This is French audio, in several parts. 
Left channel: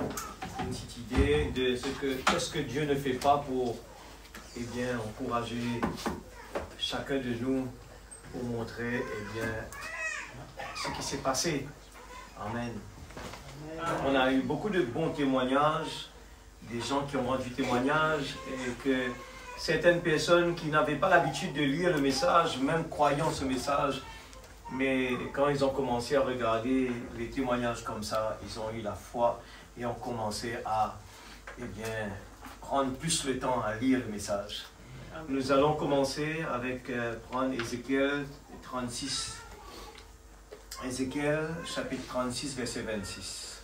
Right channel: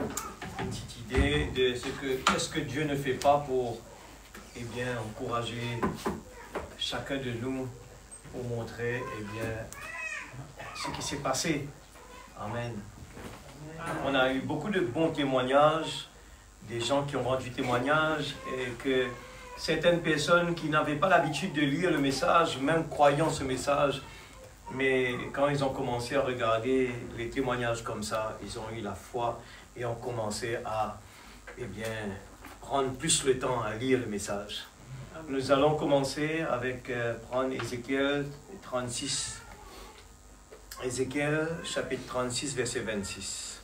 une petite idée de qu'est-ce que Dieu ne fait pas pour, eh bien, encourager chacun de nous, pour montrer, eh bien, ce qui s'est passé. Amen. On a eu beaucoup de bons témoignages, des gens qui ont rendu témoignage, et que certaines personnes qui n'avaient pas l'habitude de lire le message, même croyant ce message, mais quand ils ont commencé à regarder les témoignages comme ça, ils ont eu la foi et ont commencé à, eh bien, prendre plus le temps à lire le message. Nous allons commencer avec prendre Ézéchiel 36. Ézéchiel chapitre 36, verset 26.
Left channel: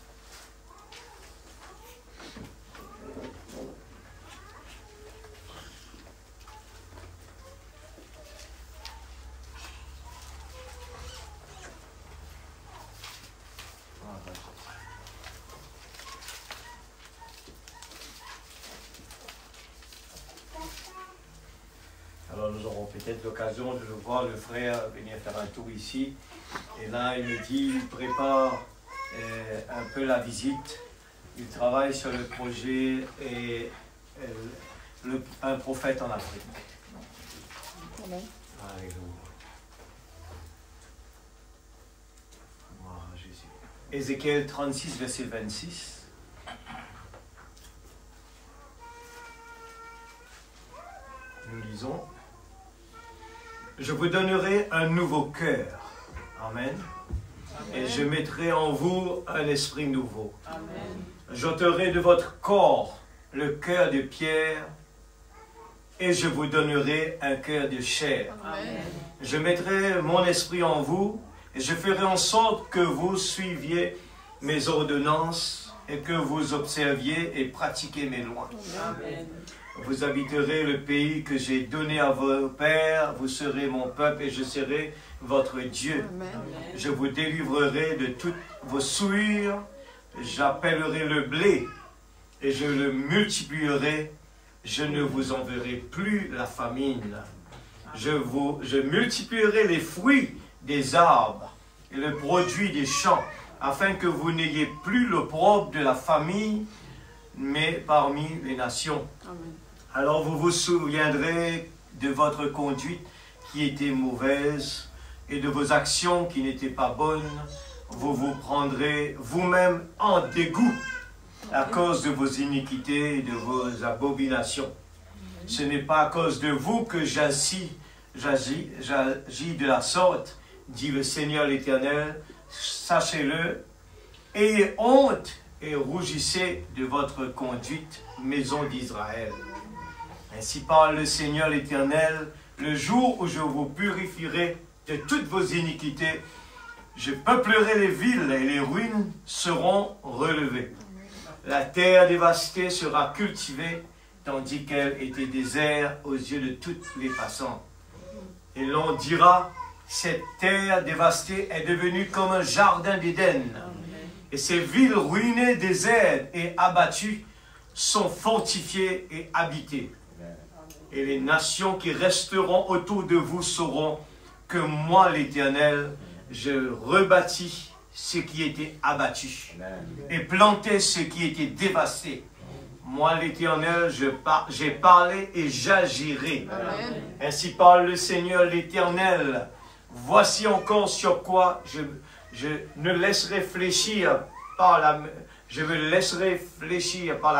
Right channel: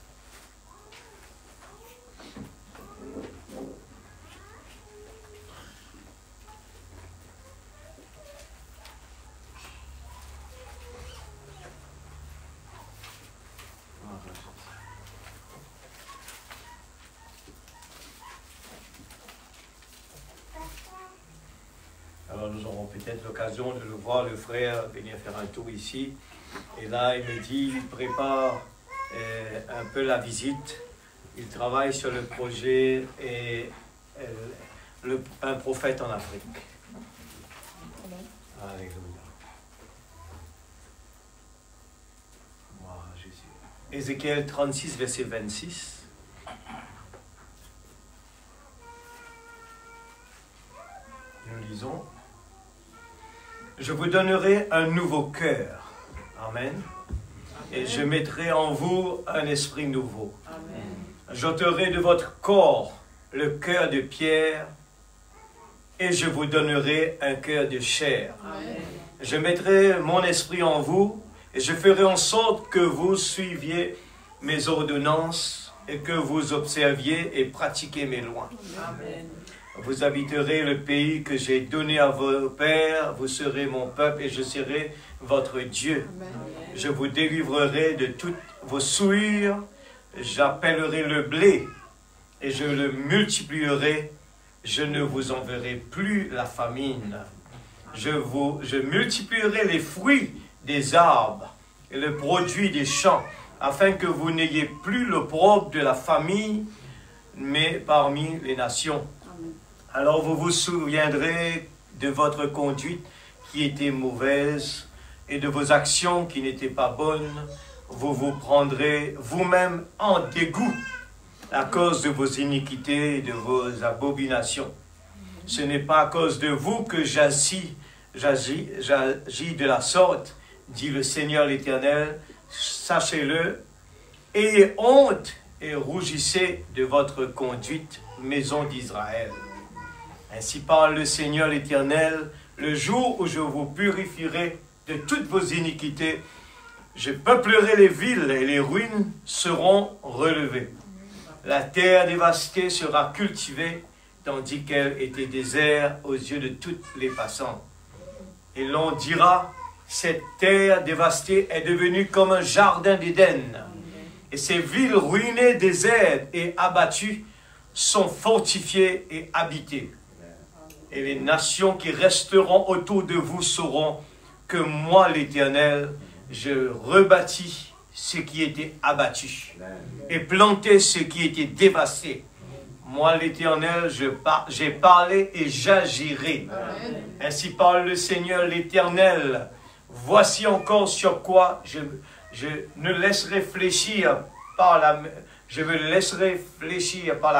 Alors nous aurons peut-être l'occasion de le voir, le frère, venir faire un tour ici. Et là, il me dit, il prépare un peu la visite. Il travaille sur le projet et un prophète en Afrique. Alléluia. Gloire à Jésus. Ézéchiel 36, verset 26. Nous lisons. Je vous donnerai un nouveau cœur. Amen. Et je mettrai en vous un esprit nouveau. J'ôterai de votre corps le cœur de pierre et je vous donnerai un cœur de chair. Amen. Je mettrai mon esprit en vous et je ferai en sorte que vous suiviez mes ordonnances et que vous observiez et pratiquiez mes lois. Amen. Vous habiterez le pays que j'ai donné à vos pères, vous serez mon peuple et je serai votre Dieu. Amen. Je vous délivrerai de toutes vos souillures, j'appellerai le blé et je le multiplierai, je ne vous enverrai plus la famine. Je multiplierai les fruits des arbres et le produit des champs, afin que vous n'ayez plus l'opprobre de la famille, mais parmi les nations. Alors vous vous souviendrez de votre conduite qui était mauvaise et de vos actions qui n'étaient pas bonnes. Vous vous prendrez vous-même en dégoût à cause de vos iniquités et de vos abominations. Ce n'est pas à cause de vous que j'agis de la sorte, dit le Seigneur l'Éternel. Sachez-le, ayez honte et rougissez de votre conduite, maison d'Israël. Ainsi parle le Seigneur l'Éternel, le jour où je vous purifierai de toutes vos iniquités, je peuplerai les villes et les ruines seront relevées. La terre dévastée sera cultivée, tandis qu'elle était déserte aux yeux de toutes les passants. Et l'on dira, cette terre dévastée est devenue comme un jardin d'Éden. Et ces villes ruinées, désertes et abattues sont fortifiées et habitées. Et les nations qui resteront autour de vous sauront que moi, l'Éternel, je rebâtis ce qui était abattu et planté ce qui était dévasté. Moi, l'Éternel, j'ai parlé et j'agirai. Ainsi parle le Seigneur l'Éternel. Voici encore sur quoi je me laisserai fléchir par la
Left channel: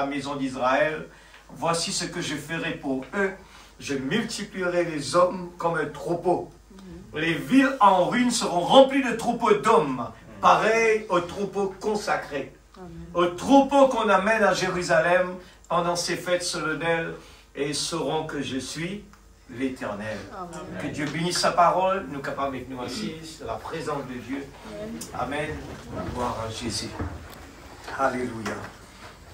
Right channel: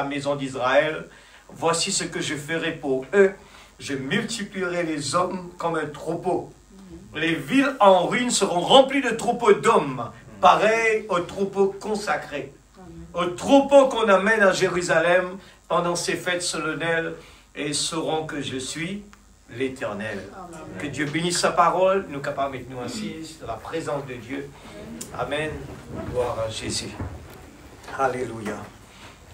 maison d'Israël. Voici ce que je ferai pour eux. Je multiplierai les hommes comme un troupeau. Les villes en ruine seront remplies de troupeaux d'hommes, pareils aux troupeaux consacrés. Aux troupeaux qu'on amène à Jérusalem pendant ces fêtes solennelles, et ils sauront que je suis l'Éternel. Que Dieu bénisse sa parole, nous capables avec nous assis, la présence de Dieu. Amen. Gloire à Jésus. Alléluia.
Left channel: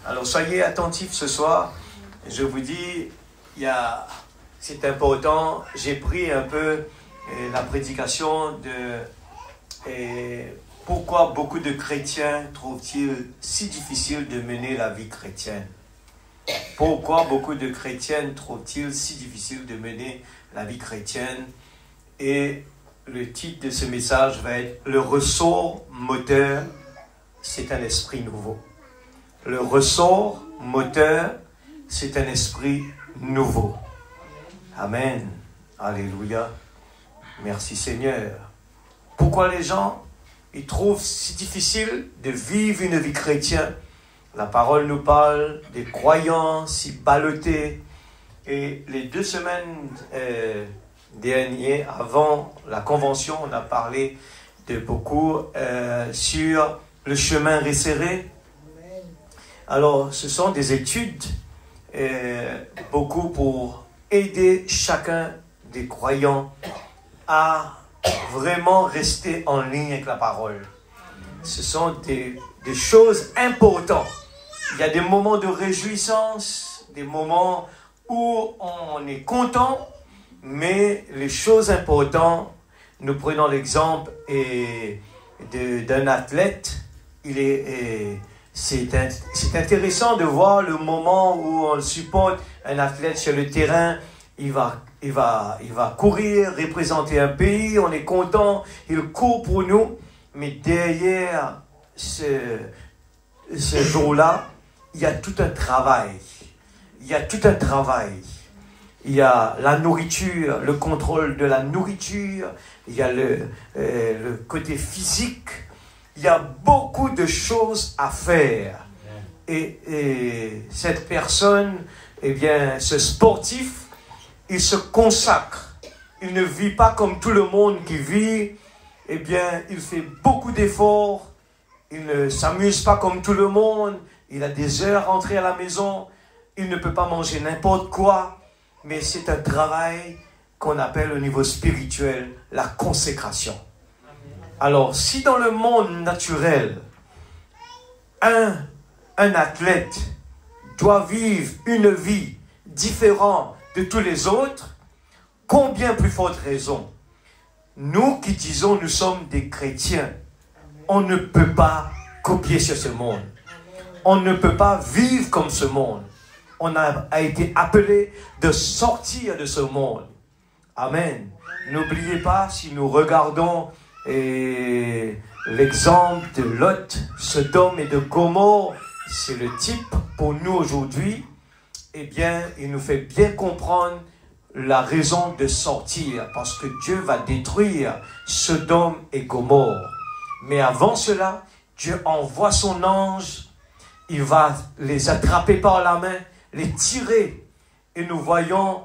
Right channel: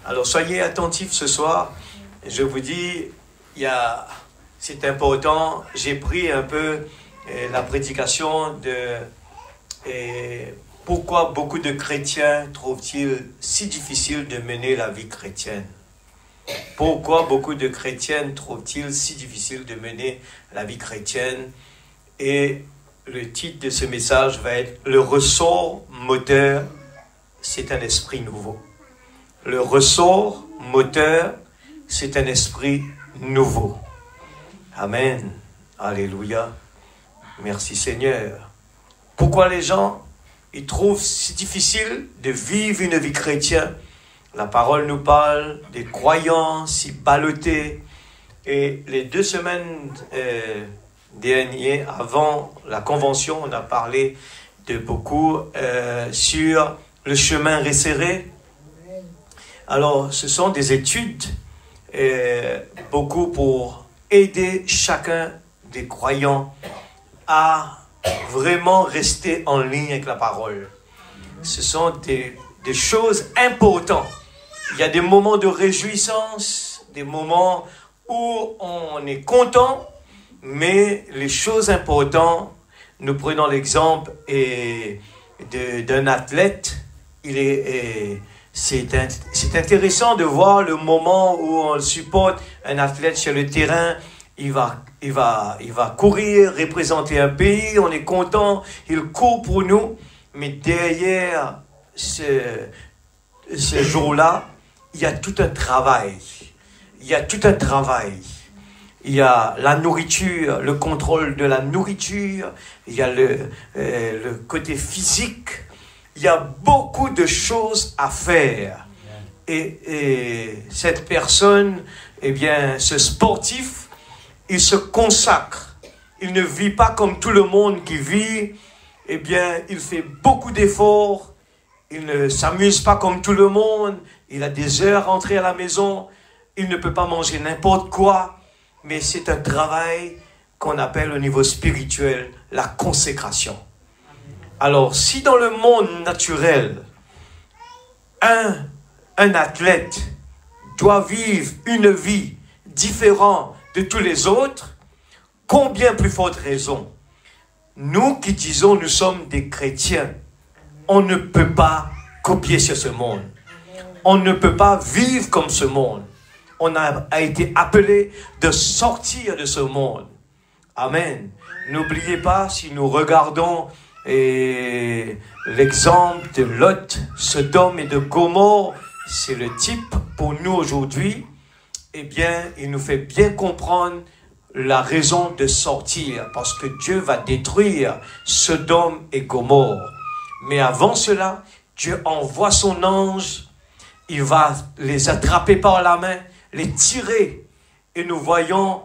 Alors soyez attentifs ce soir. Je vous dis, c'est important. J'ai pris un peu la prédication de pourquoi beaucoup de chrétiens trouvent-ils si difficile de mener la vie chrétienne. Pourquoi beaucoup de chrétiennes trouvent-ils si difficile de mener la vie chrétienne? Et le titre de ce message va être « Le ressort moteur, c'est un esprit nouveau ». le ressort moteur, c'est un esprit nouveau. Amen. Alléluia. Merci Seigneur. Pourquoi les gens, ils trouvent si difficile de vivre une vie chrétienne? La parole nous parle des croyants si ballottés. Et les 2 semaines dernières, avant la convention, on a parlé de beaucoup sur le chemin resserré. Alors, ce sont des études, beaucoup pour aider chacun des croyants à vraiment rester en ligne avec la parole. Ce sont des choses importantes. Il y a des moments de réjouissance, des moments où on est content, mais les choses importantes, nous prenons l'exemple d'un athlète. C'est intéressant de voir le moment où on supporte un athlète sur le terrain. Il va courir, représenter un pays, on est content, il court pour nous, mais derrière ce jour-là, il y a tout un travail. Il y a tout un travail. Il y a la nourriture, le contrôle de la nourriture, il y a le côté physique, il y a beaucoup de choses à faire. Et cette personne, eh bien, ce sportif, il se consacre. Il ne vit pas comme tout le monde qui vit. Eh bien, il fait beaucoup d'efforts. Il ne s'amuse pas comme tout le monde. Il a des heures à rentrer à la maison. Il ne peut pas manger n'importe quoi. Mais c'est un travail qu'on appelle au niveau spirituel la consécration. Alors, si dans le monde naturel, un athlète doit vivre une vie différente de tous les autres, combien plus forte raison, nous qui disons nous sommes des chrétiens, on ne peut pas copier sur ce monde. On ne peut pas vivre comme ce monde. On a été appelé de sortir de ce monde. Amen. N'oubliez pas, si nous regardons l'exemple de Lot, Sodome et de Gomorrhe, c'est le type pour nous aujourd'hui. Eh bien, il nous fait bien comprendre la raison de sortir, parce que Dieu va détruire Sodome et Gomorrhe. Mais avant cela, Dieu envoie son ange, il va les attraper par la main, les tirer. Et nous voyons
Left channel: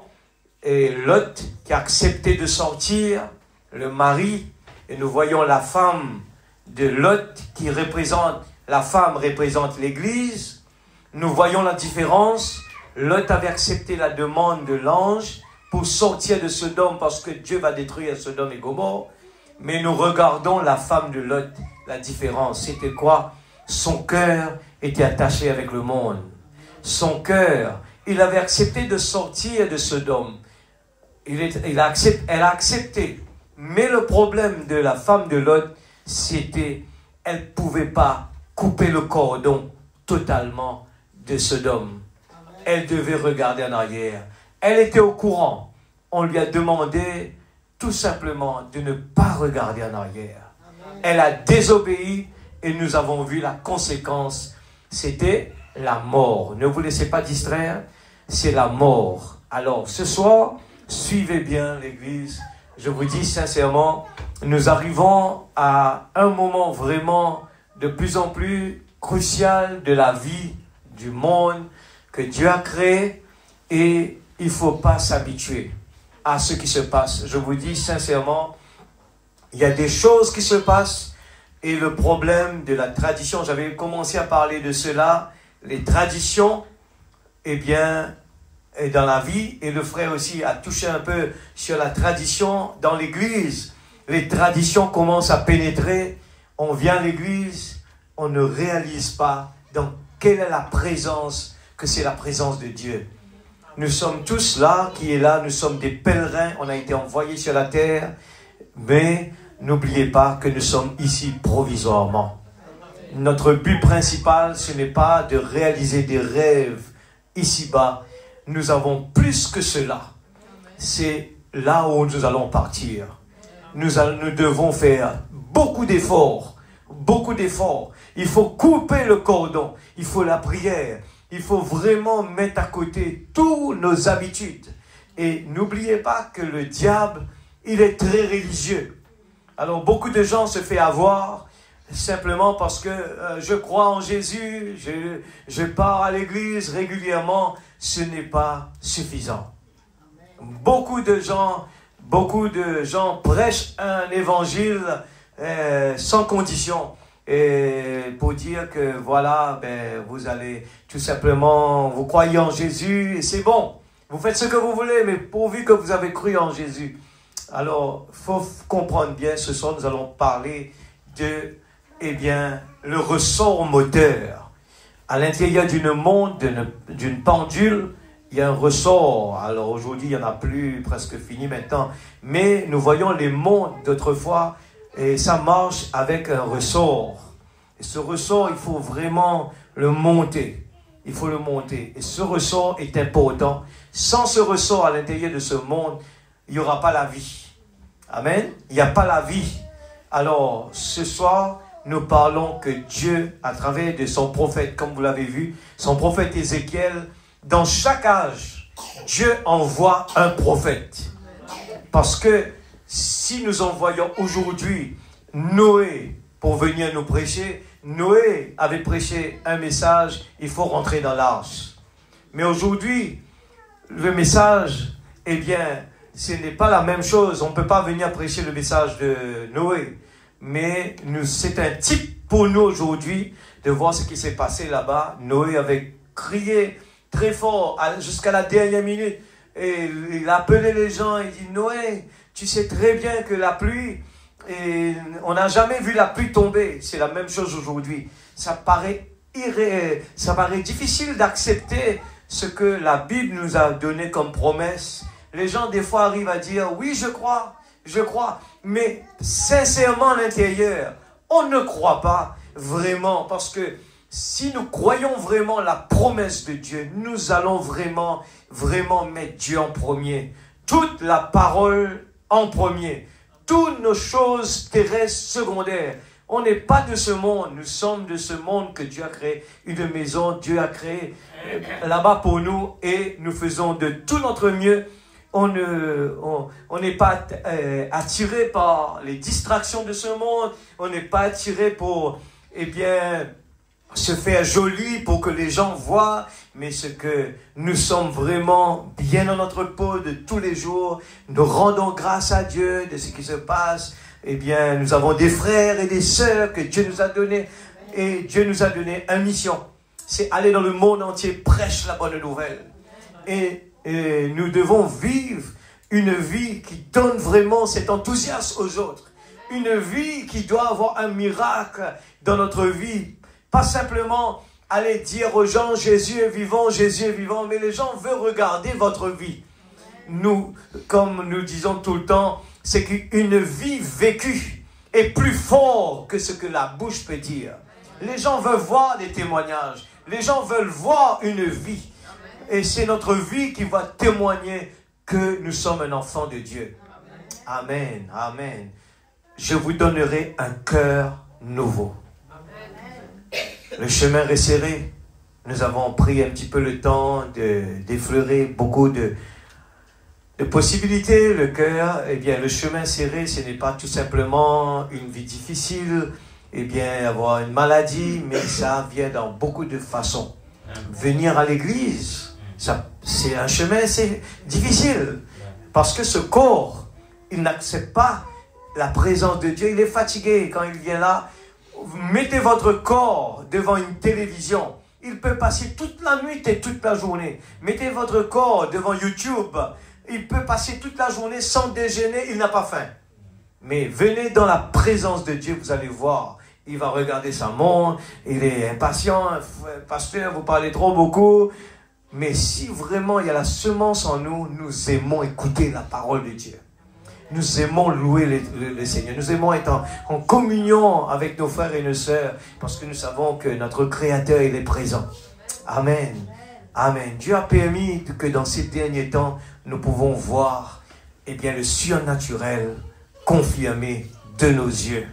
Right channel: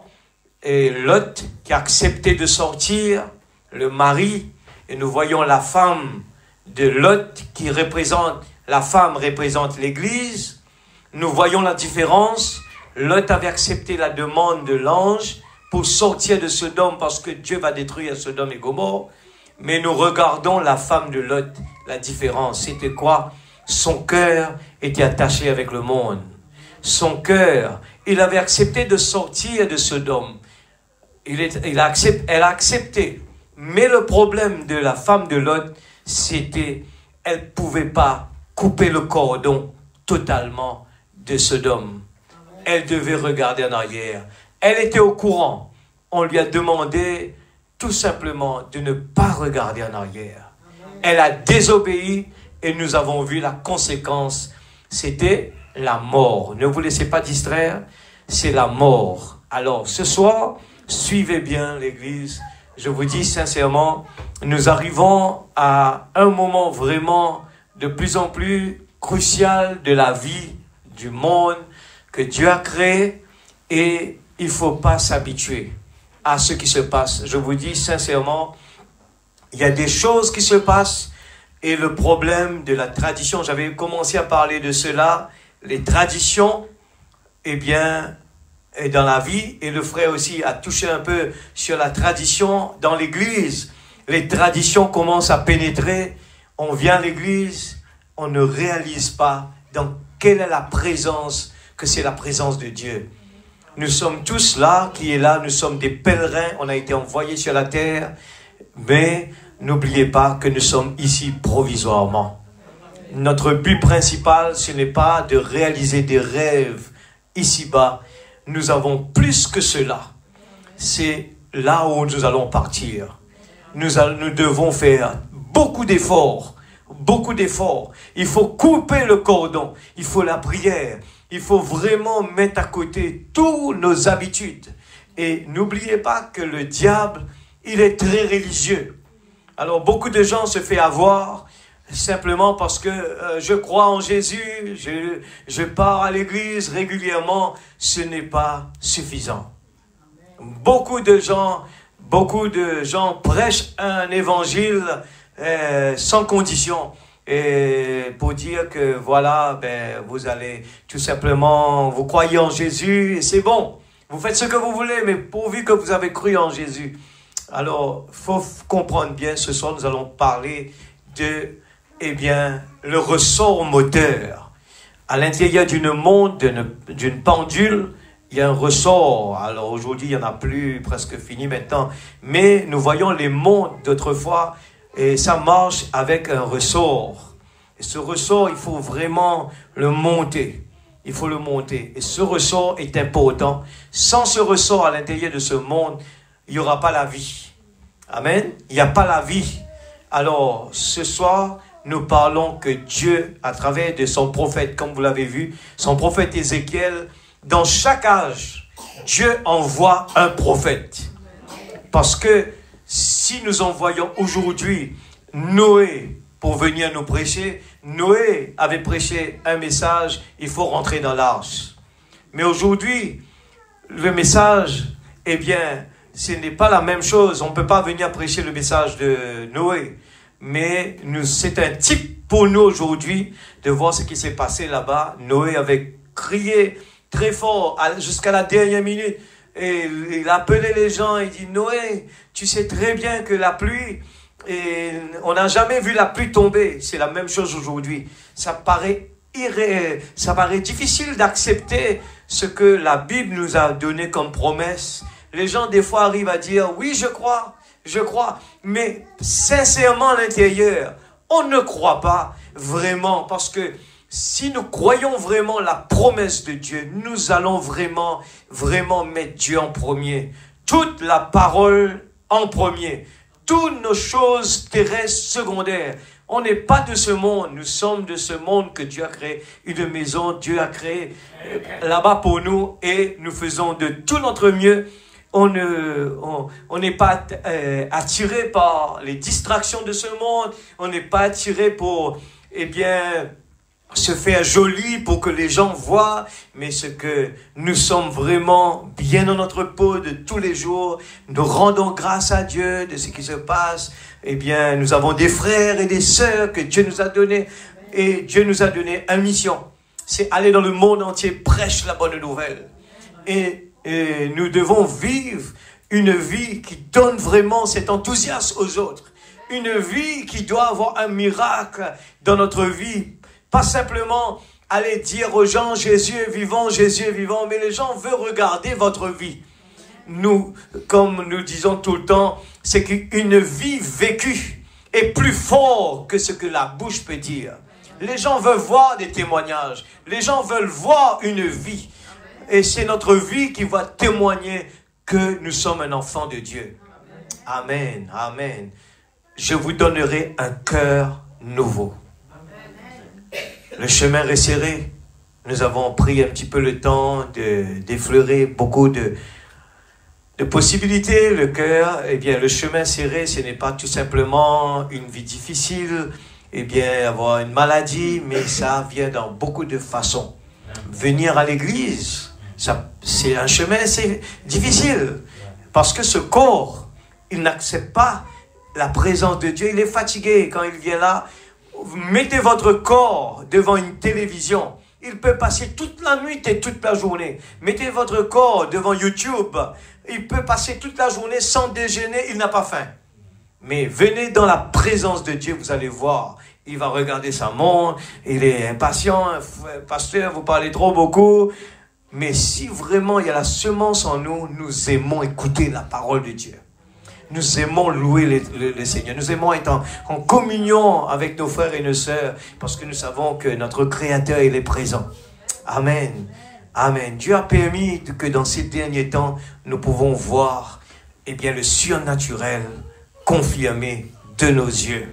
Lot qui a accepté de sortir, le mari, et nous voyons la femme de Lot qui représente, la femme représente l'église. Nous voyons la différence. Lot avait accepté la demande de l'ange pour sortir de Sodome parce que Dieu va détruire Sodome et Gomorrhe. Mais nous regardons la femme de Lot, la différence. C'était quoi? Son cœur était attaché avec le monde. Son cœur, il avait accepté de sortir de Sodome. Elle a accepté. Mais le problème de la femme de Lot, c'était elle ne pouvait pas couper le cordon totalement de Sodome. Elle devait regarder en arrière. Elle était au courant. On lui a demandé tout simplement de ne pas regarder en arrière. Elle a désobéi et nous avons vu la conséquence. C'était la mort. Ne vous laissez pas distraire, c'est la mort. Alors ce soir, suivez bien l'église. Je vous dis sincèrement, nous arrivons à un moment vraiment de plus en plus crucial de la vie du monde que Dieu a créé, et il ne faut pas s'habituer à ce qui se passe. Je vous dis sincèrement, il y a des choses qui se passent, et le problème de la tradition, j'avais commencé à parler de cela, les traditions, eh bien, et dans la vie, et le frère aussi a touché un peu sur la tradition dans l'église. Les traditions commencent à pénétrer, on vient à l'église, on ne réalise pas dans quelle est la présence, que c'est la présence de Dieu. Nous sommes tous là, qui est là, nous sommes des pèlerins, on a été envoyés sur la terre, mais n'oubliez pas que nous sommes ici provisoirement. Notre but principal, ce n'est pas de réaliser des rêves ici-bas. Nous avons plus que cela. C'est là où nous allons partir. Nous devons faire beaucoup d'efforts beaucoup d'efforts. Il faut couper le cordon. Il faut la prière. Il faut vraiment mettre à côté toutes nos habitudes. Et n'oubliez pas que le diable, il est très religieux. Alors beaucoup de gens se font avoir simplement parce que je crois en Jésus, je pars à l'église régulièrement. Ce n'est pas suffisant. Beaucoup de gens prêchent un évangile sans condition. Et pour dire que voilà, vous allez tout simplement, vous croyez en Jésus et c'est bon. Vous faites ce que vous voulez, mais pourvu que vous avez cru en Jésus. Alors, il faut comprendre bien, ce soir nous allons parler de, le ressort moteur. À l'intérieur d'une pendule, il y a un ressort. Alors aujourd'hui, il n'y en a plus, presque fini maintenant. Mais nous voyons les montres d'autrefois et ça marche avec un ressort. Et ce ressort, il faut vraiment le monter. Il faut le monter. Et ce ressort est important. Sans ce ressort à l'intérieur de ce monde, il n'y aura pas la vie. Amen. Il n'y a pas la vie. Alors, ce soir, nous parlons que Dieu, à travers de son prophète, comme vous l'avez vu, son prophète Ézéchiel, dans chaque âge, Dieu envoie un prophète. Parce que si nous envoyons aujourd'hui Noé pour venir nous prêcher, Noé avait prêché un message, il faut rentrer dans l'arche. Mais aujourd'hui, le message, ce n'est pas la même chose. On ne peut pas venir prêcher le message de Noé. Mais c'est un type pour nous aujourd'hui de voir ce qui s'est passé là-bas. Noé avait crié très fort jusqu'à la dernière minute. Et il appelait les gens, il dit, Noé, tu sais très bien que la pluie, et on n'a jamais vu la pluie tomber. C'est la même chose aujourd'hui. Ça paraît difficile d'accepter ce que la Bible nous a donné comme promesse. Les gens des fois arrivent à dire, oui, je crois. Mais sincèrement à l'intérieur, on ne croit pas vraiment parce que si nous croyons vraiment la promesse de Dieu, nous allons vraiment mettre Dieu en premier. Toute la parole en premier. Toutes nos choses terrestres secondaires. On n'est pas de ce monde. Nous sommes de ce monde que Dieu a créé. Une maison, Dieu a créé là-bas pour nous. Et nous faisons de tout notre mieux. On n'est pas attiré par les distractions de ce monde. On n'est pas attiré pour, se faire joli pour que les gens voient, mais ce que nous sommes vraiment bien dans notre peau de tous les jours, nous rendons grâce à Dieu de ce qui se passe. Nous avons des frères et des sœurs que Dieu nous a donnés, et Dieu nous a donné une mission. C'est aller dans le monde entier, prêcher la bonne nouvelle. Et nous devons vivre une vie qui donne vraiment cet enthousiasme aux autres. Une vie qui doit avoir un miracle dans notre vie. Pas simplement aller dire aux gens, Jésus est vivant, mais les gens veulent regarder votre vie. Nous, comme nous disons tout le temps, c'est qu'une vie vécue est plus forte que ce que la bouche peut dire. Les gens veulent voir des témoignages. Les gens veulent voir une vie. Et c'est notre vie qui va témoigner que nous sommes un enfant de Dieu. Amen, amen. Je vous donnerai un cœur nouveau. Le chemin resserré, nous avons pris un petit peu le temps d'effleurer beaucoup de possibilités. Le cœur, le chemin serré, ce n'est pas tout simplement une vie difficile, avoir une maladie, mais ça vient dans beaucoup de façons. Venir à l'église, c'est un chemin assez difficile, parce que ce corps, il n'accepte pas la présence de Dieu, il est fatigué quand il vient là. Mettez votre corps devant une télévision. Il peut passer toute la nuit et toute la journée. Mettez votre corps devant YouTube. Il peut passer toute la journée sans déjeuner. Il n'a pas faim. Mais venez dans la présence de Dieu, vous allez voir. Il va regarder sa montre. Il est impatient. Pasteur, vous parlez trop beaucoup. Mais si vraiment il y a la semence en nous, nous aimons écouter la parole de Dieu. Nous aimons louer le Seigneur. Nous aimons être en communion avec nos frères et nos sœurs parce que nous savons que notre Créateur, il est présent. Amen. Amen. Dieu a permis que dans ces derniers temps, nous pouvons voir le surnaturel confirmé de nos yeux.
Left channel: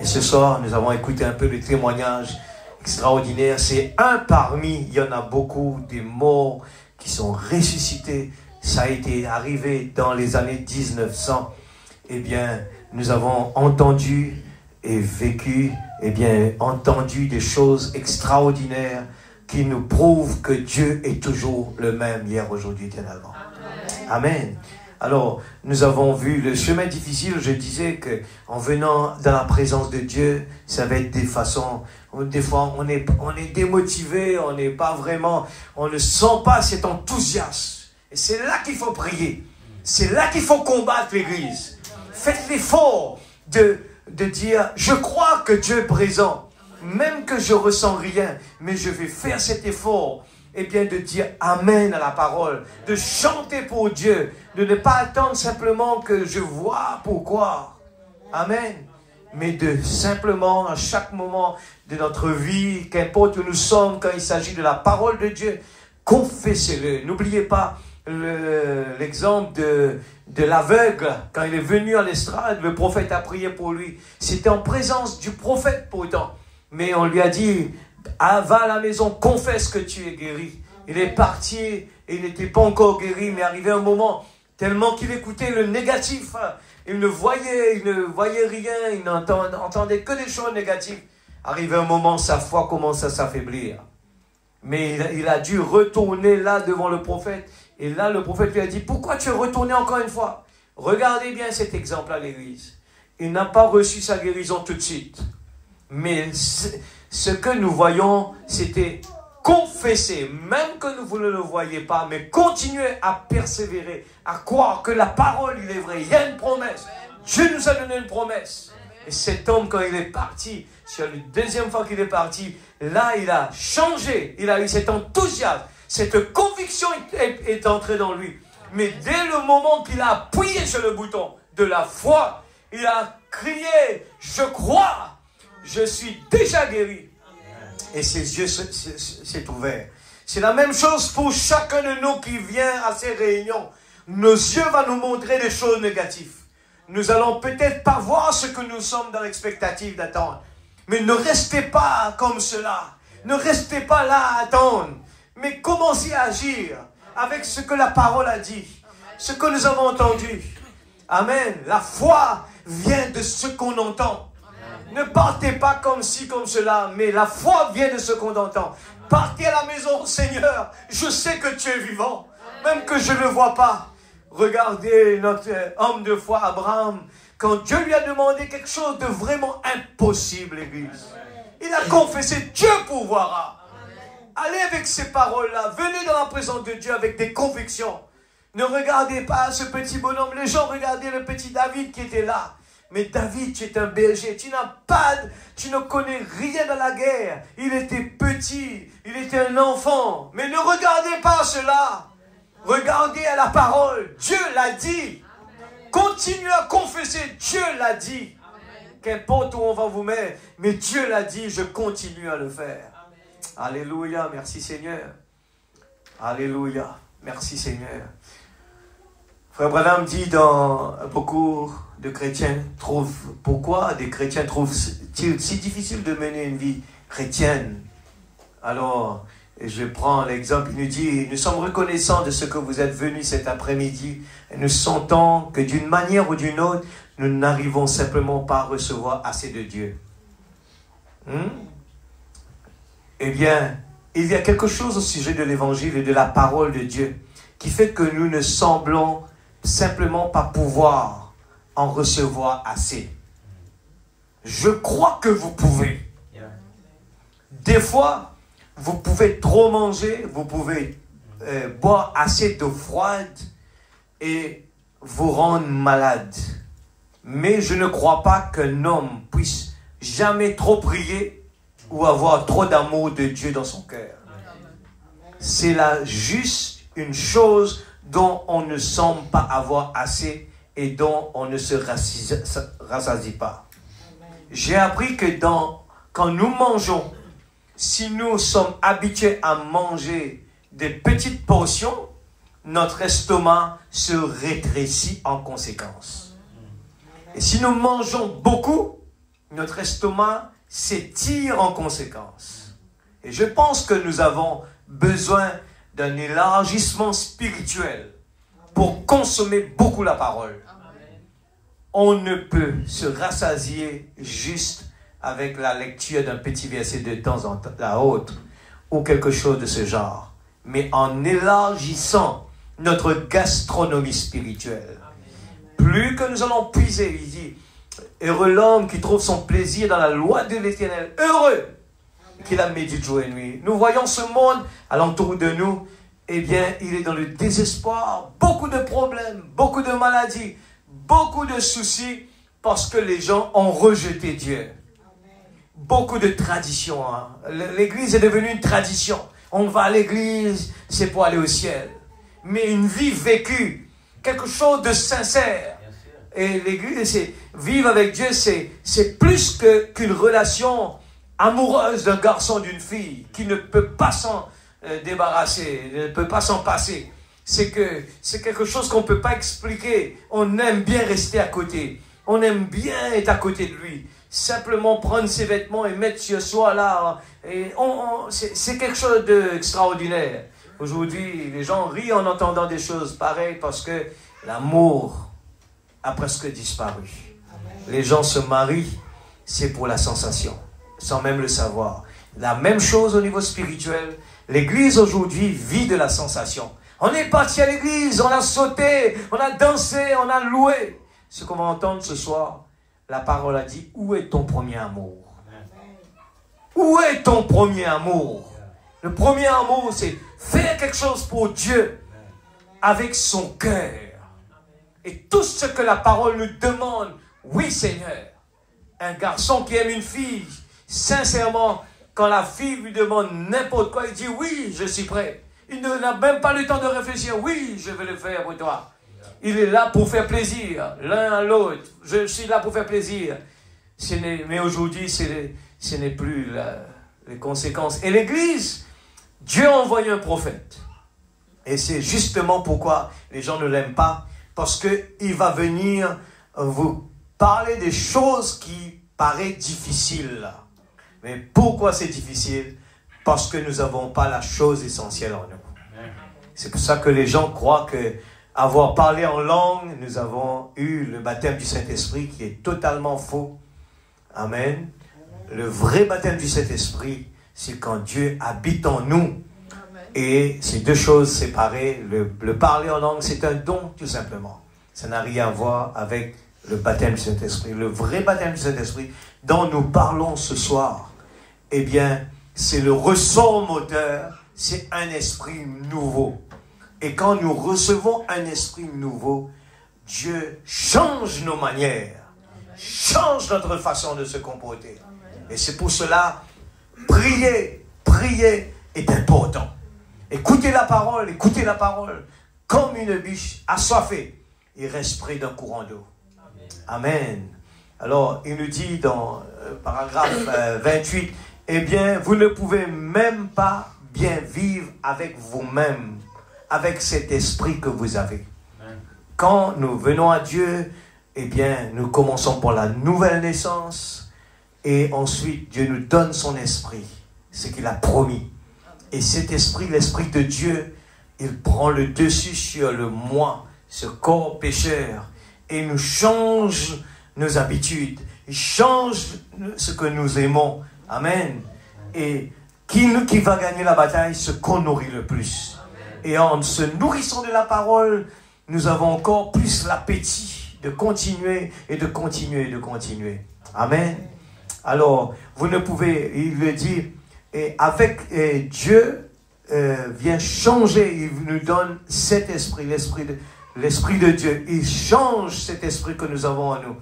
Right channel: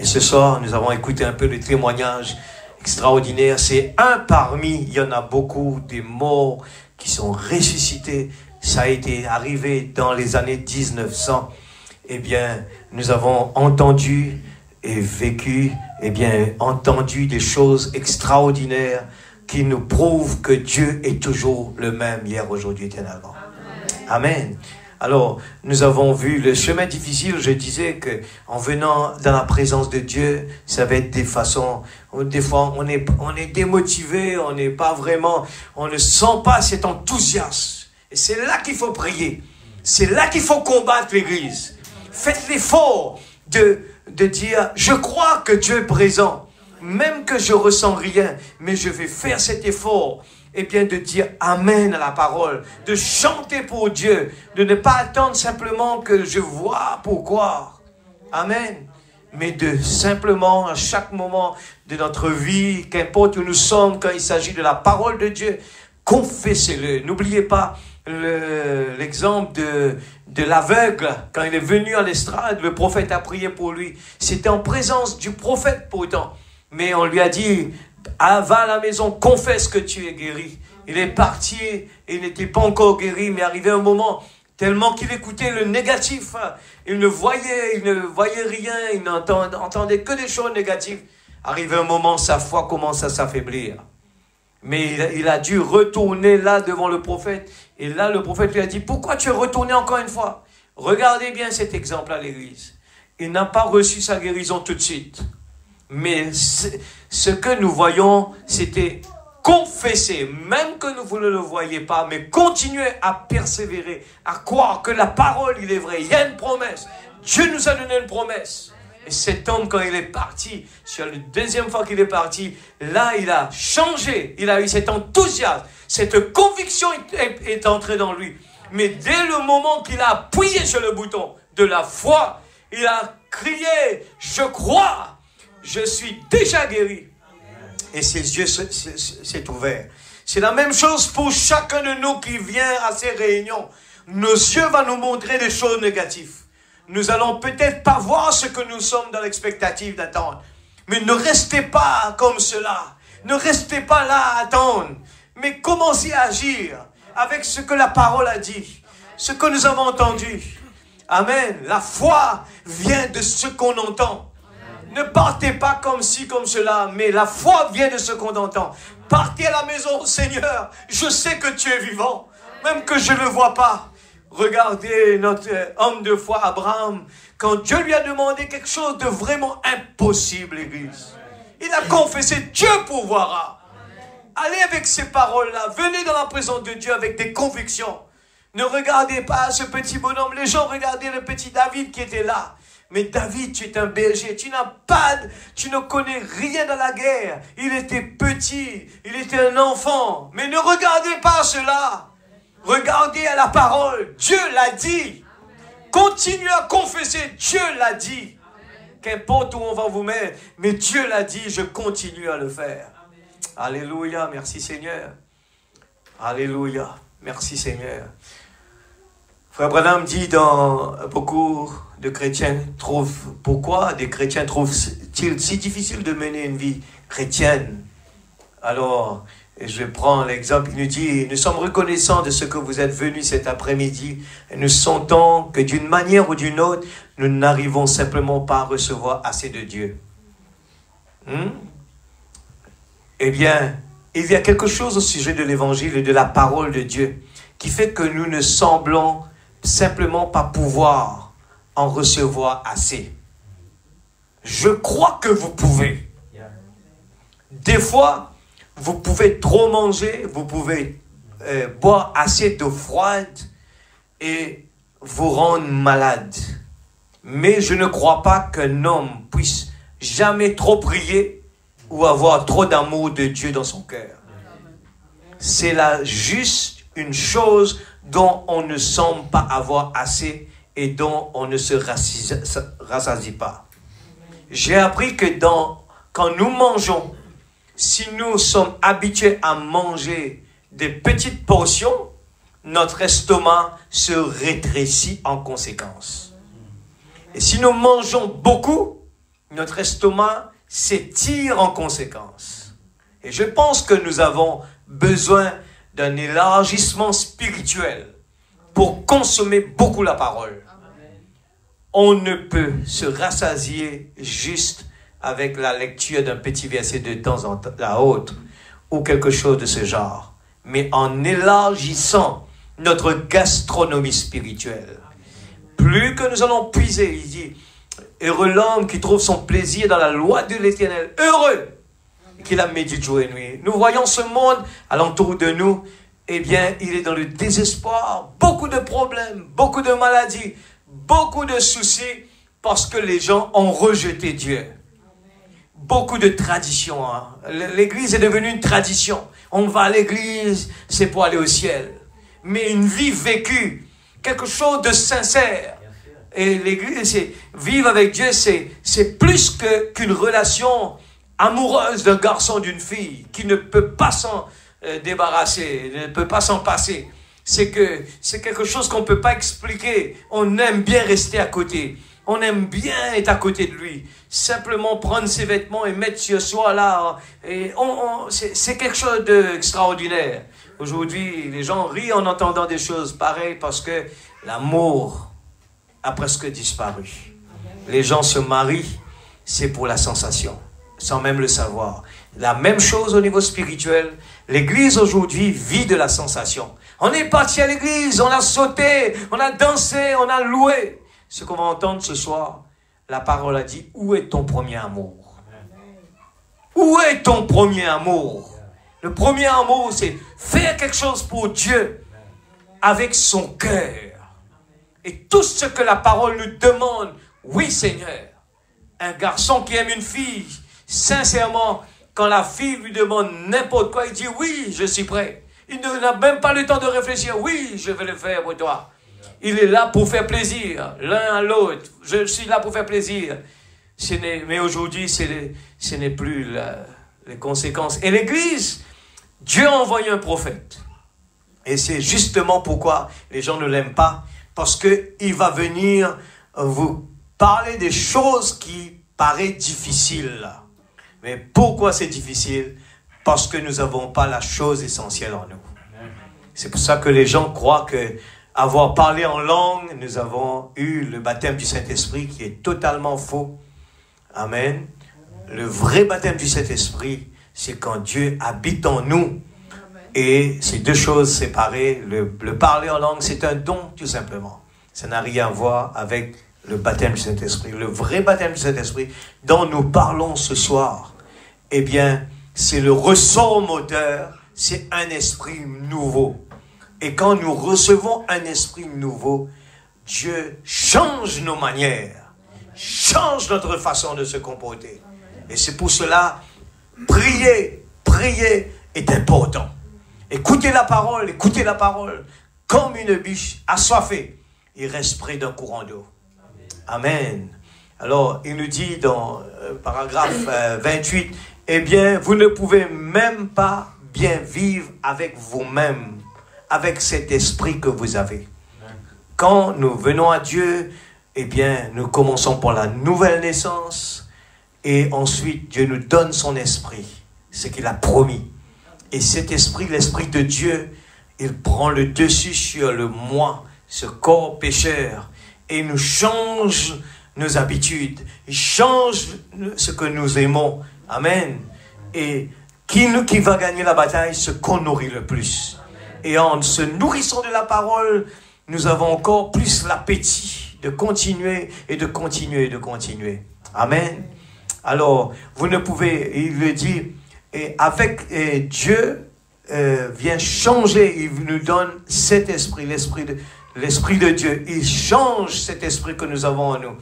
Et ce soir, nous avons écouté un peu le témoignage extraordinaire. C'est un parmi, il y en a beaucoup, des morts qui sont ressuscités. Ça a été arrivé dans les années 1900. Eh bien, nous avons entendu et vécu, eh bien, entendu des choses extraordinaires qui nous prouvent que Dieu est toujours le même hier, aujourd'hui, éternellement. Amen. Alors, nous avons vu le chemin difficile. Je disais que en venant dans la présence de Dieu, ça va être des façons. Des fois, on est démotivé, on n'est pas vraiment, on ne sent pas cet enthousiasme. Et c'est là qu'il faut prier. C'est là qu'il faut combattre l'Église. Faites l'effort de dire, je crois que Dieu est présent. Même que je ressens rien, mais je vais faire cet effort. Et bien de dire Amen à la parole, de chanter pour Dieu, de ne pas attendre simplement que je vois pourquoi. Amen. Mais de simplement, à chaque moment de notre vie, qu'importe où nous sommes, quand il s'agit de la parole de Dieu, confessez-le. N'oubliez pas l'exemple de l'aveugle. Quand il est venu à l'estrade, le prophète a prié pour lui. C'était en présence du prophète pourtant. Mais on lui a dit, va à la maison, confesse que tu es guéri. Il est parti et il n'était pas encore guéri, mais arrivé un moment, tellement qu'il écoutait le négatif, il ne voyait rien, il n'entendait que des choses négatives. Arrivé un moment, sa foi commence à s'affaiblir. Mais il a dû retourner là devant le prophète. Et là, le prophète lui a dit, pourquoi tu es retourné encore une fois? Regardez bien cet exemple à l'église. Il n'a pas reçu sa guérison tout de suite. Mais ce que nous voyons, c'était confesser, même que vous ne le voyez pas, mais continuer à persévérer, à croire que la parole, il est vrai. Il y a une promesse. Dieu nous a donné une promesse. Et cet homme, quand il est parti, sur la deuxième fois qu'il est parti, là, il a changé. Il a eu cet enthousiasme. Cette conviction est entrée dans lui. Mais dès le moment qu'il a appuyé sur le bouton de la foi, il a crié, je crois. Je suis déjà guéri. Et ses yeux s'est ouvert. C'est la même chose pour chacun de nous qui vient à ces réunions. Nos yeux vont nous montrer des choses négatives. Nous allons peut-être pas voir ce que nous sommes dans l'expectative d'attendre. Mais ne restez pas comme cela. Ne restez pas là à attendre. Mais commencez à agir avec ce que la parole a dit. Ce que nous avons entendu. Amen. La foi vient de ce qu'on entend. Ne partez pas comme ci, comme cela, mais la foi vient de ce qu'on entend. Partez à la maison, Seigneur, je sais que tu es vivant, même que je ne le vois pas. Regardez notre homme de foi, Abraham, quand Dieu lui a demandé quelque chose de vraiment impossible, l'Église. Il a confessé, Dieu pourvoira. Allez avec ces paroles-là, venez dans la présence de Dieu avec des convictions. Ne regardez pas ce petit bonhomme, les gens regardaient le petit David qui était là. Mais David, tu es un berger, tu ne connais rien à la guerre. Il était petit, il était un enfant. Mais ne regardez pas cela. Regardez à la parole. Dieu l'a dit. Continuez à confesser. Dieu l'a dit. Qu'importe où on va vous mettre, mais Dieu l'a dit, je continue à le faire. Alléluia, merci Seigneur. Alléluia, merci Seigneur. Frère Branham dit dans beaucoup de chrétiens trouvent, pourquoi des chrétiens trouvent-ils si difficile de mener une vie chrétienne? Alors, je prends l'exemple, il nous dit, nous sommes reconnaissants de ce que vous êtes venus cet après-midi et nous sentons que d'une manière ou d'une autre, nous n'arrivons simplement pas à recevoir assez de Dieu. Eh bien, il y a quelque chose au sujet de l'évangile et de la parole de Dieu qui fait que nous ne semblons simplement pas pouvoir en recevoir assez. Je crois que vous pouvez. Des fois, vous pouvez trop manger, vous pouvez boire assez d'eau froide et vous rendre malade. Mais je ne crois pas qu'un homme puisse jamais trop prier ou avoir trop d'amour de Dieu dans son cœur. C'est là juste une chose dont on ne semble pas avoir assez et dont on ne se rassasie pas. J'ai appris que quand nous mangeons, si nous sommes habitués à manger des petites portions, notre estomac se rétrécit en conséquence. Et si nous mangeons beaucoup, notre estomac s'étire en conséquence. Et je pense que nous avons besoin d'un élargissement spirituel pour consommer beaucoup la parole. On ne peut se rassasier juste avec la lecture d'un petit verset de temps en temps à autre ou quelque chose de ce genre, mais en élargissant notre gastronomie spirituelle. Plus que nous allons puiser, il dit, heureux l'homme qui trouve son plaisir dans la loi de l'Éternel, heureux qui la médite jour et nuit. Nous voyons ce monde alentour de nous, eh bien, il est dans le désespoir, beaucoup de problèmes, beaucoup de maladies, beaucoup de soucis, parce que les gens ont rejeté Dieu. Beaucoup de traditions. Hein. L'église est devenue une tradition. On va à l'église, c'est pour aller au ciel. Mais une vie vécue, quelque chose de sincère. Et l'église, c'est vivre avec Dieu, c'est plus qu'une relation amoureuse d'un garçon, d'une fille, qui ne peut pas s'en débarrasser, ne peut pas s'en passer. C'est quelque chose qu'on ne peut pas expliquer. On aime bien rester à côté. On aime bien être à côté de lui. Simplement prendre ses vêtements et mettre sur soi là. Et c'est quelque chose d'extraordinaire. Aujourd'hui, les gens rient en entendant des choses pareilles parce que l'amour a presque disparu. Les gens se marient, c'est pour la sensation, sans même le savoir. La même chose au niveau spirituel. L'église aujourd'hui vit de la sensation. On est parti à l'église, on a sauté, on a dansé, on a loué. Ce qu'on va entendre ce soir, la parole a dit, où est ton premier amour? Où est ton premier amour? Le premier amour, c'est faire quelque chose pour Dieu avec son cœur. Et tout ce que la parole nous demande, oui Seigneur. Un garçon qui aime une fille, sincèrement, quand la fille lui demande n'importe quoi, il dit oui, je suis prêt. Il n'a même pas le temps de réfléchir, oui, je vais le faire pour toi. Il est là pour faire plaisir, l'un à l'autre. Je suis là pour faire plaisir. Mais aujourd'hui, ce n'est plus les conséquences. Et l'Église, Dieu a envoyé un prophète. Et c'est justement pourquoi les gens ne l'aiment pas. Parce qu'il va venir vous parler des choses qui paraissent difficiles. Mais pourquoi c'est difficile? Parce que nous n'avons pas la chose essentielle en nous. C'est pour ça que les gens croient que avoir parlé en langue, nous avons eu le baptême du Saint-Esprit qui est totalement faux. Amen. Le vrai baptême du Saint-Esprit, c'est quand Dieu habite en nous. Et ces deux choses séparées, le parler en langue, c'est un don tout simplement. Ça n'a rien à voir avec le baptême du Saint-Esprit. Le vrai baptême du Saint-Esprit dont nous parlons ce soir, eh bien, c'est le ressort moteur, c'est un esprit nouveau. Et quand nous recevons un esprit nouveau, Dieu change nos manières, change notre façon de se comporter. Et c'est pour cela, prier est important. Écoutez la parole comme une biche assoiffée. Il reste près d'un courant d'eau. Amen. Alors, il nous dit dans paragraphe 28, eh bien, vous ne pouvez même pas bien vivre avec vous-même, avec cet esprit que vous avez. Quand nous venons à Dieu, eh bien, nous commençons par la nouvelle naissance et ensuite Dieu nous donne son esprit, ce qu'il a promis. Et cet esprit, l'esprit de Dieu, il prend le dessus sur le moi, ce corps pécheur, et nous change nos habitudes, il change ce que nous aimons. Amen. Et qui va gagner la bataille? Ce qu'on nourrit le plus. Et en se nourrissant de la parole, nous avons encore plus l'appétit de continuer et de continuer et de continuer. Amen. Alors, vous ne pouvez, il le dit, et avec Dieu vient changer, il nous donne cet esprit, l'esprit de Dieu. Il change cet esprit que nous avons en nous.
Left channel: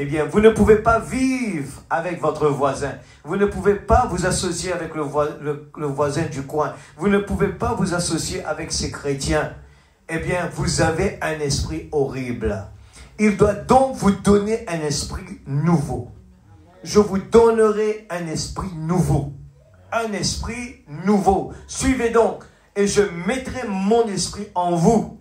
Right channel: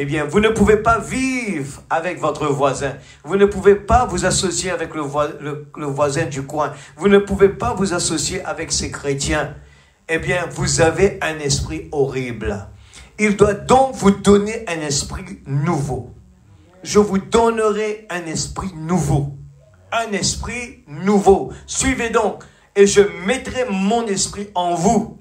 Eh bien, vous ne pouvez pas vivre avec votre voisin. Vous ne pouvez pas vous associer avec le voisin du coin. Vous ne pouvez pas vous associer avec ces chrétiens. Eh bien, vous avez un esprit horrible. Il doit donc vous donner un esprit nouveau. Je vous donnerai un esprit nouveau. Un esprit nouveau. Suivez donc. Et je mettrai mon esprit en vous.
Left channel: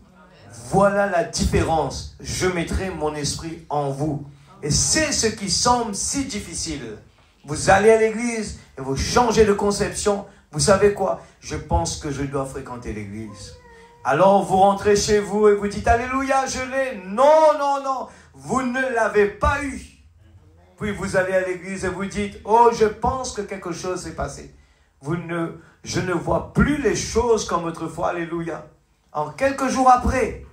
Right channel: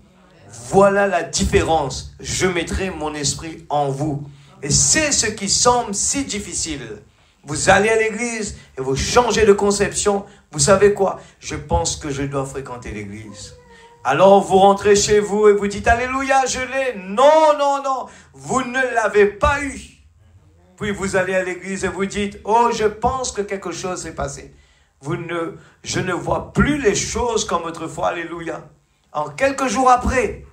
Voilà la différence. Je mettrai mon esprit en vous. Et c'est ce qui semble si difficile. Vous allez à l'église et vous changez de conception. Vous savez quoi? Je pense que je dois fréquenter l'église. Alors vous rentrez chez vous et vous dites, alléluia, je l'ai. Non, non, non, vous ne l'avez pas eu. Puis vous allez à l'église et vous dites, oh, je pense que quelque chose s'est passé. Je ne vois plus les choses comme autrefois, alléluia. En quelques jours après,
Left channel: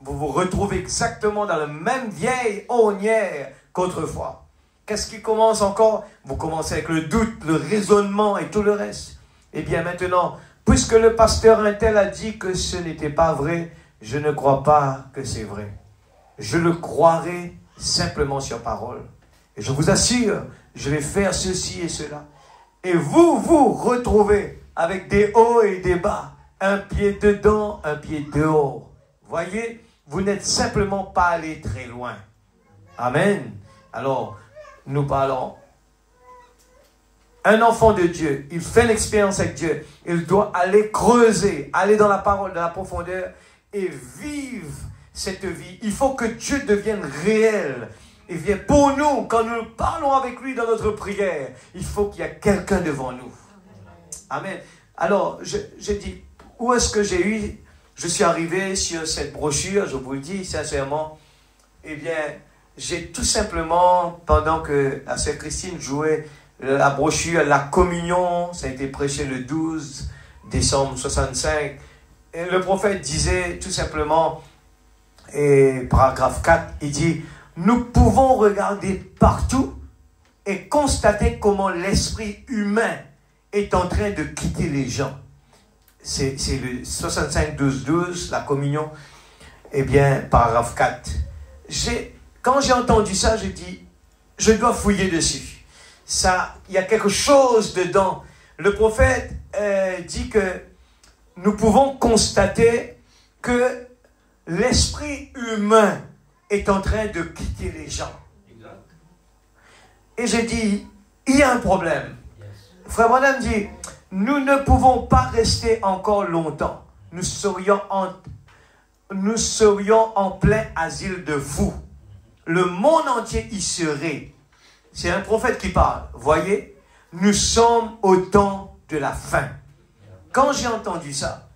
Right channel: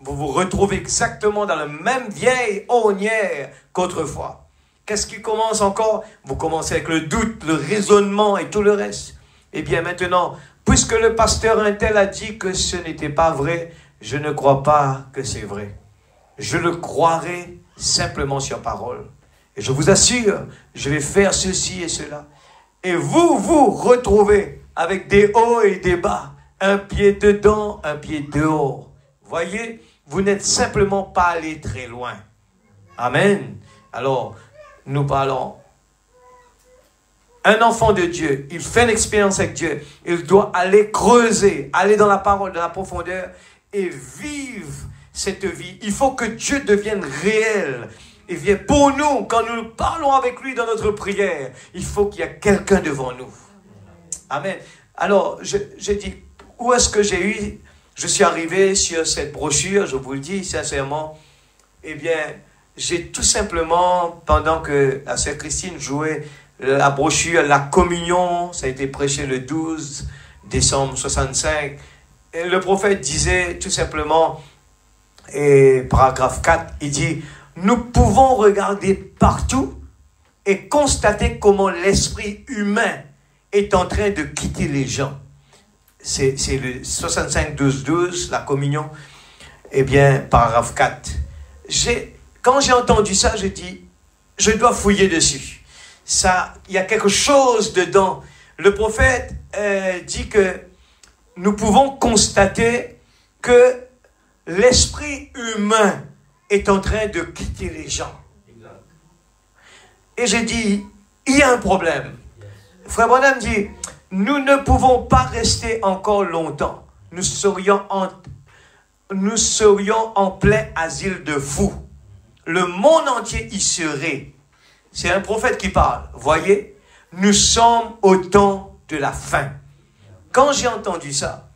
vous vous retrouvez exactement dans la même vieille ornière qu'autrefois. Qu'est-ce qui commence encore? Vous commencez avec le doute, le raisonnement et tout le reste. Eh bien maintenant, puisque le pasteur Intel a dit que ce n'était pas vrai, je ne crois pas que c'est vrai. Je le croirai simplement sur parole. Et je vous assure, je vais faire ceci et cela. Et vous vous retrouvez avec des hauts et des bas, un pied dedans, un pied dehors. Voyez, vous n'êtes simplement pas allé très loin. Amen. Alors, nous parlons. Un enfant de Dieu, il fait une expérience avec Dieu. Il doit aller creuser, aller dans la parole de la profondeur et vivre cette vie. Il faut que Dieu devienne réel. Et bien pour nous, quand nous parlons avec lui dans notre prière, il faut qu'il y ait quelqu'un devant nous. Amen. Alors, j'ai dit, où est-ce que je suis arrivé sur cette brochure, je vous le dis sincèrement. Eh bien, j'ai tout simplement, pendant que la sœur Christine jouait la brochure, la communion, ça a été prêché le 12 décembre 65, et le prophète disait tout simplement, et paragraphe 4, il dit, nous pouvons regarder partout et constater comment l'esprit humain est en train de quitter les gens. C'est le 65-12-12, la communion. Eh bien, paragraphe 4. Quand j'ai entendu ça, j'ai dit, je dois fouiller dessus. Ça, il y a quelque chose dedans. Le prophète dit que nous pouvons constater que l'esprit humain est en train de quitter les gens. Et j'ai dit, il y a un problème. Frère Branham dit, nous ne pouvons pas rester encore longtemps. Nous serions en plein asile de fous. Le monde entier y serait. C'est un prophète qui parle. Voyez, nous sommes au temps de la fin. Quand j'ai entendu ça,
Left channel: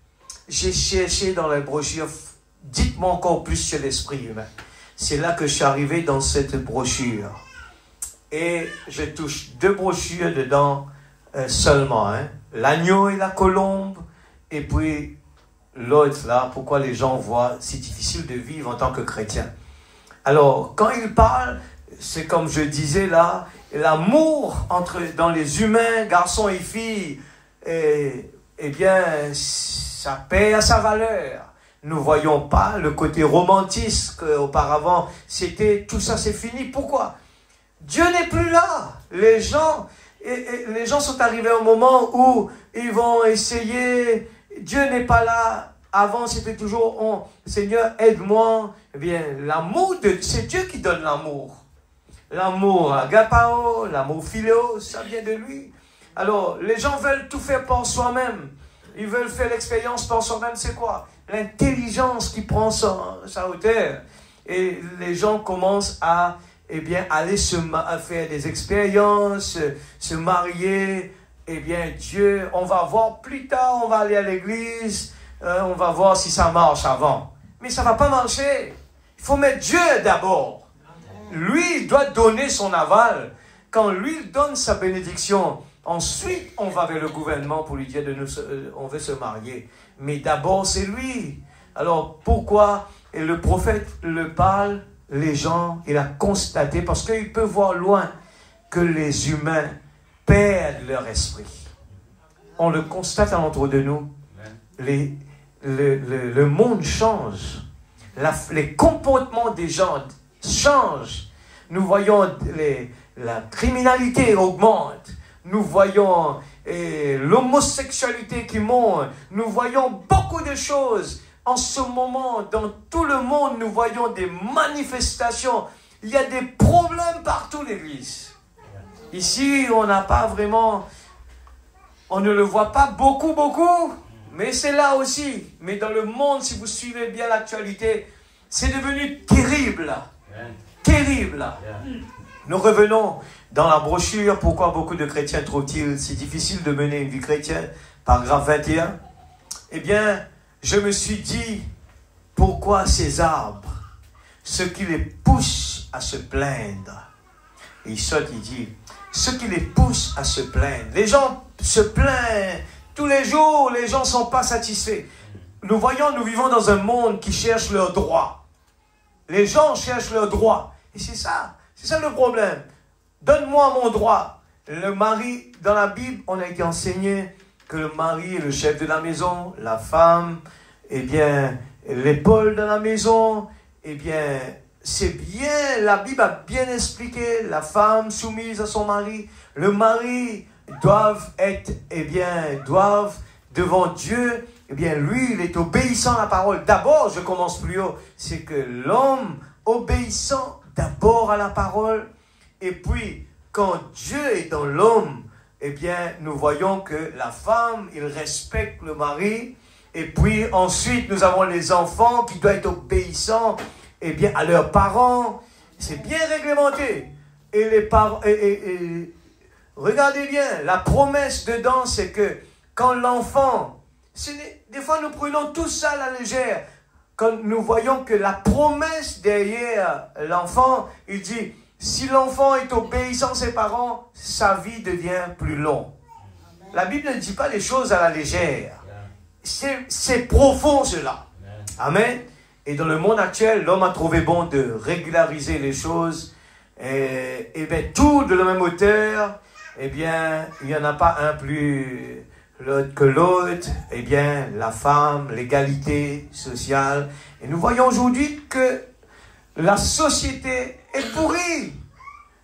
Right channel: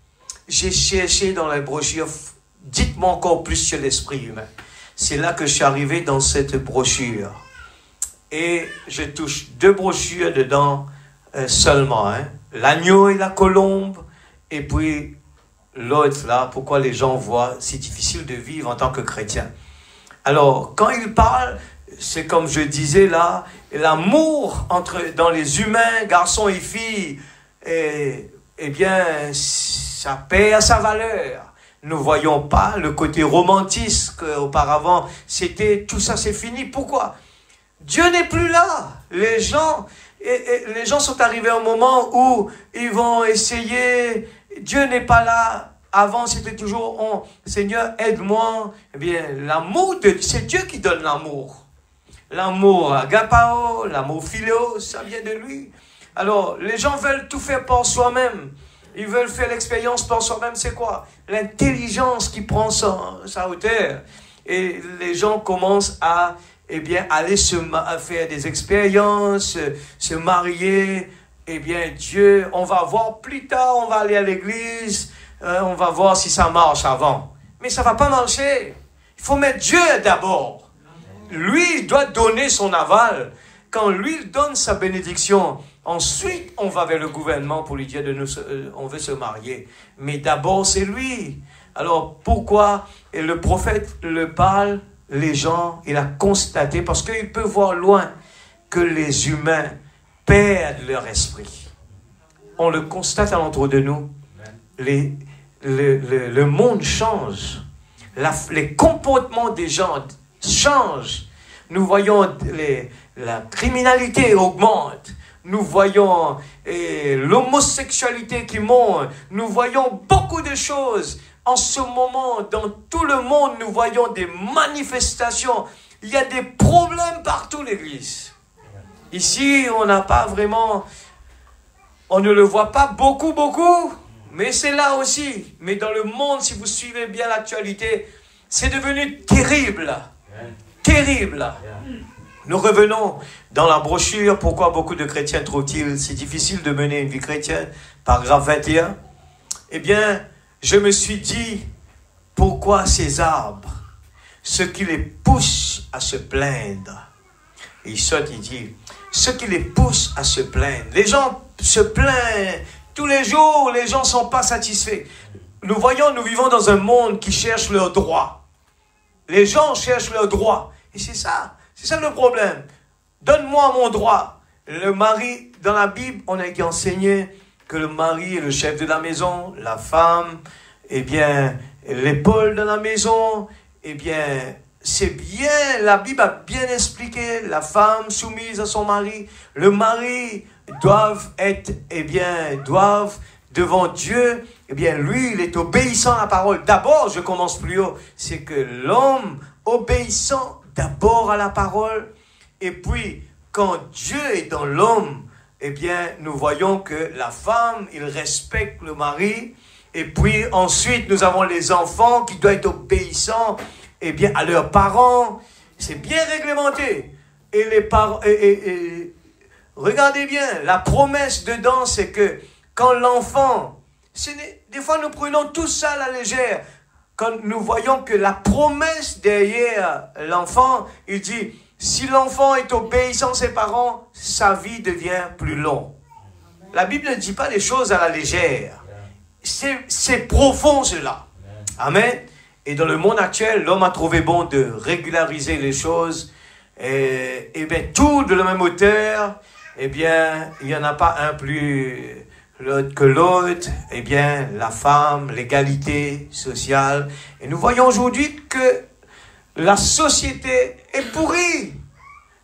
j'ai cherché dans la brochure, dites-moi encore plus sur l'esprit humain. C'est là que je suis arrivé dans cette brochure. Et je touche 2 brochures dedans seulement. Hein. L'agneau et la colombe. Et puis l'autre là, pourquoi les gens voient si difficile de vivre en tant que chrétien. Alors, quand il parle, c'est comme je disais là, l'amour dans les humains, garçons et filles, eh bien, ça perd sa valeur. Nous ne voyons pas le côté romantique qu'auparavant, c'était tout ça, c'est fini. Pourquoi? Dieu n'est plus là. Les gens sont arrivés à un moment où ils vont essayer. Dieu n'est pas là. Avant, c'était toujours Seigneur, aide-moi. Eh bien, l'amour, c'est Dieu qui donne l'amour. L'amour agapao, l'amour philéo, ça vient de lui. Alors, les gens veulent tout faire par soi-même. Ils veulent faire l'expérience par soi-même. C'est quoi? L'intelligence qui prend sa hauteur. Et les gens commencent à aller à faire des expériences, se marier. Eh bien, Dieu, on va voir plus tard, on va aller à l'église, on va voir si ça marche avant. Mais ça ne va pas marcher. Il faut mettre Dieu d'abord. Lui, il doit donner son aval. Quand lui donne sa bénédiction, ensuite, on va vers le gouvernement pour lui dire on veut se marier. Mais d'abord, c'est lui. Alors, pourquoi le prophète le parle, les gens, il a constaté, parce qu'il peut voir loin que les humains perdent leur esprit. On le constate alentour de nous. Le monde change. Les comportements des gens changent. Nous voyons la criminalité augmente. Nous voyons l'homosexualité qui monte. Nous voyons beaucoup de choses. En ce moment, dans tout le monde, nous voyons des manifestations. Il y a des problèmes partout, l'Église. Ici, on n'a pas vraiment... On ne le voit pas beaucoup, mais c'est là aussi. Mais dans le monde, si vous suivez bien l'actualité, c'est devenu terrible. terrible. Nous revenons dans la brochure. Pourquoi beaucoup de chrétiens trouvent-ils si difficile de mener une vie chrétienne? Paragraphe 21. Eh bien, je me suis dit, pourquoi ces arbres, ce qui les pousse à se plaindre? Et il saute, il dit, ce qui les pousse à se plaindre. Les gens se plaignent tous les jours, les gens ne sont pas satisfaits. Nous vivons dans un monde qui cherche leurs droits. Les gens cherchent leurs droits. Et c'est ça le problème. Donne-moi mon droit. Le mari, dans la Bible, on a été enseigné que le mari est le chef de la maison, la femme, eh bien, l'épaule de la maison, eh bien, c'est bien, la Bible a bien expliqué, la femme soumise à son mari, le mari doivent être, eh bien, doivent devant Dieu, eh bien, lui, il est obéissant à la parole. D'abord, je commence plus haut, c'est que l'homme obéissant d'abord à la parole, et puis, quand Dieu est dans l'homme, eh bien, nous voyons que la femme, il respecte le mari, et puis ensuite, nous avons les enfants qui doivent être obéissants, eh bien, à leurs parents. C'est bien réglementé. Et les parents, regardez bien, la promesse dedans, c'est que quand l'enfant, des fois nous prenons tout ça à la légère, quand nous voyons que la promesse derrière l'enfant, il dit, si l'enfant est obéissant à ses parents, sa vie devient plus longue. La Bible ne dit pas les choses à la légère. C'est profond cela. Amen. Et dans le monde actuel, l'homme a trouvé bon de régulariser les choses. Et bien, tout de la même hauteur, eh bien, il n'y en a pas un plus l'autre que l'autre. Eh bien, la femme, l'égalité sociale. Et nous voyons aujourd'hui que la société est pourrie.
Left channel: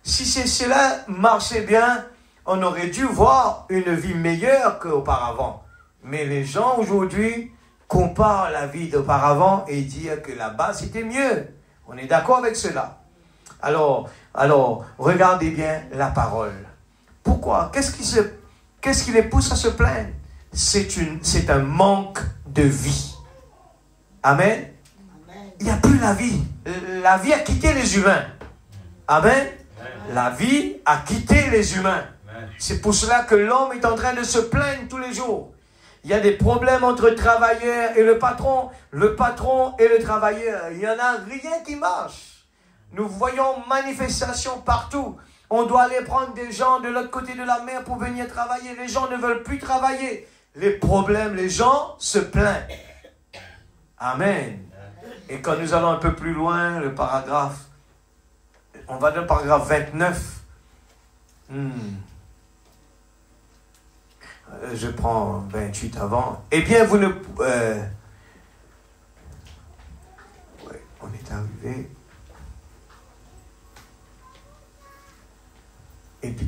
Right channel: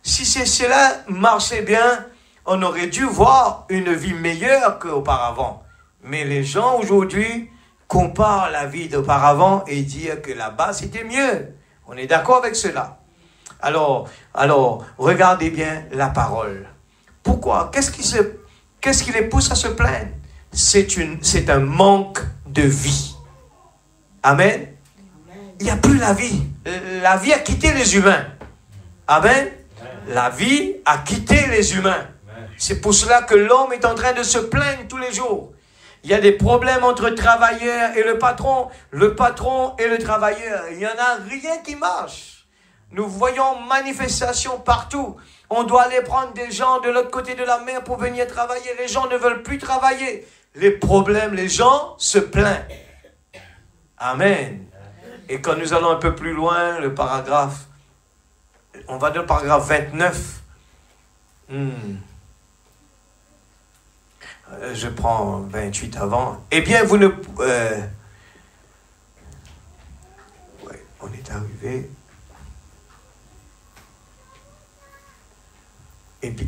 Si cela marchait bien, on aurait dû voir une vie meilleure qu'auparavant. Mais les gens aujourd'hui comparent la vie d'auparavant et disent que là-bas c'était mieux. On est d'accord avec cela. Alors, regardez bien la parole. Pourquoi? Qu'est-ce qui les pousse à se plaindre? C'est un manque de vie. Amen. Il n'y a plus la vie. La vie a quitté les humains. Amen. La vie a quitté les humains. C'est pour cela que l'homme est en train de se plaindre tous les jours. Il y a des problèmes entre le travailleur et le patron et le travailleur. Il n'y en a rien qui marche. Nous voyons manifestations partout. On doit aller prendre des gens de l'autre côté de la mer pour venir travailler. Les gens ne veulent plus travailler. Les problèmes, les gens se plaignent. Amen. Et quand nous allons un peu plus loin, le paragraphe, on va dans le paragraphe 29. Je prends 28 avant. Eh bien, vous ne... on est arrivé.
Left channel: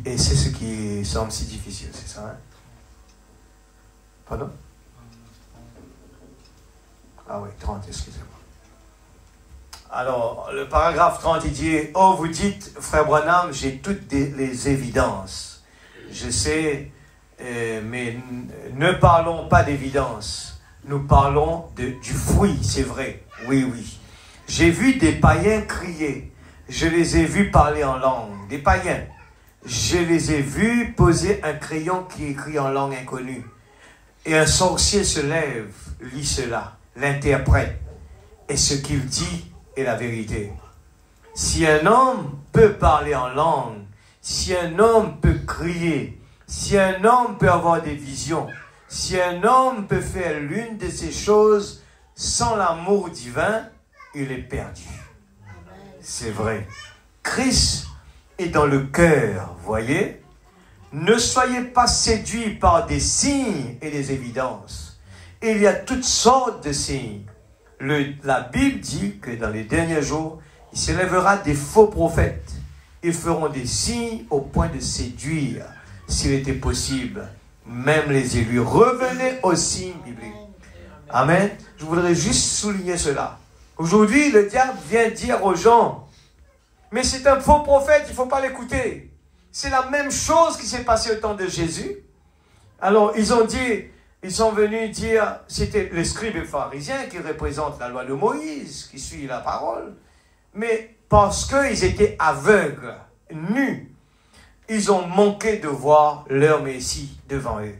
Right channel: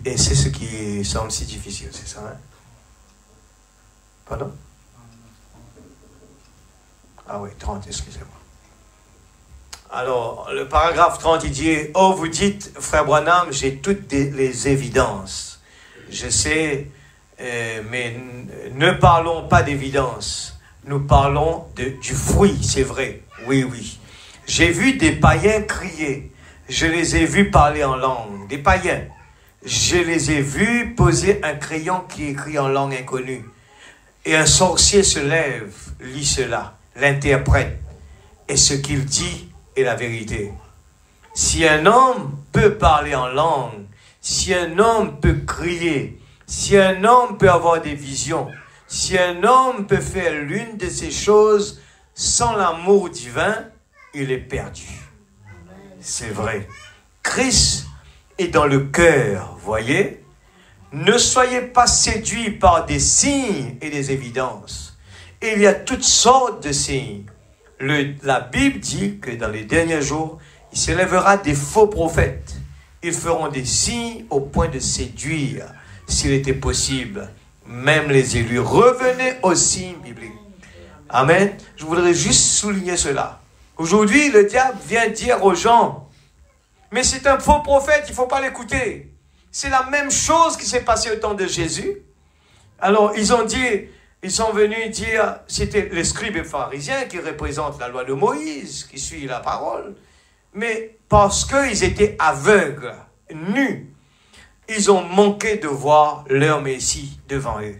Et c'est ce qui semble si difficile, c'est ça, hein? Pardon? Ah oui, 30, excusez-moi. Alors, le paragraphe 30, il dit, « Oh, vous dites, frère Branham, j'ai toutes les évidences. Je sais, mais ne parlons pas d'évidence. Nous parlons du fruit, c'est vrai. Oui, oui. J'ai vu des païens crier. Je les ai vus parler en langue. Des païens. Je les ai vus poser un crayon qui écrit en langue inconnue. Et un sorcier se lève, lit cela, l'interprète. Et ce qu'il dit est la vérité. Si un homme peut parler en langue, si un homme peut crier, si un homme peut avoir des visions, si un homme peut faire l'une de ces choses sans l'amour divin, il est perdu. C'est vrai. Christ est dans le cœur, voyez. Ne soyez pas séduits par des signes et des évidences. Il y a toutes sortes de signes. La Bible dit que dans les derniers jours, il s'élèvera des faux prophètes. Ils feront des signes au point de séduire, s'il était possible, même les élus. Revenez aux signes bibliques. Amen. Je voudrais juste souligner cela. Aujourd'hui, le diable vient dire aux gens, mais c'est un faux prophète, il ne faut pas l'écouter. C'est la même chose qui s'est passée au temps de Jésus. Alors, ils sont venus dire, c'était les scribes et pharisiens qui représentent la loi de Moïse, qui suit la parole. Mais parce qu'ils étaient aveugles, nus, ils ont manqué de voir leur Messie devant eux.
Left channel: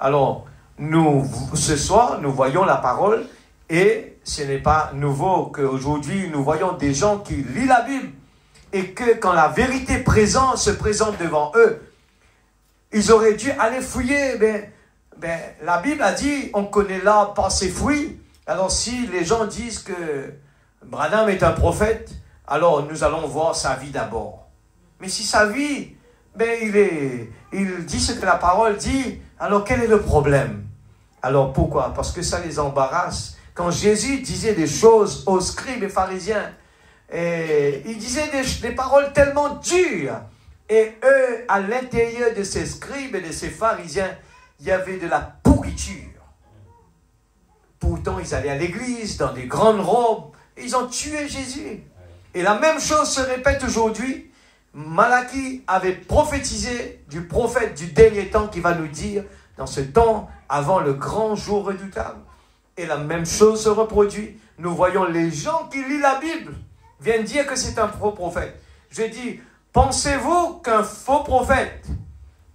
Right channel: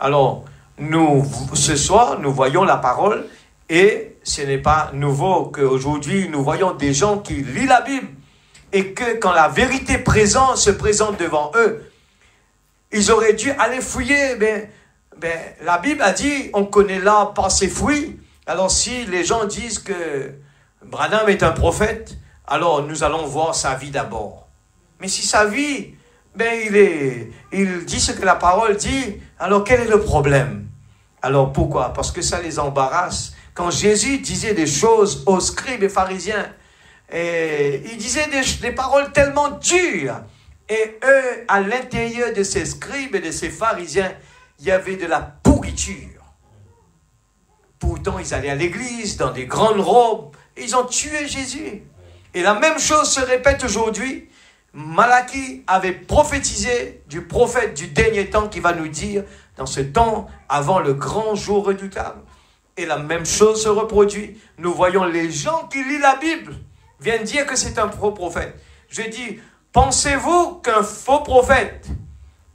Alors, ce soir, nous voyons la parole et ce n'est pas nouveau qu'aujourd'hui, nous voyons des gens qui lisent la Bible et que quand la vérité se présente devant eux, ils auraient dû aller fouiller. La Bible a dit, on connaît l'arbre par ses fruits. Alors si les gens disent que Branham est un prophète, alors nous allons voir sa vie d'abord. Mais si sa vie, il dit ce que la parole dit, alors quel est le problème? Alors pourquoi? Parce que ça les embarrasse. Quand Jésus disait des choses aux scribes et pharisiens, il disait des paroles tellement dures. Et eux, à l'intérieur de ces scribes et de ces pharisiens, il y avait de la pourriture. Pourtant, ils allaient à l'église dans des grandes robes. Et ils ont tué Jésus. Et la même chose se répète aujourd'hui. Malachie avait prophétisé du prophète du dernier temps qui va nous dire, dans ce temps, avant le grand jour redoutable. Et la même chose se reproduit. Nous voyons les gens qui lisent la Bible viennent dire que c'est un faux prophète. Je dis, pensez-vous qu'un faux prophète,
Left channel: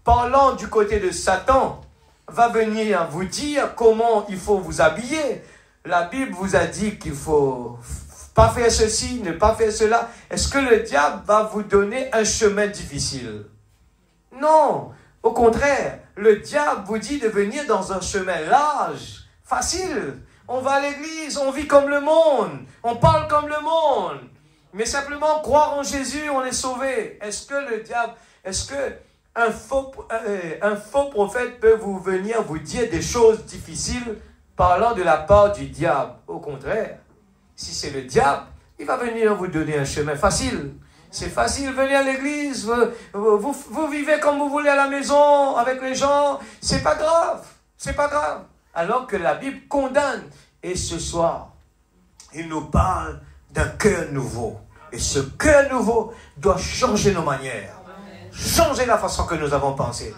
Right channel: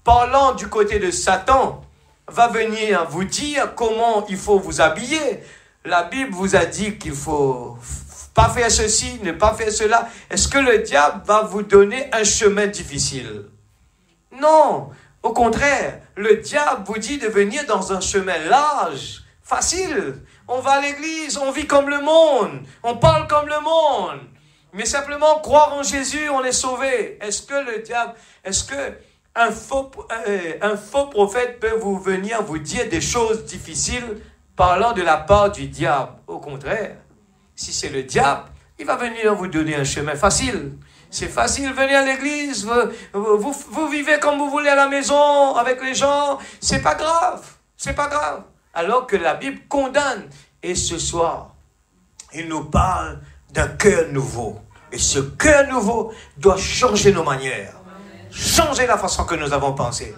parlant du côté de Satan, va venir vous dire comment il faut vous habiller? La Bible vous a dit qu'il faut pas faire ceci, ne pas faire cela. Est-ce que le diable va vous donner un chemin difficile? Non, au contraire, le diable vous dit de venir dans un chemin large, facile. On va à l'église, on vit comme le monde, on parle comme le monde. Mais simplement croire en Jésus, on est sauvé. Est-ce que le diable, est-ce que un faux prophète peut venir vous dire des choses difficiles parlant de la part du diable? Au contraire, si c'est le diable, il va venir vous donner un chemin facile. C'est facile, venez à l'église, vous vivez comme vous voulez à la maison, avec les gens, c'est pas grave, c'est pas grave. Alors que la Bible condamne. Et ce soir, il nous parle d'un cœur nouveau. Et ce cœur nouveau doit changer nos manières. Changer la façon que nous avons pensé.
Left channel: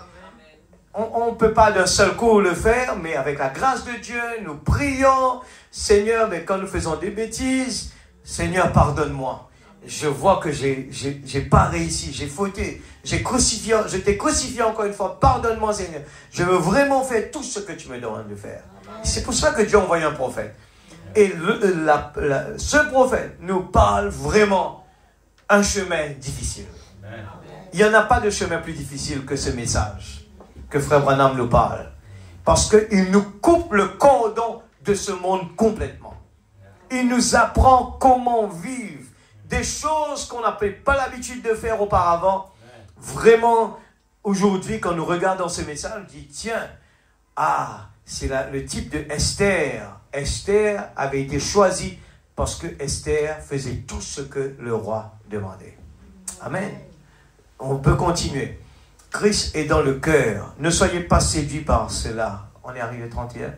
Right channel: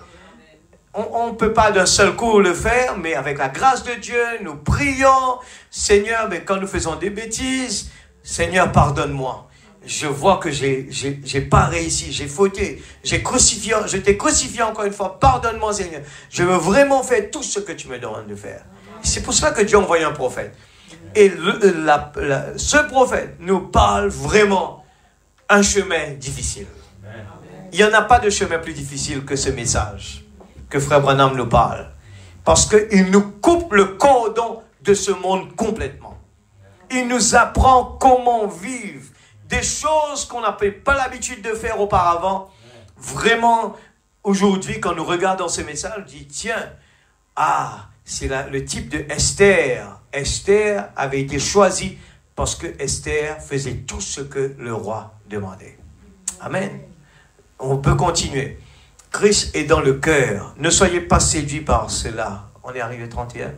On ne peut pas d'un seul coup le faire, mais avec la grâce de Dieu, nous prions. Seigneur, mais quand nous faisons des bêtises, Seigneur, pardonne-moi. Je vois que j'ai pas réussi, j'ai fauté, je t'ai crucifié encore une fois. Pardonne-moi, Seigneur. Je veux vraiment faire tout ce que tu me demandes de faire. C'est pour ça que Dieu a envoyé un prophète. Et ce prophète nous parle vraiment un chemin difficile. Il n'y en a pas de chemin plus difficile que ce message que Frère Branham nous parle. Parce qu'il nous coupe le cordon de ce monde complètement. Il nous apprend comment vivre des choses qu'on n'avait pas l'habitude de faire auparavant. Vraiment, aujourd'hui, quand nous regardons ce message, on dit, tiens, c'est le type de Esther. Esther avait été choisie parce que Esther faisait tout ce que le roi demandait. Amen. On peut continuer. Christ est dans le cœur. Ne soyez pas séduits par cela. On est arrivé 31.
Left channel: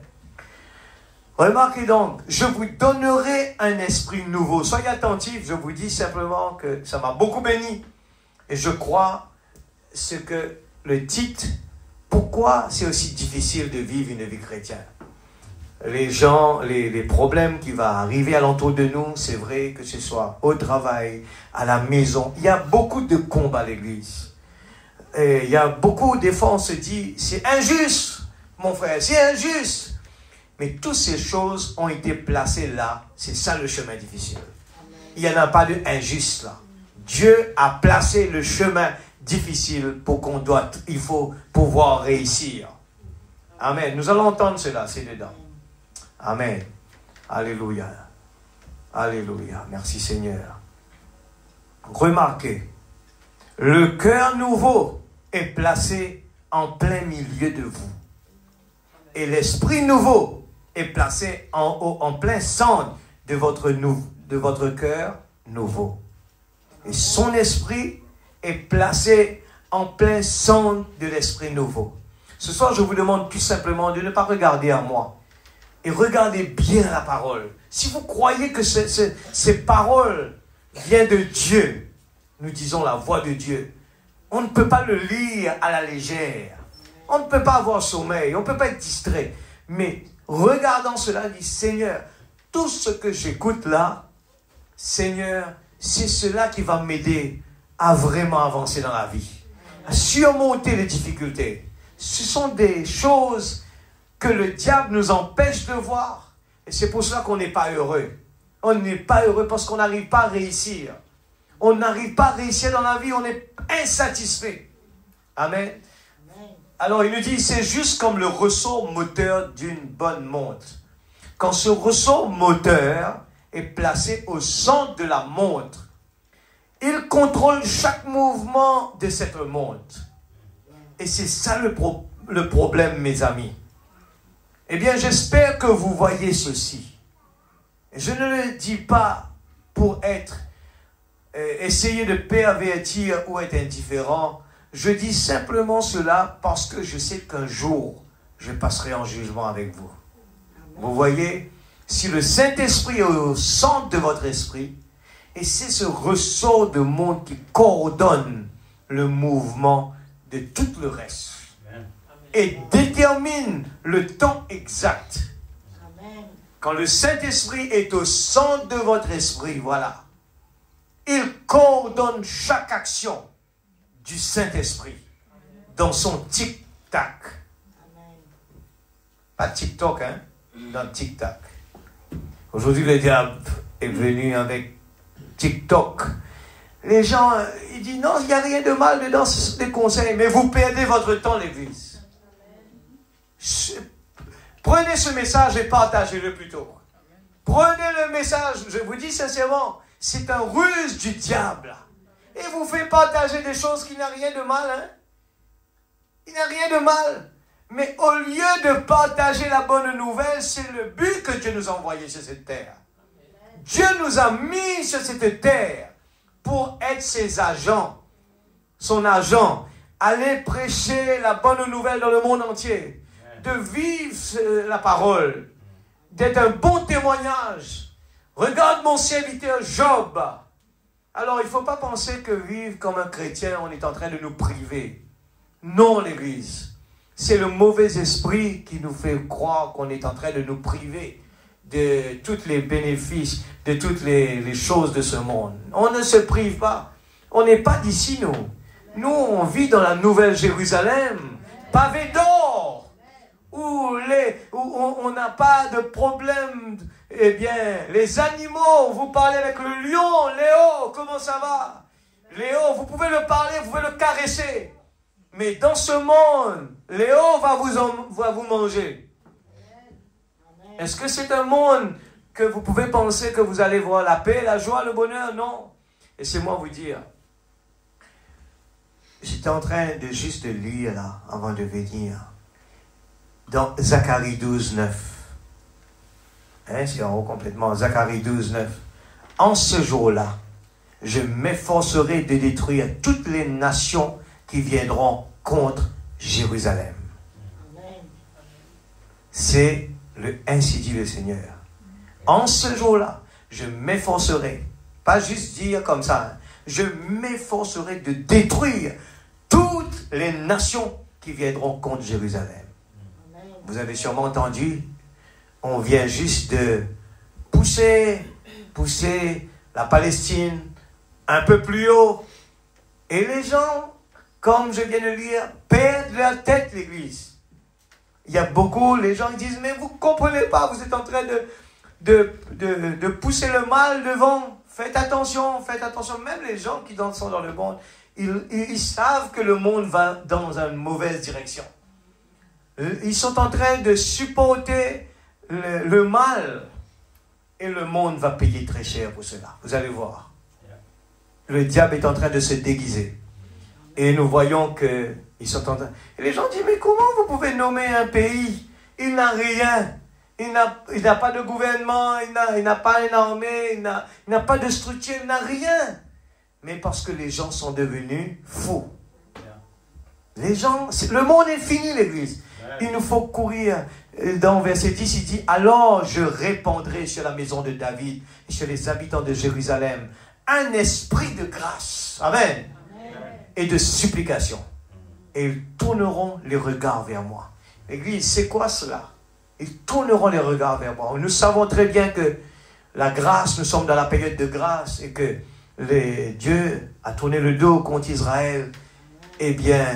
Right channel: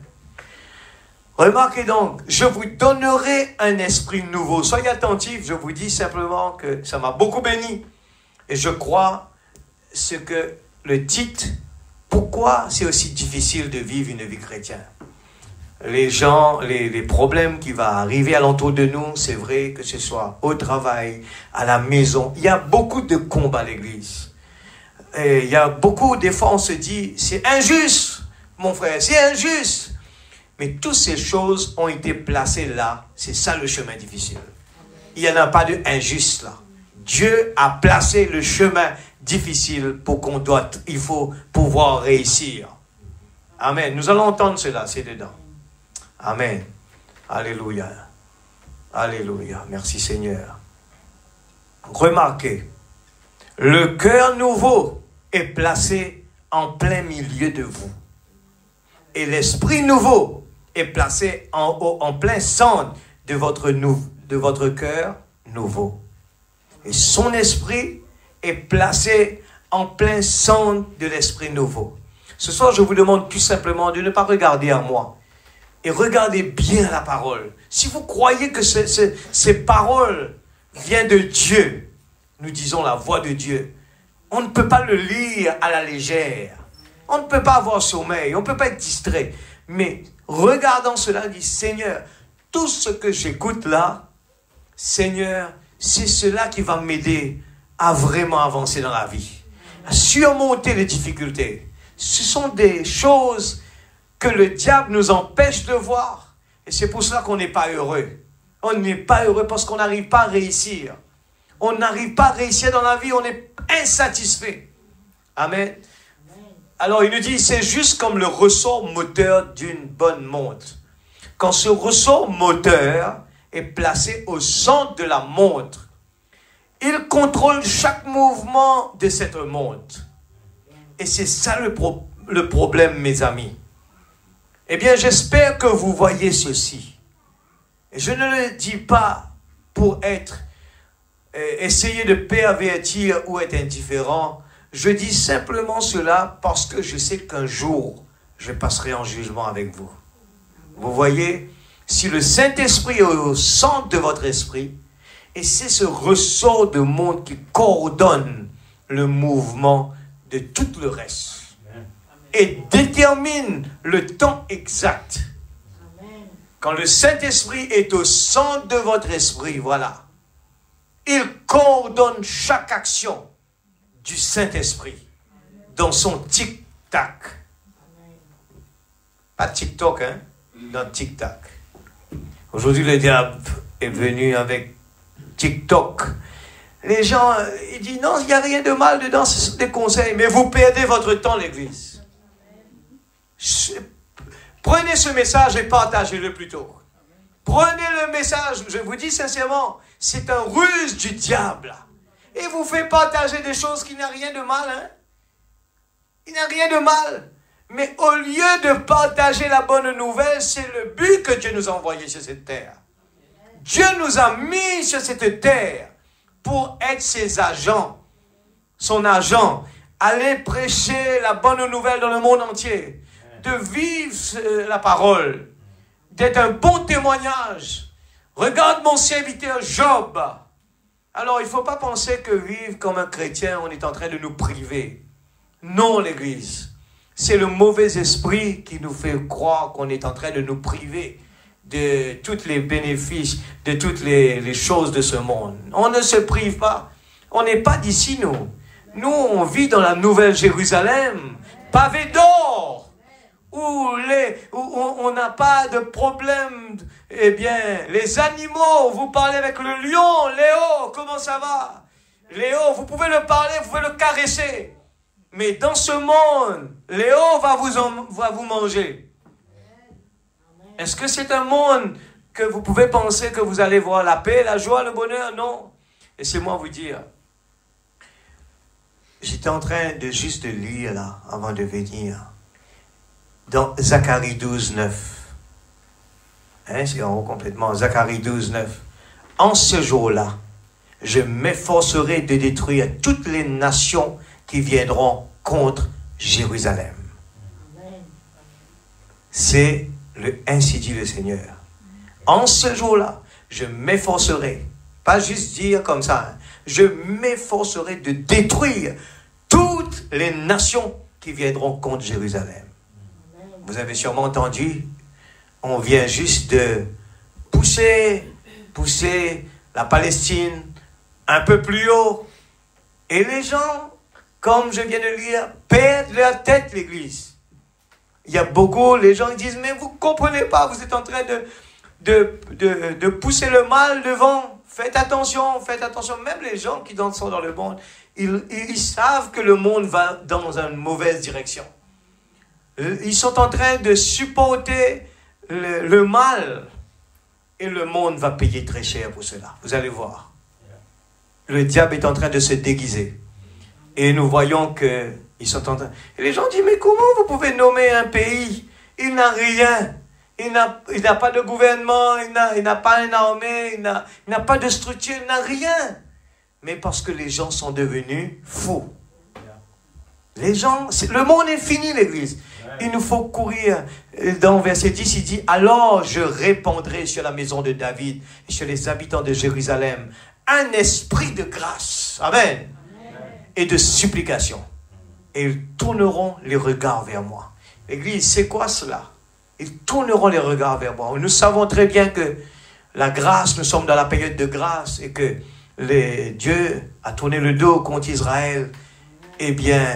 Remarquez donc, je vous donnerai un esprit nouveau. Soyez attentifs, je vous dis simplement que ça m'a beaucoup béni. Et je crois ce que le titre, pourquoi c'est aussi difficile de vivre une vie chrétienne. Les gens, les problèmes qui vont arriver alentour de nous, c'est vrai que ce soit au travail, à la maison. Il y a beaucoup de combats à l'église. Et il y a beaucoup, des fois on se dit, c'est injuste, mon frère, c'est injuste. Mais toutes ces choses ont été placées là. C'est ça le chemin difficile. Il n'y en a pas de injuste là. Dieu a placé le chemin difficile pour il faut pouvoir réussir. Amen. Nous allons entendre cela, c'est dedans. Amen. Alléluia. Alléluia. Merci Seigneur. Remarquez, le cœur nouveau est placé en plein milieu de vous. Et l'esprit nouveau est placé en plein centre de votre cœur nouveau. Et son esprit est placé en plein centre de l'esprit nouveau. Ce soir, je vous demande tout simplement de ne pas regarder à moi. Et regardez bien la parole. Si vous croyez que ces paroles viennent de Dieu, nous disons la voix de Dieu, on ne peut pas le lire à la légère. On ne peut pas avoir sommeil, on ne peut pas être distrait. Mais regardant cela, dit Seigneur, tout ce que j'écoute là, Seigneur, c'est cela qui va m'aider à vraiment avancer dans la vie, à surmonter les difficultés. Ce sont des choses que le diable nous empêche de voir. Et c'est pour cela qu'on n'est pas heureux. On n'est pas heureux parce qu'on n'arrive pas à réussir. On n'arrive pas à réussir dans la vie, on est insatisfait. Amen. Alors il nous dit, c'est juste comme le ressort moteur d'une bonne montre. Quand ce ressort moteur est placé au centre de la montre, il contrôle chaque mouvement de cette montre. Et c'est ça le problème, mes amis. Eh bien, j'espère que vous voyez ceci. Et je ne le dis pas pour essayer de pervertir ou être indifférent. Je dis simplement cela parce que je sais qu'un jour, je passerai en jugement avec vous. Vous voyez, si le Saint-Esprit est au centre de votre esprit, et c'est ce ressort de monde qui coordonne le mouvement de tout le reste et détermine le temps exact. Quand le Saint-Esprit est au centre de votre esprit, voilà, il coordonne chaque action du Saint-Esprit dans son tic-tac. Pas TikTok, hein, dans tic-tac. Aujourd'hui, le diable est venu avec TikTok. Les gens, ils disent non, il n'y a rien de mal dedans, ce sont des conseils, mais vous perdez votre temps, l'église. Prenez ce message et partagez-le plutôt. Prenez le message, je vous dis sincèrement, c'est un ruse du diable. Et vous fait partager des choses qui n'ont rien de mal. Hein? Il n'y a rien de mal. Mais au lieu de partager la bonne nouvelle, c'est le but que Dieu nous a envoyé sur cette terre. Dieu nous a mis sur cette terre pour être ses agents, son agent, aller prêcher la bonne nouvelle dans le monde entier, de vivre la parole, d'être un bon témoignage. Regarde mon serviteur Job. Alors, il ne faut pas penser que vivre comme un chrétien, on est en train de nous priver. Non, l'Église. C'est le mauvais esprit qui nous fait croire qu'on est en train de nous priver de tous les bénéfices, de toutes les choses de ce monde. On ne se prive pas. On n'est pas d'ici, nous. Nous, on vit dans la Nouvelle Jérusalem, pavée d'or, où on n'a pas de problème. Eh bien, les animaux, vous parlez avec le lion, Léo, comment ça va? Léo, vous pouvez le parler, vous pouvez le caresser. Mais dans ce monde, Léo va vous manger. Est-ce que c'est un monde que vous pouvez penser que vous allez voir la paix, la joie, le bonheur? Non. Laissez-moi vous dire. J'étais en train de juste lire là, avant de venir. Dans Zacharie 12, 9. Hein, c'est en haut complètement. Zacharie 12, 9. En ce jour-là, je m'efforcerai de détruire toutes les nations qui viendront contre Jérusalem. C'est ainsi dit le Seigneur. En ce jour-là, je m'efforcerai, pas juste dire comme ça, hein, je m'efforcerai de détruire toutes les nations qui viendront contre Jérusalem. Vous avez sûrement entendu, on vient juste de pousser la Palestine un peu plus haut. Et les gens, comme je viens de lire, perdent leur tête, l'Église. Il y a beaucoup, les gens disent, mais vous ne comprenez pas, vous êtes en train de pousser le mal devant. Faites attention. Même les gens qui sont dans le monde, ils savent que le monde va dans une mauvaise direction. Ils sont en train de supporter le mal. Et le monde va payer très cher pour cela. Vous allez voir. Le diable est en train de se déguiser. Et nous voyons qu'ils sont en train... Et les gens disent, mais comment vous pouvez nommer un pays? Il n'a rien. Il n'a pas de gouvernement, il n'a pas une armée, il n'a pas de structure, il n'a rien. Mais parce que les gens sont devenus fous. Les gens... Le monde est fini, l'Église. Il nous faut courir. Dans verset 10, il dit, alors je répandrai sur la maison de David et sur les habitants de Jérusalem un esprit de grâce. Amen. Et de supplication. Et ils tourneront les regards vers moi. L'Église, c'est quoi cela? Ils tourneront les regards vers moi. Nous savons très bien que la grâce, nous sommes dans la période de grâce et que Dieu a tourné le dos contre Israël, eh bien,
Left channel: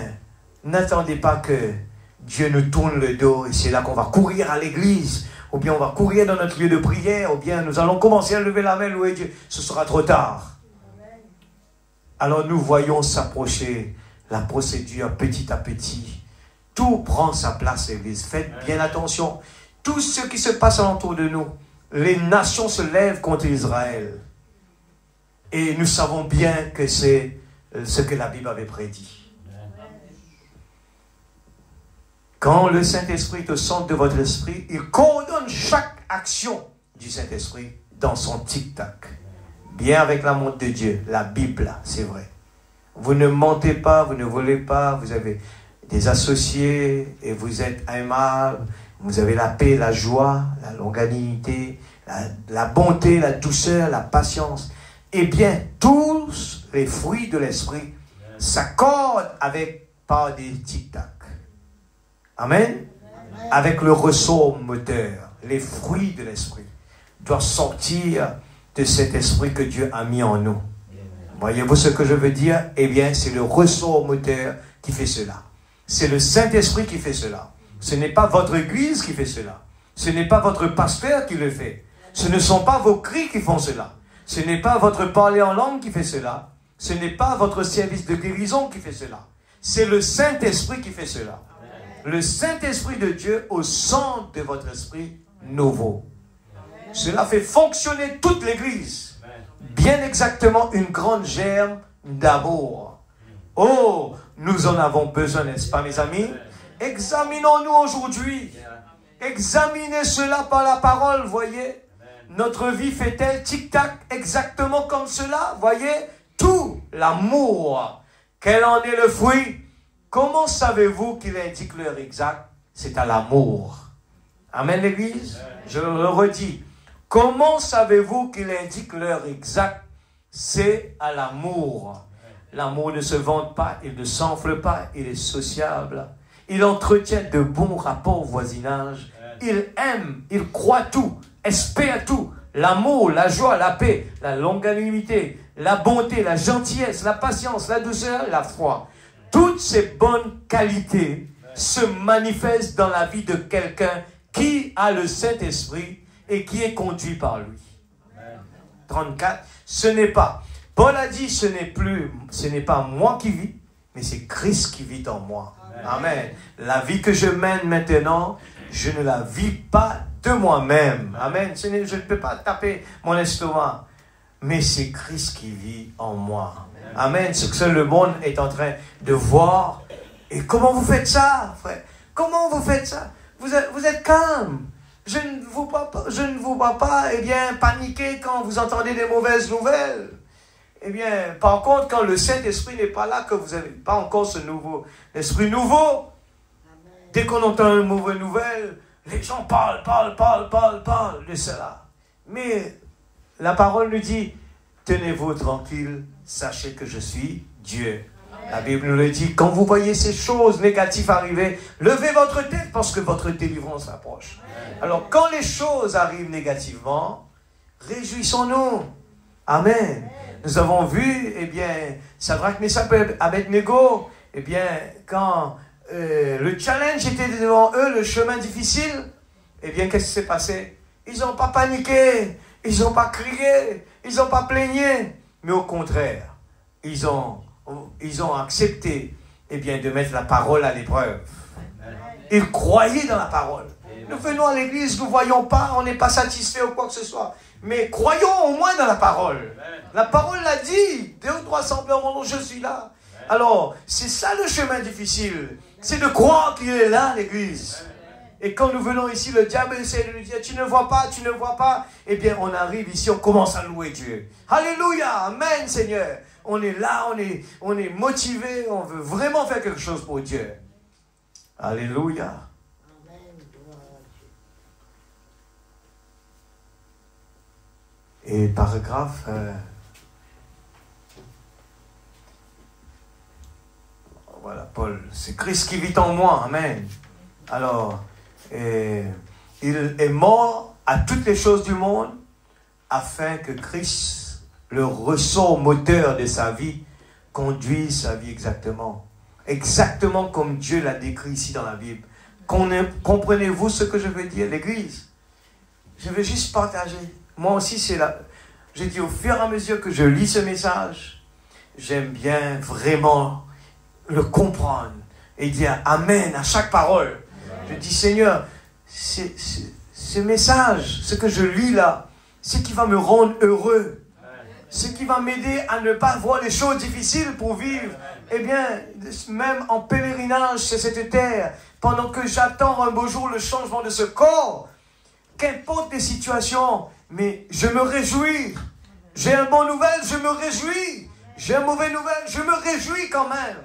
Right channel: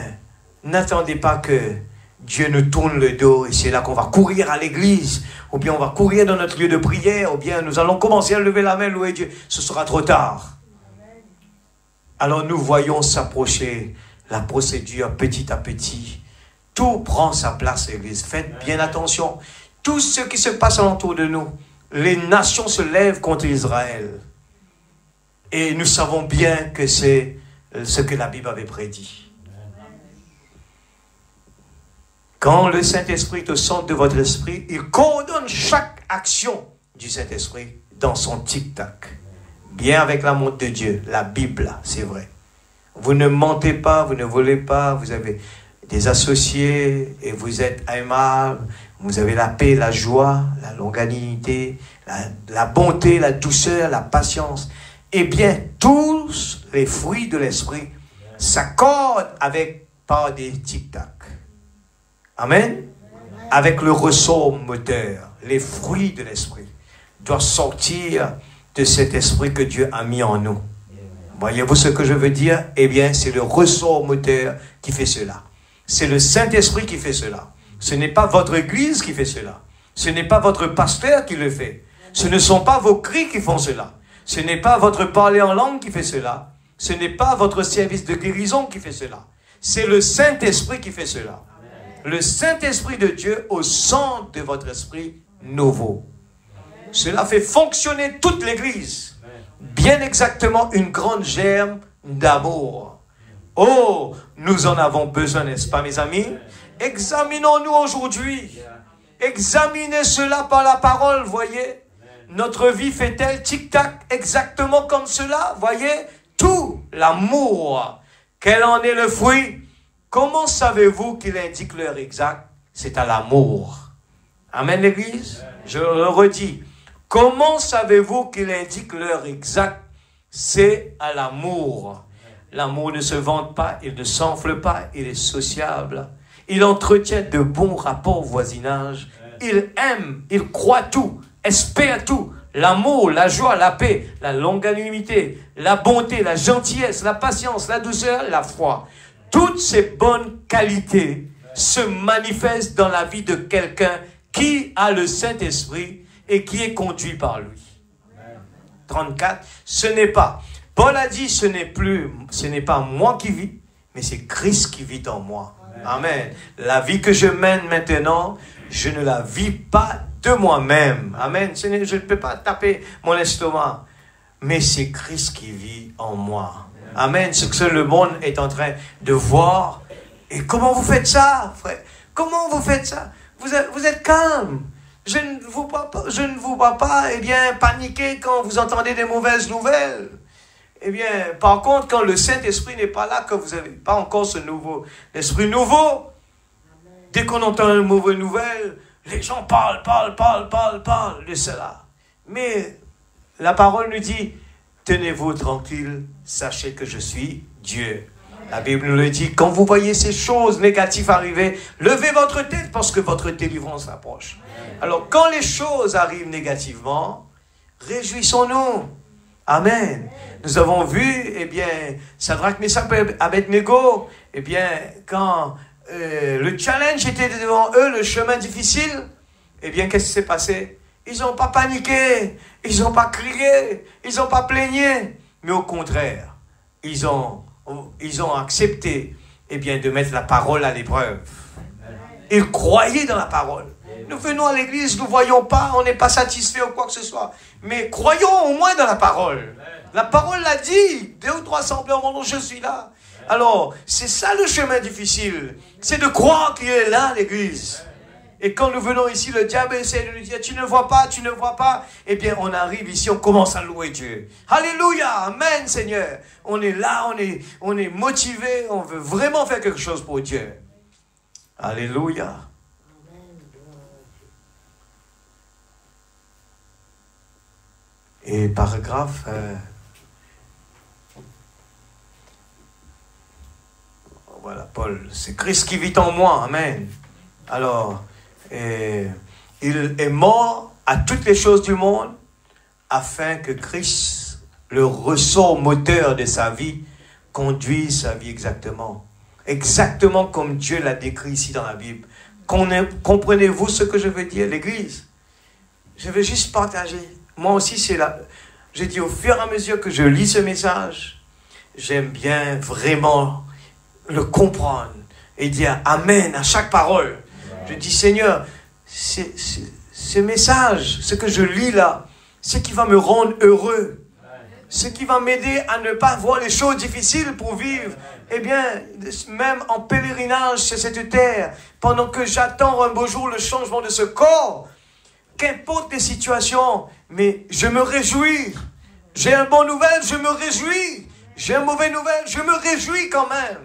n'attendez pas que Dieu nous tourne le dos et c'est là qu'on va courir à l'église, ou bien on va courir dans notre lieu de prière, ou bien nous allons commencer à lever la main, louer Dieu. Ce sera trop tard. Alors nous voyons s'approcher la procédure petit à petit. Tout prend sa place, l'église. Faites bien attention. Tout ce qui se passe autour de nous, les nations se lèvent contre Israël. Et nous savons bien que c'est ce que la Bible avait prédit. Quand le Saint-Esprit est au centre de votre esprit, il coordonne chaque action du Saint-Esprit dans son tic-tac. Bien avec la montre de Dieu, la Bible, c'est vrai. Vous ne mentez pas, vous ne volez pas, vous avez des associés et vous êtes aimables, vous avez la paix, la joie, la longanimité, la bonté, la douceur, la patience. Eh bien, tous les fruits de l'esprit s'accordent par des tic-tac. Amen. Avec le ressort moteur, les fruits de l'esprit doivent sortir de cet esprit que Dieu a mis en nous. Voyez-vous ce que je veux dire? Eh bien, c'est le ressort moteur qui fait cela. C'est le Saint-Esprit qui fait cela. Ce n'est pas votre église qui fait cela. Ce n'est pas votre pasteur qui le fait. Ce ne sont pas vos cris qui font cela. Ce n'est pas votre parler en langue qui fait cela. Ce n'est pas votre service de guérison qui fait cela. C'est le Saint-Esprit qui fait cela. Le Saint-Esprit de Dieu au centre de votre esprit nouveau. Cela fait fonctionner toute l'église. Bien exactement une grande germe d'amour. Oh, nous en avons besoin, n'est-ce pas, mes amis? Examinons-nous aujourd'hui. Examinez cela par la parole, voyez. Notre vie fait-elle tic-tac exactement comme cela, voyez? Tout l'amour. Quel en est le fruit? Comment savez-vous qu'il indique l'heure exacte? C'est à l'amour. Amen, l'église? Je le redis. Comment savez-vous qu'il indique l'heure exacte? C'est à l'amour. L'amour ne se vante pas, il ne s'enfle pas, il est sociable. Il entretient de bons rapports au voisinage. Il aime, il croit tout, espère tout. L'amour, la joie, la paix, la longanimité, la bonté, la gentillesse, la patience, la douceur, la foi. Toutes ces bonnes qualités se manifestent dans la vie de quelqu'un qui a le Saint-Esprit et qui est conduit par lui. 34, ce n'est pas. Paul a dit, ce n'est pas moi qui vis, mais c'est Christ qui vit en moi. Amen. La vie que je mène maintenant, je ne la vis pas de moi-même. Amen. Je ne peux pas taper mon estomac, mais c'est Christ qui vit en moi. Amen. Ce que le monde est en train de voir. Et comment vous faites ça, frère? Comment vous faites ça? Vous êtes calme. Je ne vous vois pas, eh bien, paniquer quand vous entendez des mauvaises nouvelles. Eh bien, par contre, quand le Saint-Esprit n'est pas là, que vous n'avez pas encore ce nouveau esprit nouveau, dès qu'on entend une mauvaise nouvelle, les gens parlent de cela. Mais la parole nous dit, tenez-vous tranquille, sachez que je suis Dieu. La Bible nous le dit, quand vous voyez ces choses négatives arriver, levez votre tête parce que votre délivrance approche. Alors, quand les choses arrivent négativement, réjouissons-nous. Amen. Nous avons vu, eh bien, Shadrach, Meshach et Abednego, eh bien, quand le challenge était devant eux, le chemin difficile, eh bien, qu'est-ce qui s'est passé? Ils n'ont pas paniqué, ils n'ont pas crié, ils n'ont pas plaigné, mais au contraire, ils ont accepté, eh bien, de mettre la parole à l'épreuve. Ils croyaient dans la parole. Nous venons à l'église, nous ne voyons pas, on n'est pas satisfait ou quoi que ce soit. Mais croyons au moins dans la parole. La parole l'a dit. 2 ou 3 semblent en mon nom, je suis là. Alors, c'est ça le chemin difficile. C'est de croire qu'il est là, l'église. Et quand nous venons ici, le diable essaie de nous dire, tu ne vois pas, tu ne vois pas. Eh bien, on arrive ici, on commence à louer Dieu. Alléluia, amen, Seigneur. On est là, on est motivé, on veut vraiment faire quelque chose pour Dieu. Alléluia. Et paragraphe, voilà, Paul, c'est Christ qui vit en moi, amen. Alors, il est mort à toutes les choses du monde, afin que Christ, le ressort moteur de sa vie, conduise sa vie exactement. Exactement comme Dieu l'a décrit ici dans la Bible. Comprenez-vous ce que je veux dire, l'Église? Je veux juste partager. Moi aussi, c'est là. Je dis au fur et à mesure que je lis ce message, j'aime bien vraiment le comprendre et dire Amen à chaque parole. Je dis Seigneur, ce message, ce que je lis là, ce qui va me rendre heureux, ce qui va m'aider à ne pas voir les choses difficiles pour vivre, eh bien, même en pèlerinage sur cette terre, pendant que j'attends un beau jour le changement de ce corps, qu'importe les situations, mais je me réjouis. J'ai une bonne nouvelle, je me réjouis. J'ai une mauvaise nouvelle, je me réjouis quand même.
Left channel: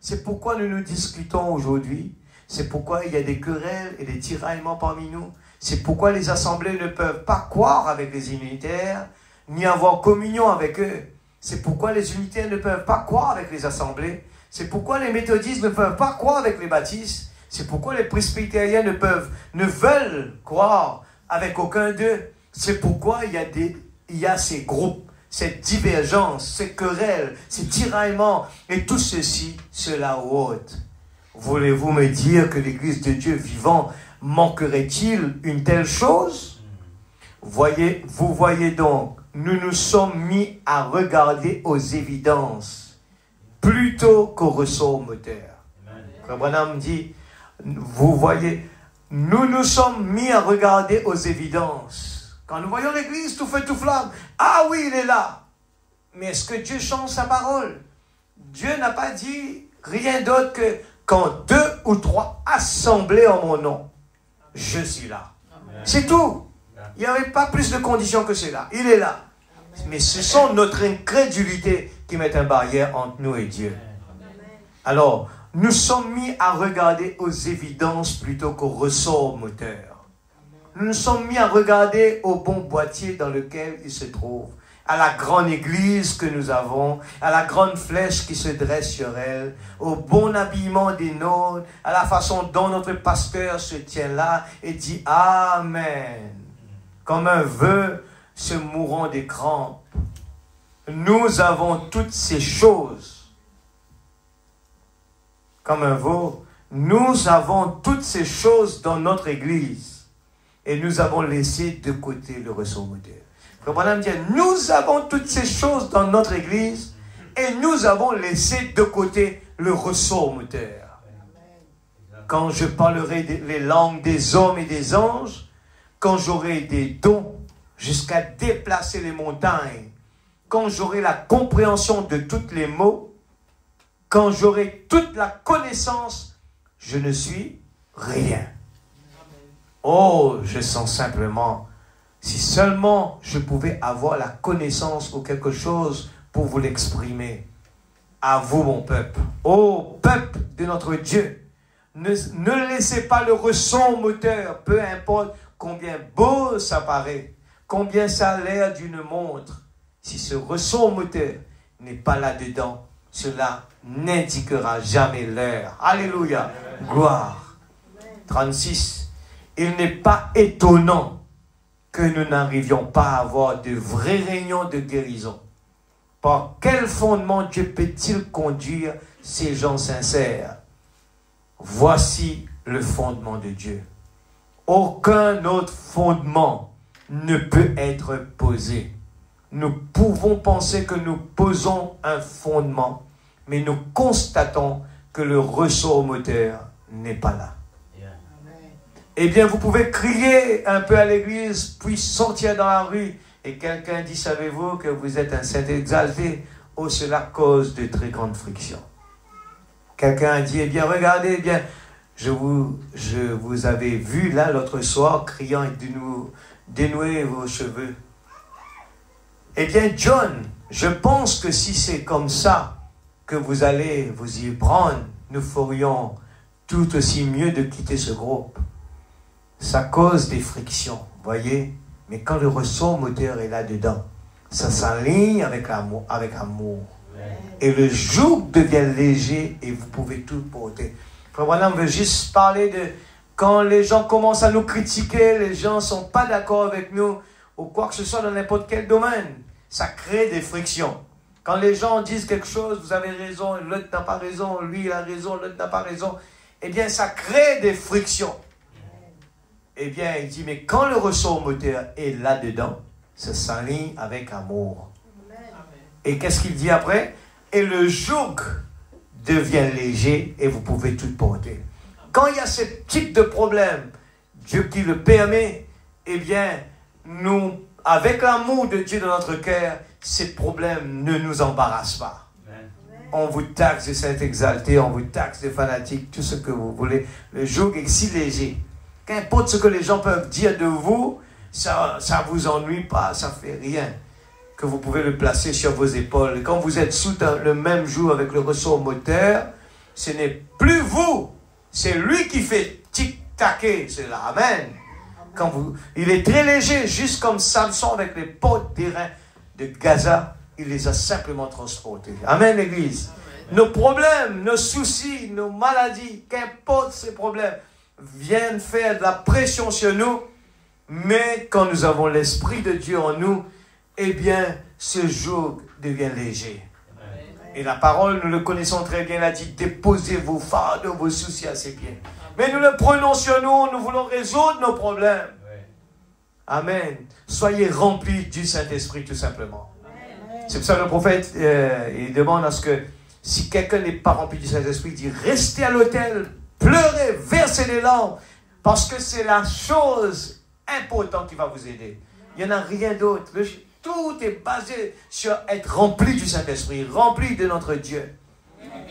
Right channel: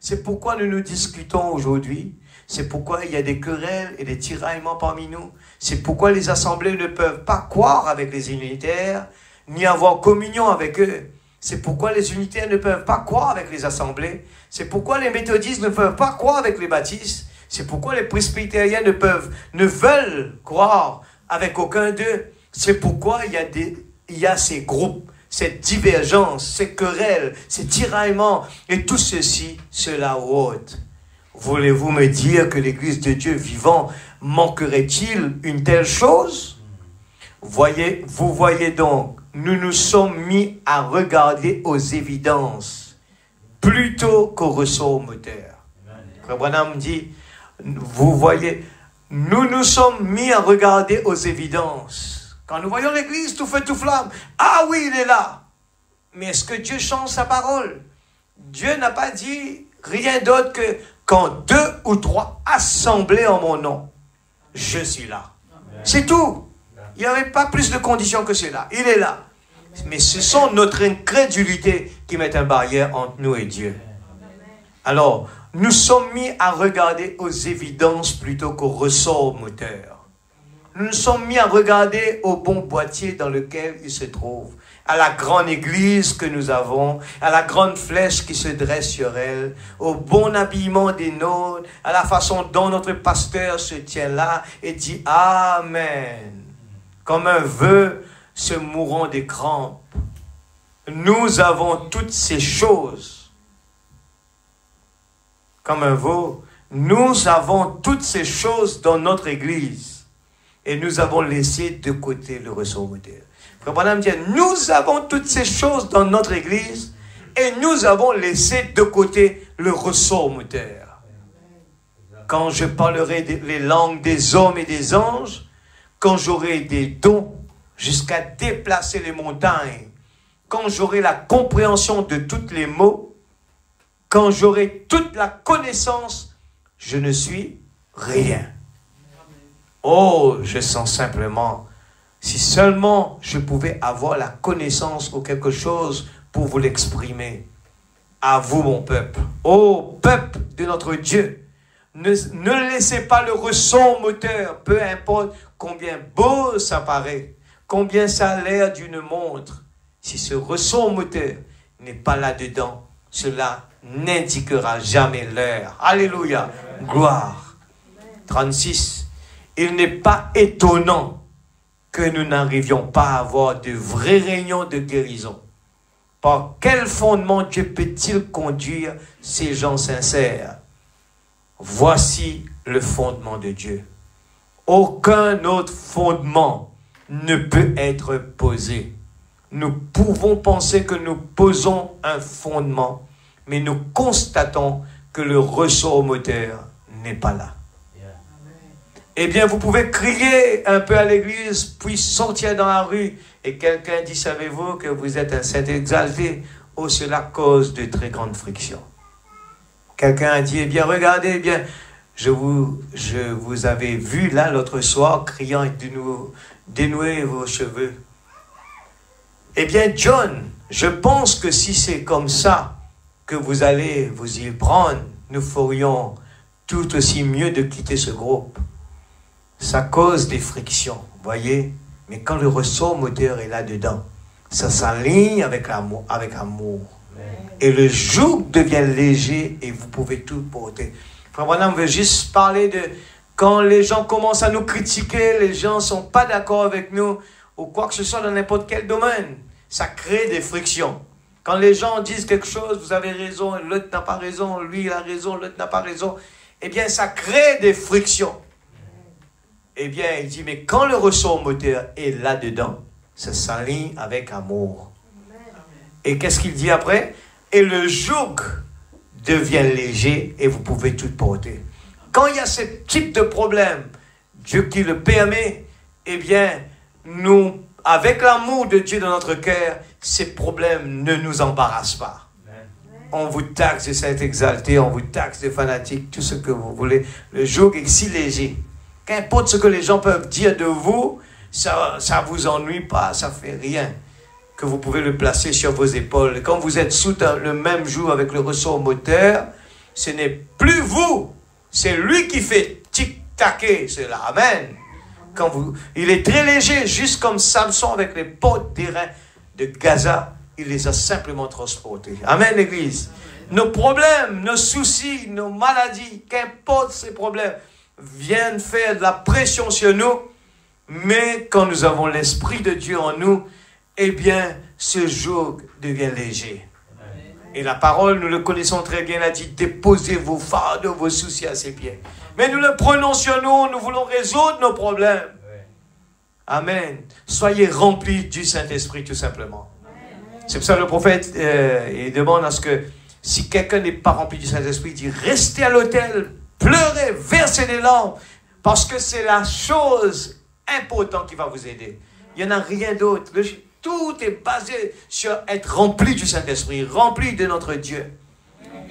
C'est pourquoi nous nous discutons aujourd'hui. C'est pourquoi il y a des querelles et des tiraillements parmi nous. C'est pourquoi les assemblées ne peuvent pas croire avec les unitaires, ni avoir communion avec eux. C'est pourquoi les unitaires ne peuvent pas croire avec les assemblées. C'est pourquoi les méthodistes ne peuvent pas croire avec les baptistes. C'est pourquoi les presbytériens ne veulent croire avec aucun d'eux. C'est pourquoi il y a ces groupes, cette divergence, ces querelles, ces tiraillements, et tout ceci, cela ôte. Voulez-vous me dire que l'Église de Dieu vivant manquerait-il une telle chose? Vous voyez donc, nous nous sommes mis à regarder aux évidences plutôt qu'aux ressorts moteurs. Frère Branham dit, vous voyez, nous nous sommes mis à regarder aux évidences. Quand nous voyons l'Église tout feu, tout flamme, ah oui, il est là. Mais est-ce que Dieu change sa parole? Dieu n'a pas dit rien d'autre que quand 2 ou 3 assemblés en mon nom, je suis là. C'est tout. Il n'y avait pas plus de conditions que cela. Il est là. Mais ce sont notre incrédulité qui met une barrière entre nous et Dieu. Alors, nous sommes mis à regarder aux évidences plutôt qu'aux ressorts moteurs. Nous nous sommes mis à regarder au bon boîtier dans lequel il se trouve, à la grande église que nous avons, à la grande flèche qui se dresse sur elle, au bon habillement des nôtres, à la façon dont notre pasteur se tient là et dit Amen, comme un vœu se mourant des crampes. Nous avons toutes ces choses. Comme un veau, nous avons toutes ces choses dans notre église. Et nous avons laissé de côté le ressort moteur. Frère Branham dit, nous avons toutes ces choses dans notre église et nous avons laissé de côté le ressort moteur. Quand je parlerai les langues des hommes et des anges, quand j'aurai des dons jusqu'à déplacer les montagnes, quand j'aurai la compréhension de tous les mots, quand j'aurai toute la connaissance, je ne suis rien. Oh, je sens simplement, si seulement je pouvais avoir la connaissance ou quelque chose pour vous l'exprimer. À vous, mon peuple. Oh, peuple de notre Dieu. Ne laissez pas le ressort moteur, peu importe combien beau ça paraît, combien ça a l'air d'une montre. Si ce ressort moteur n'est pas là-dedans, cela n'indiquera jamais l'heure. Alléluia. Gloire. 36. Il n'est pas étonnant que nous n'arrivions pas à avoir de vraies réunions de guérison. Par quel fondement Dieu peut-il conduire ces gens sincères? Voici le fondement de Dieu. Aucun autre fondement ne peut être posé. Nous pouvons penser que nous posons un fondement, mais nous constatons que le ressort moteur n'est pas là. Eh bien, vous pouvez crier un peu à l'église, puis sortir dans la rue, et quelqu'un dit, savez-vous que vous êtes un saint exalté? Oh, cela cause de très grandes frictions. Quelqu'un a dit, eh bien, regardez, eh bien, je vous avais vu là l'autre soir, criant de nous dénouer vos cheveux. Eh bien, John, je pense que si c'est comme ça que vous allez vous y prendre, nous ferions tout aussi mieux de quitter ce groupe. Ça cause des frictions, voyez. Mais quand le ressort moteur est là-dedans, ça s'aligne avec l'amour. Et le joug devient léger et vous pouvez tout porter. Frère Branham veut juste parler de quand les gens commencent à nous critiquer, les gens ne sont pas d'accord avec nous. ou quoi que ce soit dans n'importe quel domaine, ça crée des frictions. Quand les gens disent quelque chose, vous avez raison, l'autre n'a pas raison, lui il a raison, l'autre n'a pas raison, eh bien ça crée des frictions. Eh bien il dit, mais quand le ressort moteur est là-dedans, ça s'aligne avec amour. Et qu'est-ce qu'il dit après? Et le joug devient léger et vous pouvez tout porter. Quand il y a ce type de problème, Dieu qui le permet, eh bien, nous, avec l'amour de Dieu dans notre cœur, ces problèmes ne nous embarrassent pas. On vous taxe de s'être exalté, on vous taxe de fanatique, tout ce que vous voulez. Le joug est si léger. Qu'importe ce que les gens peuvent dire de vous, ça ne vous ennuie pas, ça ne fait rien. Que vous pouvez le placer sur vos épaules. Et quand vous êtes sous le même joug avec le ressort moteur, ce n'est plus vous, c'est lui qui fait tic-taquer cela. Amen. Il est très léger, juste comme Samson avec les portes d'airain de Gaza, il les a simplement transportés. Amen, l'Église. Nos problèmes, nos soucis, nos maladies, qu'importe ces problèmes, viennent faire de la pression sur nous, mais quand nous avons l'Esprit de Dieu en nous, eh bien, ce joug devient léger. Et la parole, nous le connaissons très bien, elle a dit, déposez vos fardeaux, vos soucis à ses pieds. Mais nous le prenons sur nous, nous voulons résoudre nos problèmes. Amen. Soyez remplis du Saint-Esprit, tout simplement. C'est pour ça que le prophète, il demande à ce que, si quelqu'un n'est pas rempli du Saint-Esprit, il dit, restez à l'autel, pleurez, versez des larmes, parce que c'est la chose importante qui va vous aider. Il n'y en a rien d'autre. Tout est basé sur être rempli du Saint-Esprit, rempli de notre Dieu.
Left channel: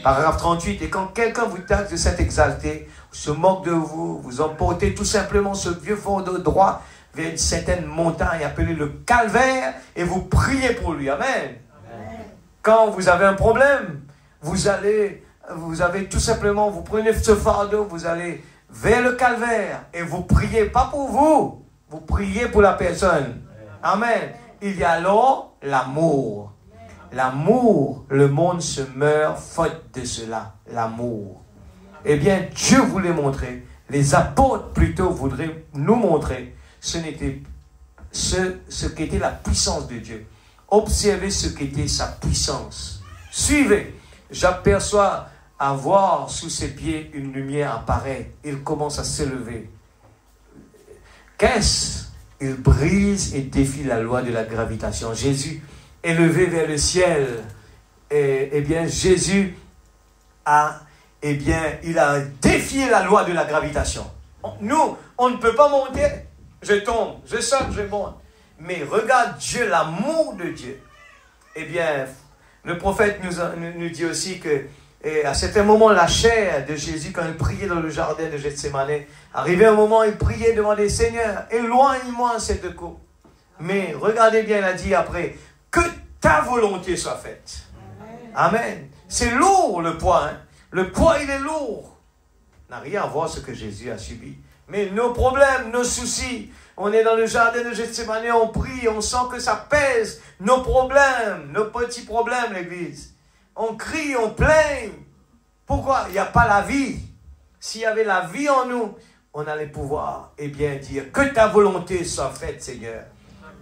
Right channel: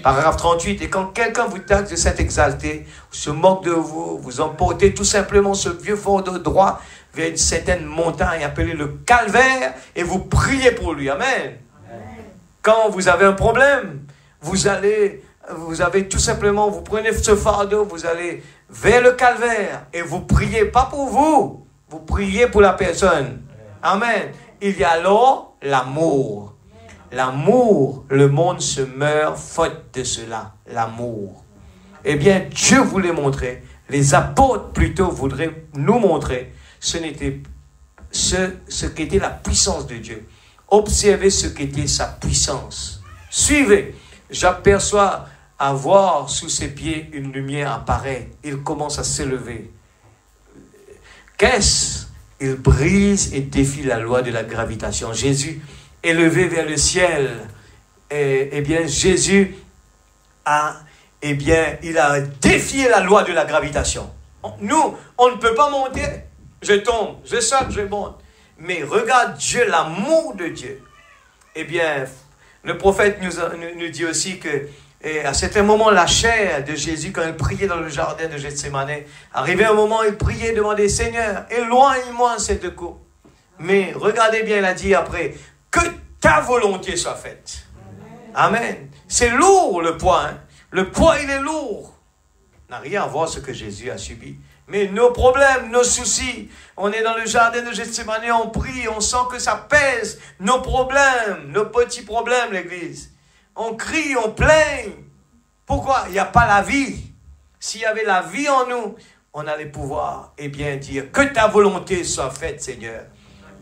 Paragraphe 38, et quand quelqu'un vous taxe de s'être exalté, se moque de vous, vous emportez tout simplement ce vieux fardeau droit vers une certaine montagne appelée le calvaire, et vous priez pour lui. Amen. Quand vous avez un problème, vous avez tout simplement, vous prenez ce fardeau, vous allez vers le calvaire, et vous priez, pas pour vous, vous priez pour la personne. Amen. Il y a alors l'amour. L'amour, le monde se meurt faute de cela. L'amour. Eh bien, Dieu voulait montrer, les apôtres plutôt voudraient nous montrer, ce qu'était la puissance de Dieu. Observez ce qu'était sa puissance. Suivez. J'aperçois à voir sous ses pieds une lumière apparaître. Il commence à s'élever. Qu'est-ce? Il brise et défie la loi de la gravitation. Jésus, élevé vers le ciel, eh bien, Jésus il a défié la loi de la gravitation. Nous, on ne peut pas monter. Je tombe, je saute, je monte. Mais regarde Dieu, l'amour de Dieu. Eh bien, le prophète nous dit aussi que à certains moments, la chair de Jésus, quand il priait dans le jardin de Gethsémane, arrivé un moment, il priait, demandait, Seigneur, éloigne-moi cette coupe. Mais regardez bien, il a dit après, que ta volonté soit faite. Amen. C'est lourd le poids. Hein? Le poids, il est lourd. N'a rien à voir ce que Jésus a subi. Mais nos problèmes, nos soucis, on est dans le jardin de Gethsémane, on prie, on sent que ça pèse. Nos problèmes, nos petits problèmes, l'Église. On crie, on plaint. Pourquoi? Il n'y a pas la vie. S'il y avait la vie en nous, on allait pouvoir, dire que ta volonté soit faite, Seigneur.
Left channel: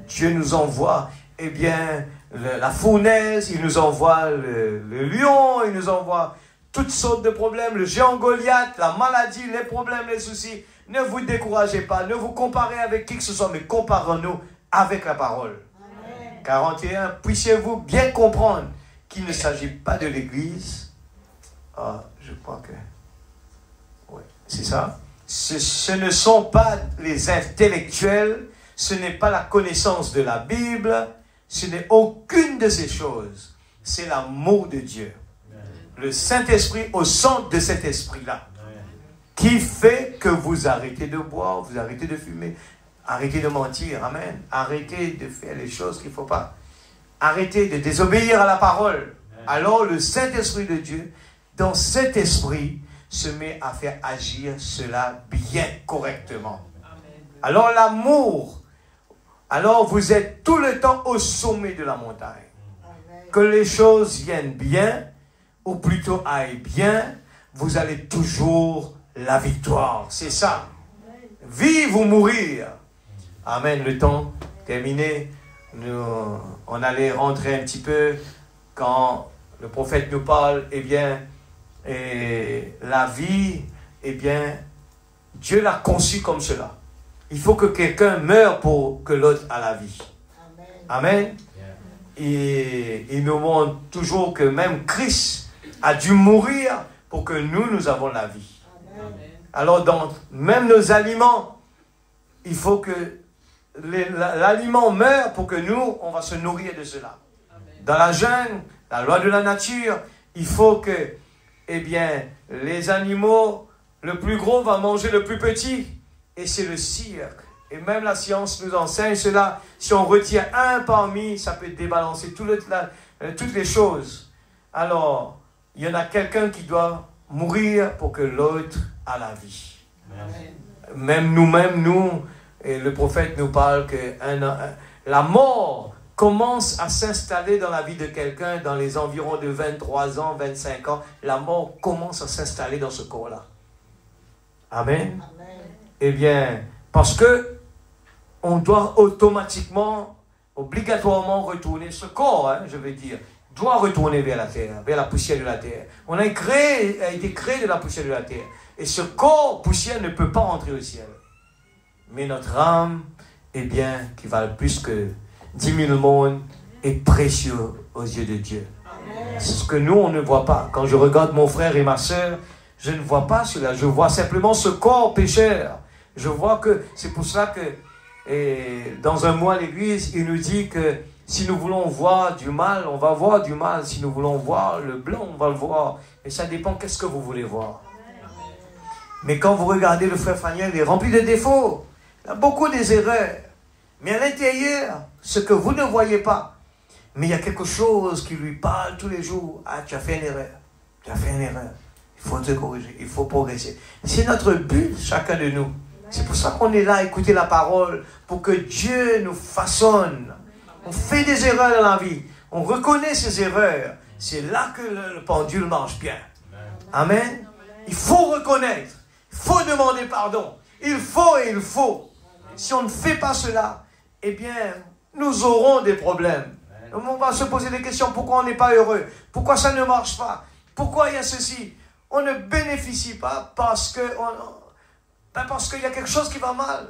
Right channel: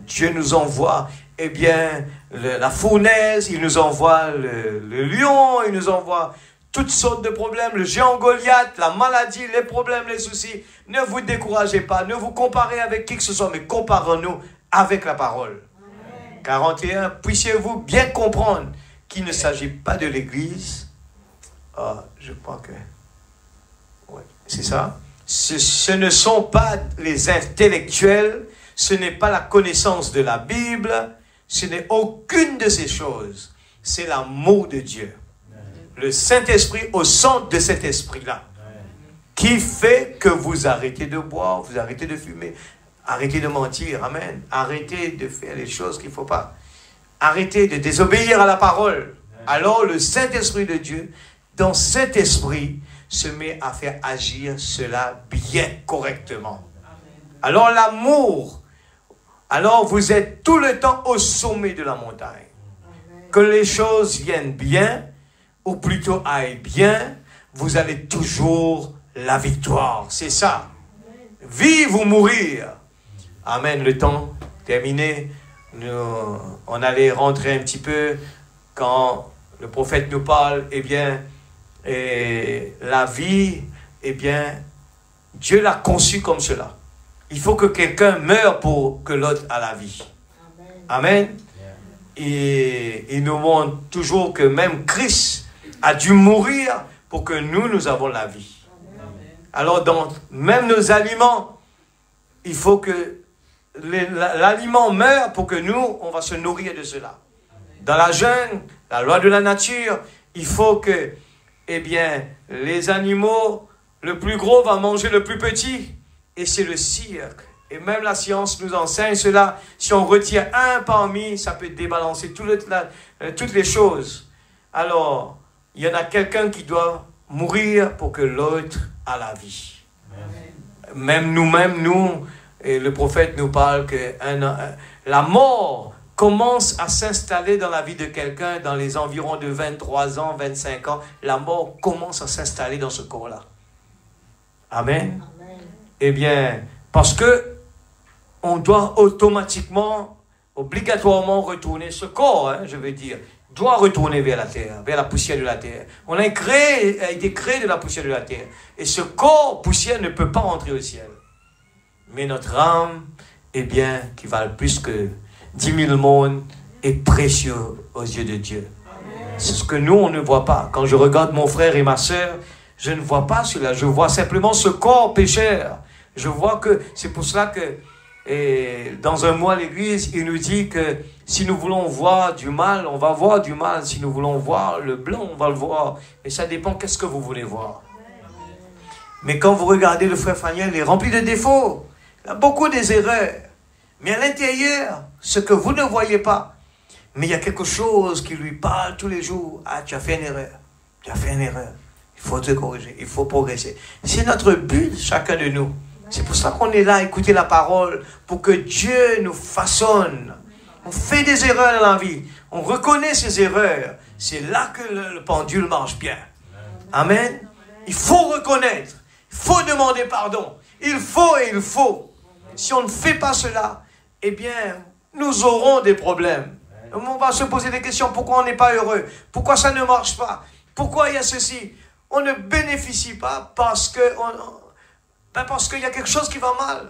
Dieu nous envoie, la fournaise, il nous envoie le lion, il nous envoie toutes sortes de problèmes, le géant Goliath, la maladie, les problèmes, les soucis. Ne vous découragez pas, ne vous comparez avec qui que ce soit, mais comparons-nous avec la parole. Amen. 41, puissiez-vous bien comprendre qu'il ne s'agit pas de l'Église. Je crois que... Ouais, c'est ça. Ce ne sont pas les intellectuels, ce n'est pas la connaissance de la Bible, ce n'est aucune de ces choses. C'est l'amour de Dieu. Le Saint-Esprit au centre de cet esprit-là, qui fait que vous arrêtez de boire, vous arrêtez de fumer, arrêtez de mentir, amen. Arrêtez de faire les choses qu'il ne faut pas. Arrêtez de désobéir à la parole. Alors le Saint-Esprit de Dieu, dans cet esprit, se met à faire agir cela bien correctement. Alors l'amour, alors vous êtes tout le temps au sommet de la montagne. Que les choses viennent bien, ou plutôt aillent bien, vous avez toujours la victoire. C'est ça. Vivre ou mourir. Amen. Le temps terminer, on allait rentrer un petit peu quand le prophète nous parle, eh bien, la vie, eh bien, Dieu l'a conçue comme cela. Il faut que quelqu'un meure pour que l'autre a la vie. Amen. Et il nous montre toujours que même Christ a dû mourir pour que nous avons la vie. Alors, dans même nos aliments, il faut que l'aliment meure pour que nous, on va se nourrir de cela. Dans la jungle, la loi de la nature, il faut que, eh bien, les animaux, le plus gros va manger le plus petit. Et c'est le cirque. Et même la science nous enseigne cela. Si on retient un parmi, ça peut débalancer toutes les choses. Alors, il y en a quelqu'un qui doit mourir pour que l'autre a la vie. Amen. Même nous, et le prophète nous parle que la mort commence à s'installer dans la vie de quelqu'un dans les environs de 23 ans, 25 ans. La mort commence à s'installer dans ce corps-là. Amen. Amen. Eh bien, parce que on doit automatiquement, obligatoirement retourner ce corps, je veux dire, doit retourner vers la terre, vers la poussière de la terre. On a été créé de la poussière de la terre. Et ce corps poussière ne peut pas entrer au ciel. Mais notre âme, eh bien, qui valent plus que 10 000 mondes, est précieux aux yeux de Dieu. C'est ce que nous, on ne voit pas. Quand je regarde mon frère et ma soeur, je ne vois pas cela. Je vois simplement ce corps pécheur. Je vois que c'est pour cela que dans un mois, l'Église, il nous dit que si nous voulons voir du mal, on va voir du mal. Si nous voulons voir le blanc, on va le voir. Et ça dépend qu'est-ce que vous voulez voir. Mais quand vous regardez le frère Faniel, il est rempli de défauts. Il a beaucoup des erreurs. Mais à l'intérieur, ce que vous ne voyez pas, mais il y a quelque chose qui lui parle tous les jours. Ah, tu as fait une erreur. Tu as fait une erreur. Il faut te corriger. Il faut progresser. C'est notre but, chacun de nous. C'est pour ça qu'on est là à écouter la parole, pour que Dieu nous façonne. On fait des erreurs dans la vie. On reconnaît ces erreurs. C'est là que le pendule marche bien. Amen. Il faut reconnaître. Il faut demander pardon. Il faut et il faut. Si on ne fait pas cela, eh bien, nous aurons des problèmes. On va se poser des questions. Pourquoi on n'est pas heureux? Pourquoi ça ne marche pas? Pourquoi il y a ceci? On ne bénéficie pas parce qu'il y a quelque chose qui va mal.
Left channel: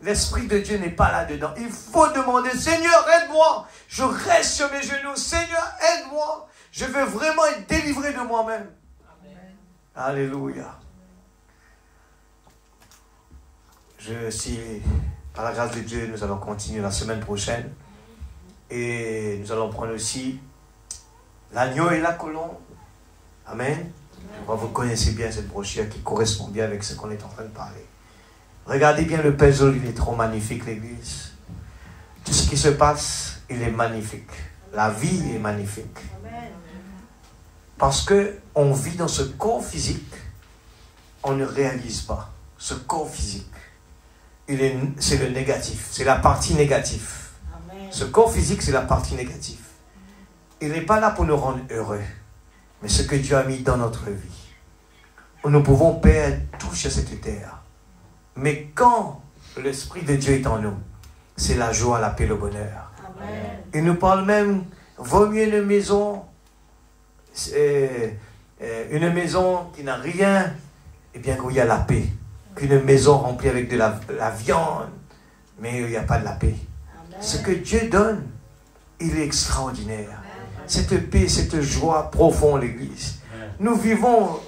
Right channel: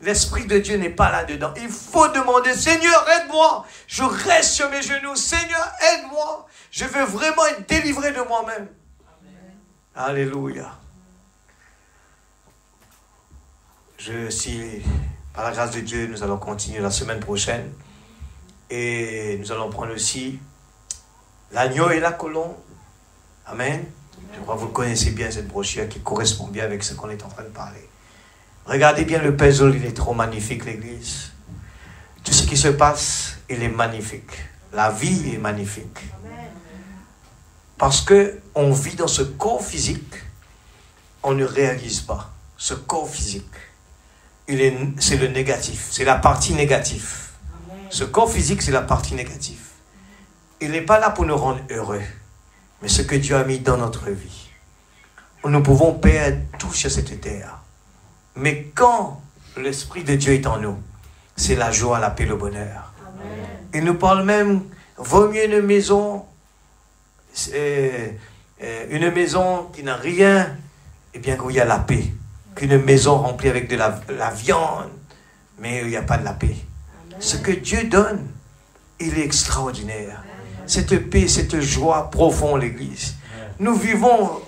L'Esprit de Dieu n'est pas là-dedans. Il faut demander, Seigneur, aide-moi. Je reste sur mes genoux. Seigneur, aide-moi. Je veux vraiment être délivré de moi-même. Alléluia. Si, par la grâce de Dieu, nous allons continuer la semaine prochaine. Et nous allons prendre aussi l'agneau et la colombe. Amen. Je crois que vous connaissez bien cette brochure qui correspond bien avec ce qu'on est en train de parler. Regardez bien le puzzle, il est trop magnifique, l'Église. Tout ce qui se passe, il est magnifique. La vie est magnifique. Parce qu'on vit dans ce corps physique, on ne réalise pas. Ce corps physique, c'est le négatif, c'est la partie négative. Ce corps physique, c'est la partie négative. Il n'est pas là pour nous rendre heureux. Mais ce que Dieu a mis dans notre vie, nous pouvons perdre tout sur cette terre. Mais quand l'Esprit de Dieu est en nous, c'est la joie, la paix, le bonheur. Amen. Il nous parle même, vaut mieux une maison qui n'a rien, et bien où il y a la paix, qu'une maison remplie avec de la viande, mais où il n'y a pas de la paix. Amen. Ce que Dieu donne, il est extraordinaire. Cette paix, cette joie profonde, l'Église. Nous vivons,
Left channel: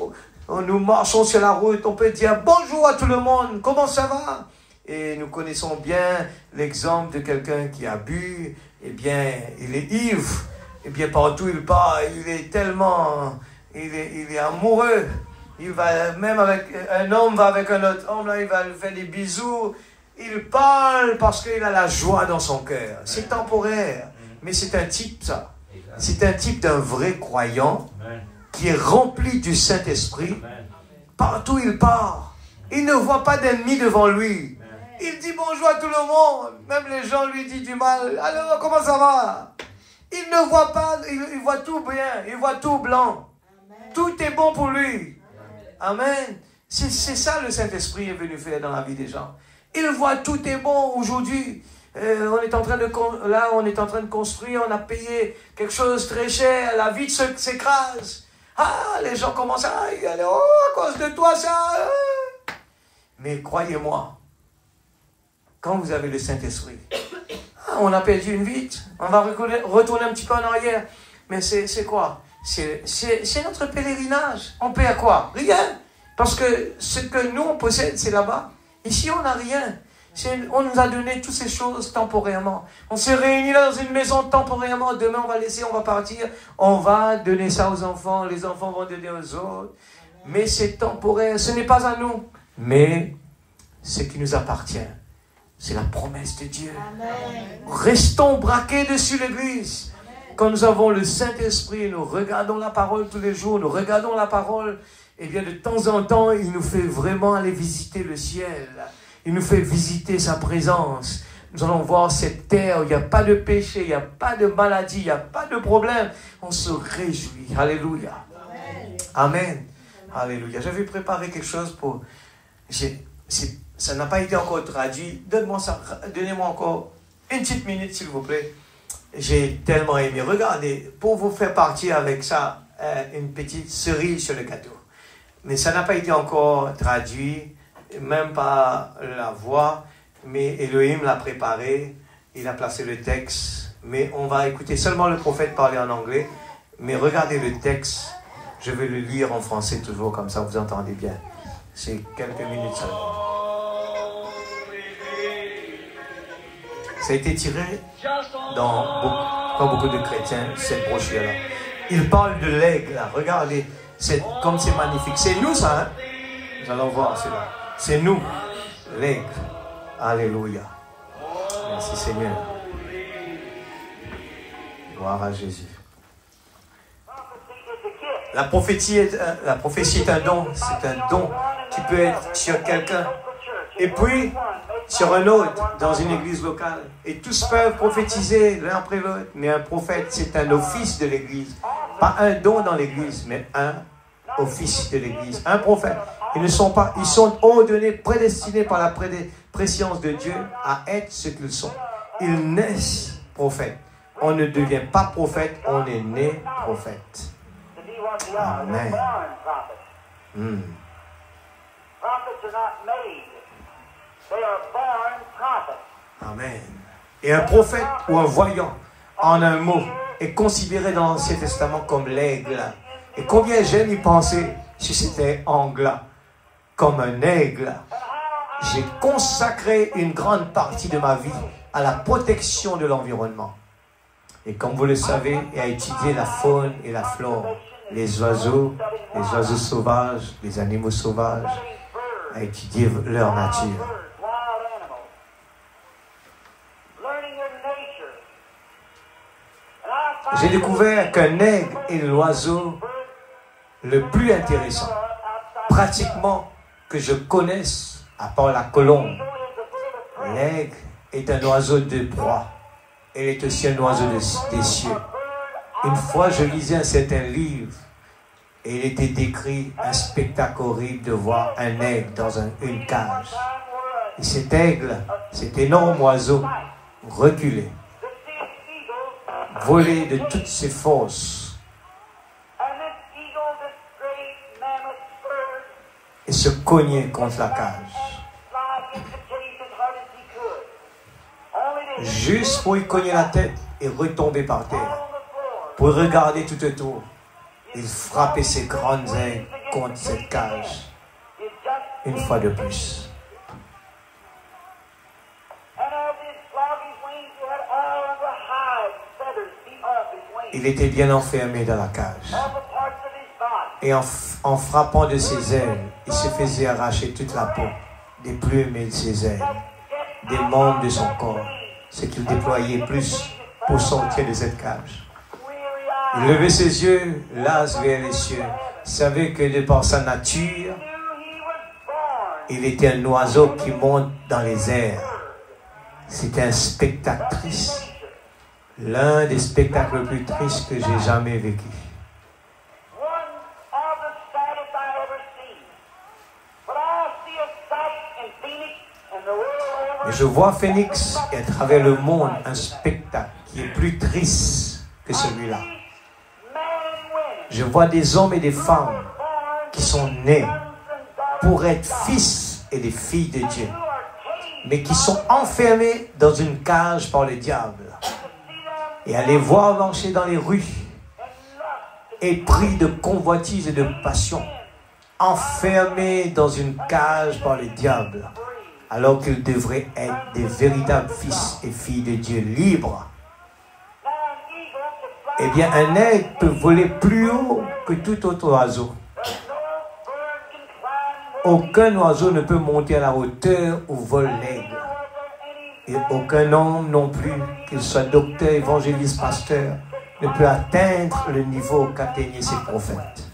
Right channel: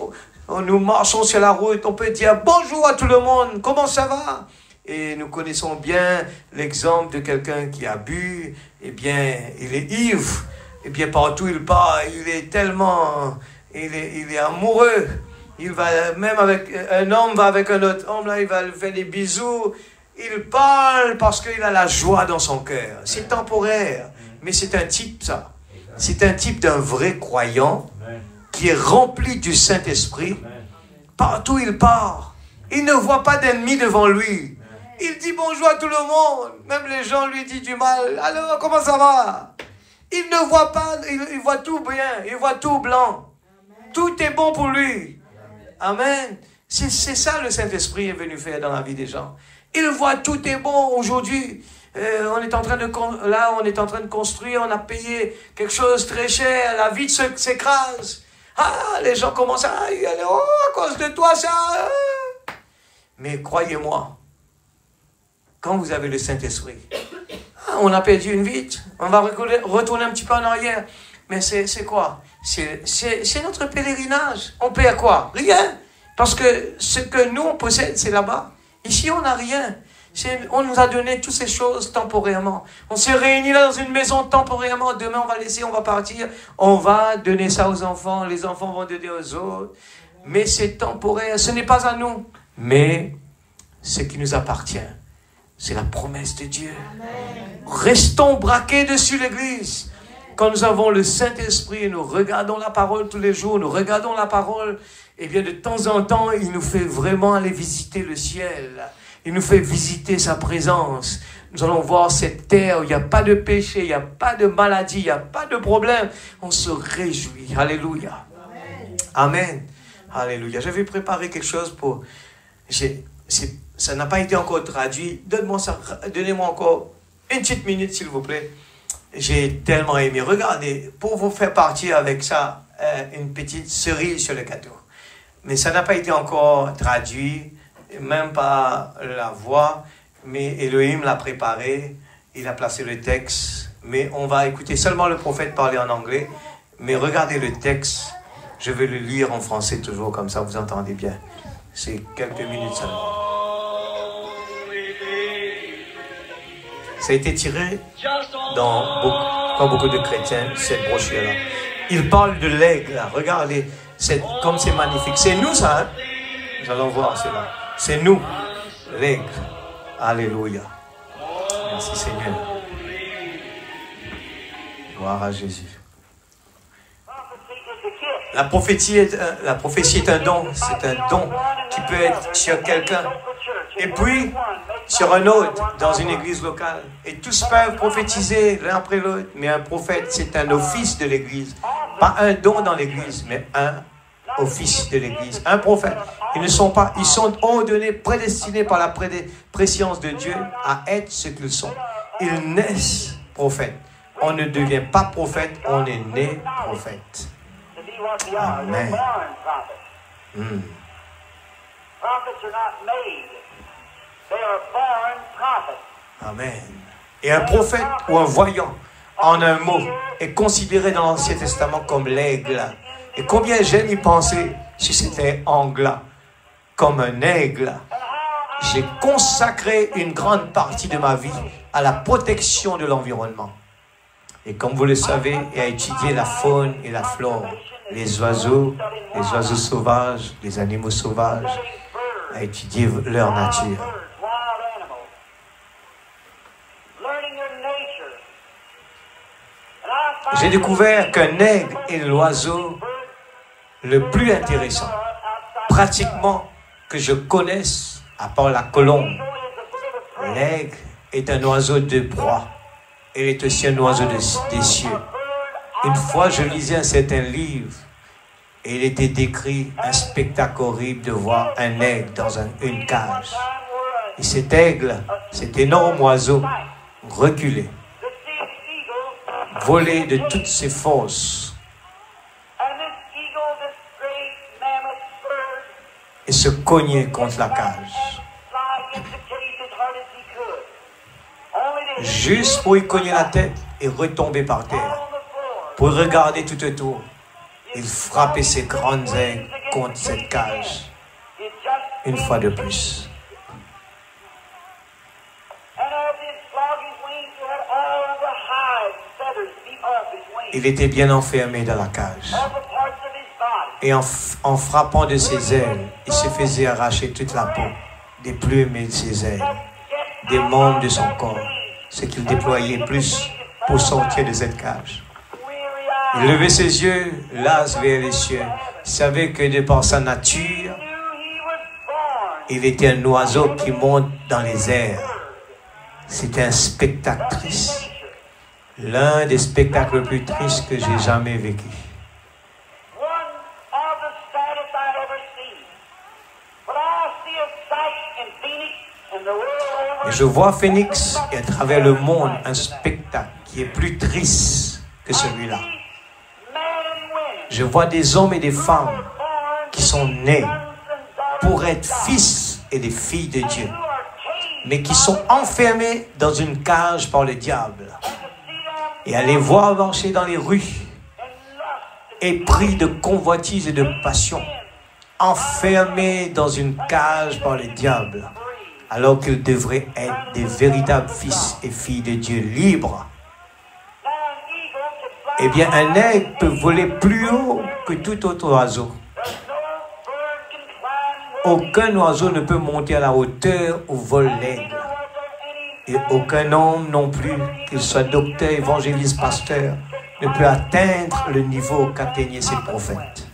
nous marchons sur la route, on peut dire bonjour à tout le monde, comment ça va? Et nous connaissons bien l'exemple de quelqu'un qui a bu, eh bien, il est ivre, eh bien, partout il part, il est tellement, il est amoureux. Il va, même avec, un homme va avec un autre homme, là, il va lui faire des bisous. Il parle parce qu'il a la joie dans son cœur. C'est temporaire, mais c'est un type, ça. C'est un type d'un vrai croyant qui est rempli du Saint-Esprit. Partout il part, il ne voit pas d'ennemis devant lui. Il dit bonjour à tout le monde. Même les gens lui disent du mal. Alors, comment ça va? Il ne voit pas, il voit tout bien, il voit tout blanc. Tout est bon pour lui. Amen. C'est ça le Saint-Esprit est venu faire dans la vie des gens. Il voit tout est bon aujourd'hui. on est en train de construire, on a payé quelque chose très cher, la vie s'écrase. Ah, les gens commencent à aller, oh, à cause de toi, ça. Mais croyez-moi, quand vous avez le Saint-Esprit, on a perdu une vie, on va retourner un petit peu en arrière. Mais c'est quoi? C'est notre pèlerinage. On perd quoi? Rien. Parce que ce que nous, on possède, c'est là-bas. Ici, on n'a rien. On nous a donné toutes ces choses temporairement. On s'est réunis là dans une maison temporairement. Demain, on va laisser, on va partir. On va donner ça aux enfants. Les enfants vont donner aux autres. Mais c'est temporaire. Ce n'est pas à nous. Mais ce qui nous appartient, c'est la promesse de Dieu. Amen. Restons braqués dessus l'Église. Quand nous avons le Saint-Esprit, nous regardons la parole tous les jours, nous regardons la parole, et bien de temps en temps, il nous fait vraiment aller visiter le ciel. Il nous fait visiter sa présence. Nous allons voir cette terre où il n'y a pas de péché, il n'y a pas de maladie, il n'y a pas de problème. On se réjouit. Alléluia. Amen. Alléluia. J'avais préparé quelque chose pour... Ça n'a pas été encore traduit. Donnez-moi encore une petite minute, s'il vous plaît. J'ai tellement aimé. Regardez, pour vous faire partir avec ça, une petite cerise sur le gâteau. Mais ça n'a pas été encore traduit, même pas la voix, mais Elohim l'a préparé, il a placé le texte, mais on va écouter seulement le prophète parler en anglais, mais regardez le texte, je vais le lire en français toujours, comme ça vous entendez bien. C'est quelques minutes seulement. Ça a été tiré dans beaucoup de chrétiens, cette brochure-là. Il parle de l'aigle, là. Regardez, comme c'est magnifique. C'est nous, ça, hein? Nous allons voir cela. C'est nous, l'aigle. Alléluia. Merci, Seigneur. Gloire à Jésus. La prophétie est un don. C'est un don qui peut être sur quelqu'un. Et puis, sur un autre, dans une église locale. Et tous peuvent prophétiser l'un après l'autre. Mais un prophète, c'est un office de l'église. Pas un don dans l'église, mais un office de l'église. Un prophète. Ils sont ordonnés, prédestinés par la préscience de Dieu à être ce qu'ils sont. Ils naissent prophètes. On ne devient pas prophète, on est né prophète. Amen. Amen. Et un prophète ou un voyant, en un mot, est considéré dans l'Ancien Testament comme l'aigle. Et combien j'aime y penser si c'était angla, comme un aigle. J'ai consacré une grande partie de ma vie à la protection de l'environnement. Et comme vous le savez, et à étudier la faune et la flore, les oiseaux sauvages, les animaux sauvages, à étudier leur nature. J'ai découvert qu'un aigle est l'oiseau le plus intéressant, pratiquement que je connaisse, à part la colombe. L'aigle est un oiseau de proie. Elle est aussi un oiseau des cieux. Une fois, je lisais un certain livre et il était décrit un spectacle horrible de voir un aigle dans une cage. Et cet aigle, cet énorme oiseau, reculait, volait de toutes ses forces et se cognait contre la cage. Juste pour y cogner la tête et retomber par terre. Pour regarder tout autour, il frappait ses grandes ailes contre cette cage. Une fois de plus. Il était bien enfermé dans la cage. Et en frappant de ses ailes, il se faisait arracher toute la peau, des plumes de ses ailes, des membres de son corps, ce qu'il déployait plus pour sortir de cette cage. Il levait ses yeux, las vers les cieux. Il savait que de par sa nature, il était un oiseau qui monte dans les airs. C'était un spectacle triste. L'un des spectacles les plus tristes que j'ai jamais vécu. Mais je vois Phoenix et à travers le monde un spectacle qui est plus triste que celui-là. Je vois des hommes et des femmes qui sont nés pour être fils et des filles de Dieu, mais qui sont enfermés dans une cage par le diable. Et à les voir marcher dans les rues, épris de convoitise et de passion, enfermés dans une cage par le diable, alors qu'ils devraient être des véritables fils et filles de Dieu libres. Eh bien, un aigle peut voler plus haut que tout autre oiseau. Aucun oiseau ne peut monter à la hauteur où vole l'aigle. Et aucun homme non plus, qu'il soit docteur, évangéliste, pasteur, ne peut atteindre le niveau qu'atteignaient ces prophètes.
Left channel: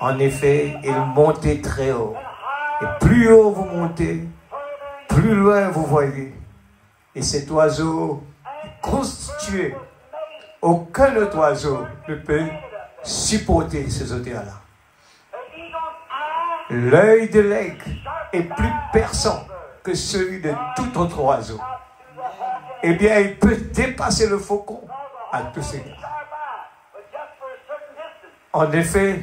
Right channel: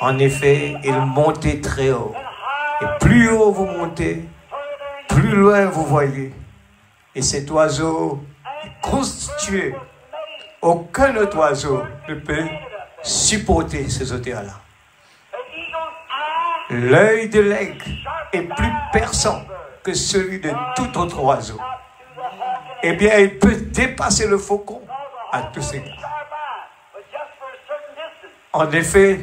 En effet, ils montaient très haut. Et plus haut vous montez, plus loin vous voyez. Et cet oiseau est constitué. Aucun autre oiseau ne peut supporter ces hauteurs-là. L'œil de l'aigle est plus perçant que celui de tout autre oiseau. Eh bien, il peut dépasser le faucon à tous égards. En effet,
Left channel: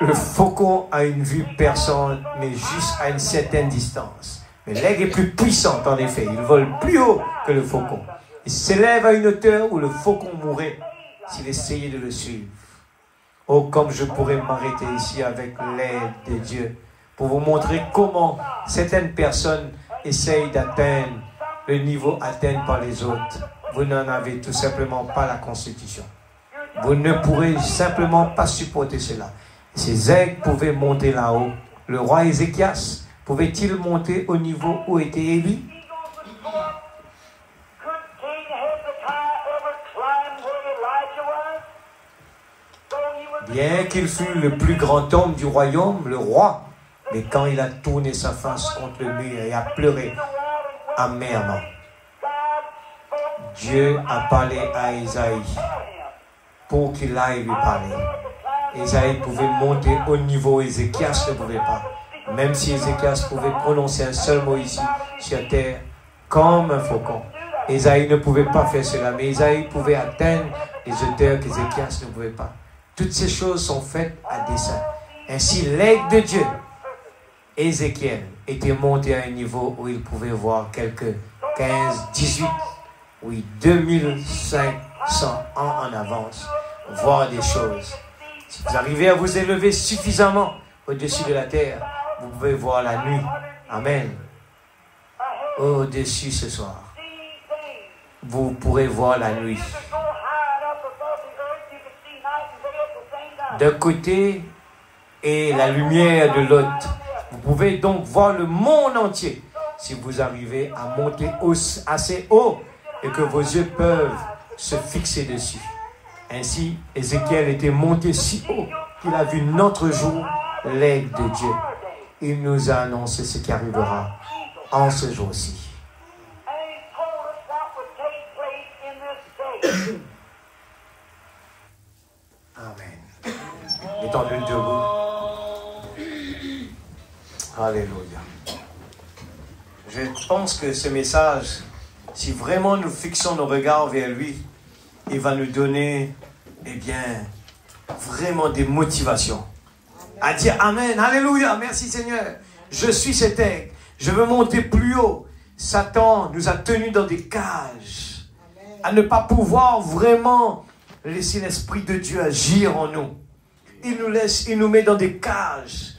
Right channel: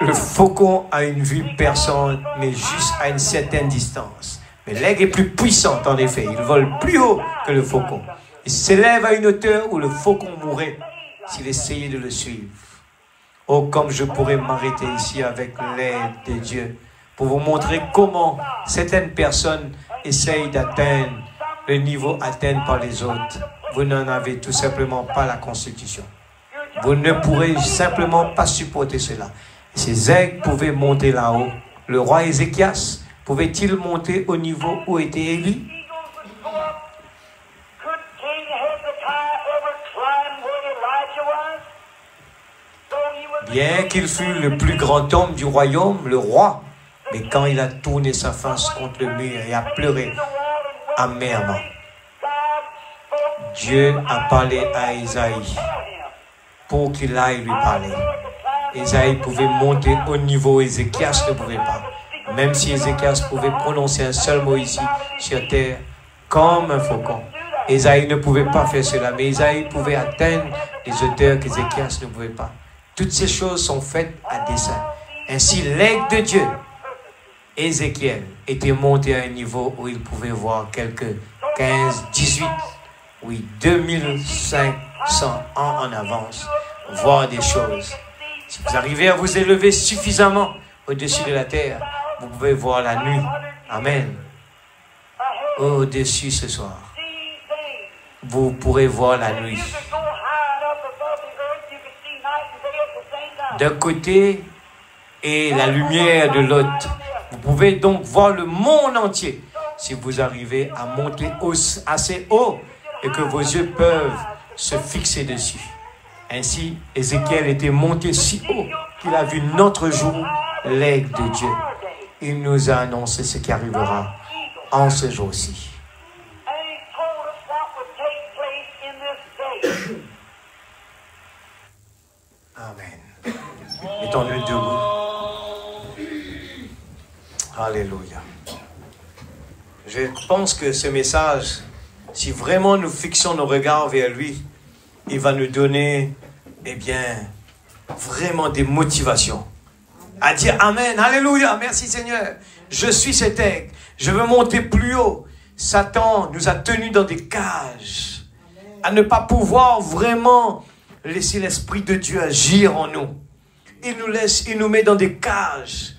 le faucon a une vue perçante, mais juste à une certaine distance. Mais l'aigle est plus puissant, en effet. Il vole plus haut que le faucon. Il s'élève à une hauteur où le faucon mourrait s'il essayait de le suivre. Oh, comme je pourrais m'arrêter ici avec l'aide de Dieu pour vous montrer comment certaines personnes essayent d'atteindre le niveau atteint par les autres. Vous n'en avez tout simplement pas la constitution. Vous ne pourrez simplement pas supporter cela. Ces aigles pouvaient monter là-haut. Le roi Ézéchias pouvait-il monter au niveau où était Élie? Bien qu'il fût le plus grand homme du royaume, le roi, mais quand il a tourné sa face contre le mur et a pleuré amèrement, Dieu a parlé à Ésaïe pour qu'il aille lui parler. Ésaïe pouvait monter au niveau où Ézéchias ne pouvait pas. Même si Ézéchias pouvait prononcer un seul mot ici sur terre comme un faucon. Ésaïe ne pouvait pas faire cela, mais Ésaïe pouvait atteindre les hauteurs qu'Ézéchias ne pouvait pas. Toutes ces choses sont faites à dessein. Ainsi, l'aigle de Dieu, Ézéchiel, était monté à un niveau où il pouvait voir quelques 15, 18, oui, 2500 ans en avance, voir des choses. Si vous arrivez à vous élever suffisamment au-dessus de la terre, vous pouvez voir la nuit. Amen. Au-dessus ce soir, vous pourrez voir la nuit. D'un côté et la lumière de l'autre. Vous pouvez donc voir le monde entier si vous arrivez à monter assez haut et que vos yeux peuvent se fixer dessus. Ainsi, Ézéchiel était monté si haut qu'il a vu notre jour l'aigle de Dieu. Il nous a annoncé ce qui arrivera en ce jour-ci. Amen. Mettons-le debout. Alléluia. Je pense que ce message, si vraiment nous fixons nos regards vers lui, il va nous donner, eh bien, vraiment des motivations. À dire Amen, Alléluia, merci Seigneur. Je suis cet aigle, je veux monter plus haut. Satan nous a tenus dans des cages, à ne pas pouvoir vraiment laisser l'Esprit de Dieu agir en nous. Il nous met dans des cages.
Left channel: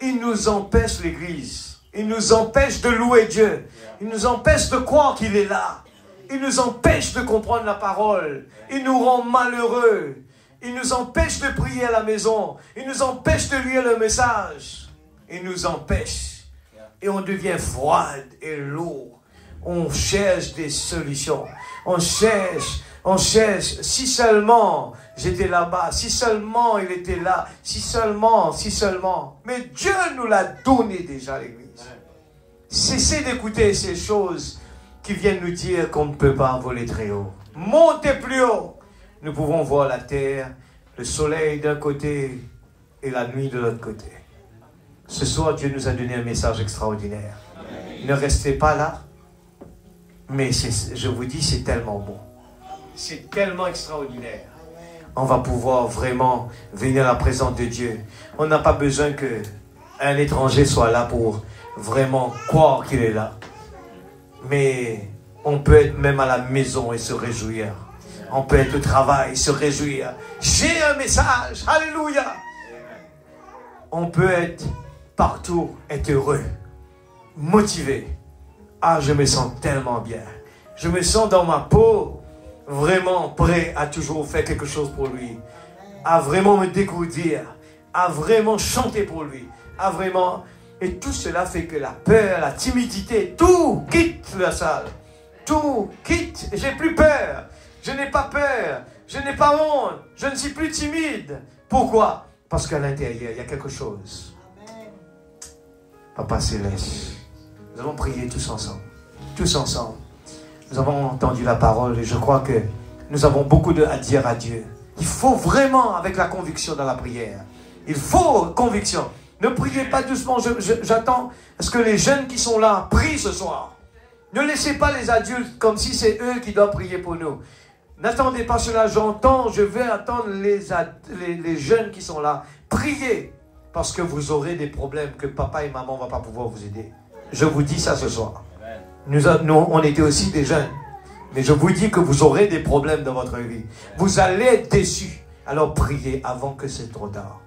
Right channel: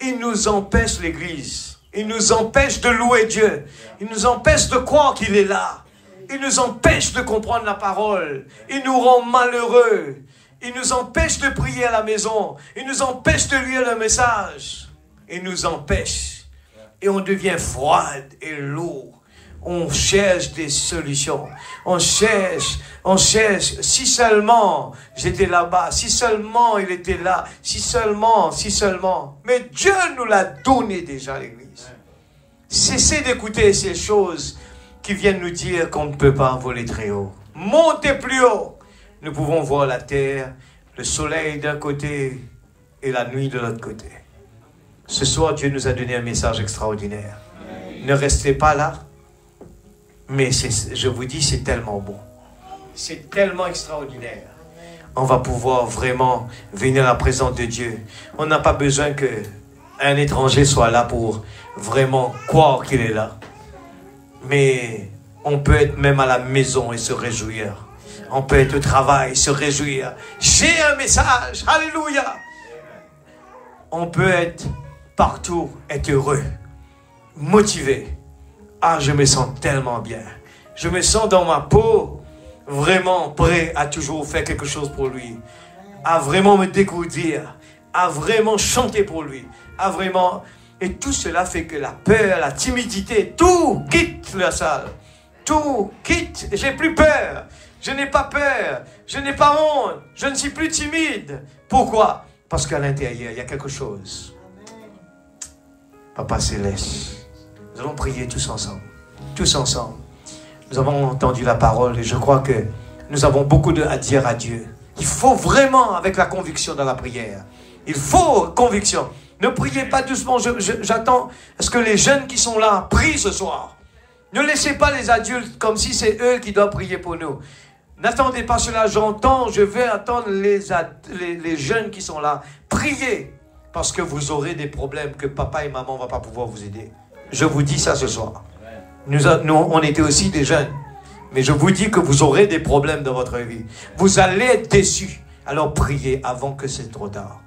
Il nous empêche l'Église. Il nous empêche de louer Dieu. Il nous empêche de croire qu'il est là. Il nous empêche de comprendre la parole. Il nous rend malheureux. Il nous empêche de prier à la maison. Il nous empêche de lire le message. Il nous empêche. Et on devient froide et lourd. On cherche des solutions. On cherche. Si seulement j'étais là-bas. Si seulement il était là. Si seulement. Mais Dieu nous l'a donné déjà, l'Église. Cessez d'écouter ces choses qui viennent nous dire qu'on ne peut pas voler très haut. Montez plus haut. Nous pouvons voir la terre, le soleil d'un côté et la nuit de l'autre côté. Ce soir, Dieu nous a donné un message extraordinaire. Ne restez pas là. Mais je vous dis, c'est tellement bon. C'est tellement extraordinaire. On va pouvoir vraiment venir à la présence de Dieu. On n'a pas besoin qu'un étranger soit là pour vraiment croire qu'il est là. Mais on peut être même à la maison et se réjouir. On peut être au travail et se réjouir. J'ai un message. Alléluia. On peut être partout, être heureux, motivé. Ah, je me sens tellement bien. Je me sens dans ma peau, vraiment prêt à toujours faire quelque chose pour lui. À vraiment me dégourdir. À vraiment chanter pour lui. À vraiment... Et tout cela fait que la peur, la timidité, tout quitte la salle. Tout quitte. J'ai plus peur. Je n'ai pas peur. Je n'ai pas honte. Je ne suis plus timide. Pourquoi? Parce qu'à l'intérieur, il y a quelque chose. Papa Céleste, nous allons prier tous ensemble. Tous ensemble. Nous avons entendu la parole et je crois que nous avons beaucoup à dire à Dieu. Il faut vraiment avec la conviction dans la prière. Il faut conviction. Ne priez pas doucement. J'attends à ce que les jeunes qui sont là prient ce soir. Ne laissez pas les adultes comme si c'est eux qui doivent prier pour nous. N'attendez pas cela. Je vais attendre les jeunes qui sont là. Priez. Parce que vous aurez des problèmes que papa et maman ne vont pas pouvoir vous aider. Je vous dis ça ce soir. Nous, on était aussi des jeunes. Mais je vous dis que vous aurez des problèmes dans votre vie. Vous allez être déçus. Alors priez avant que c'est trop tard.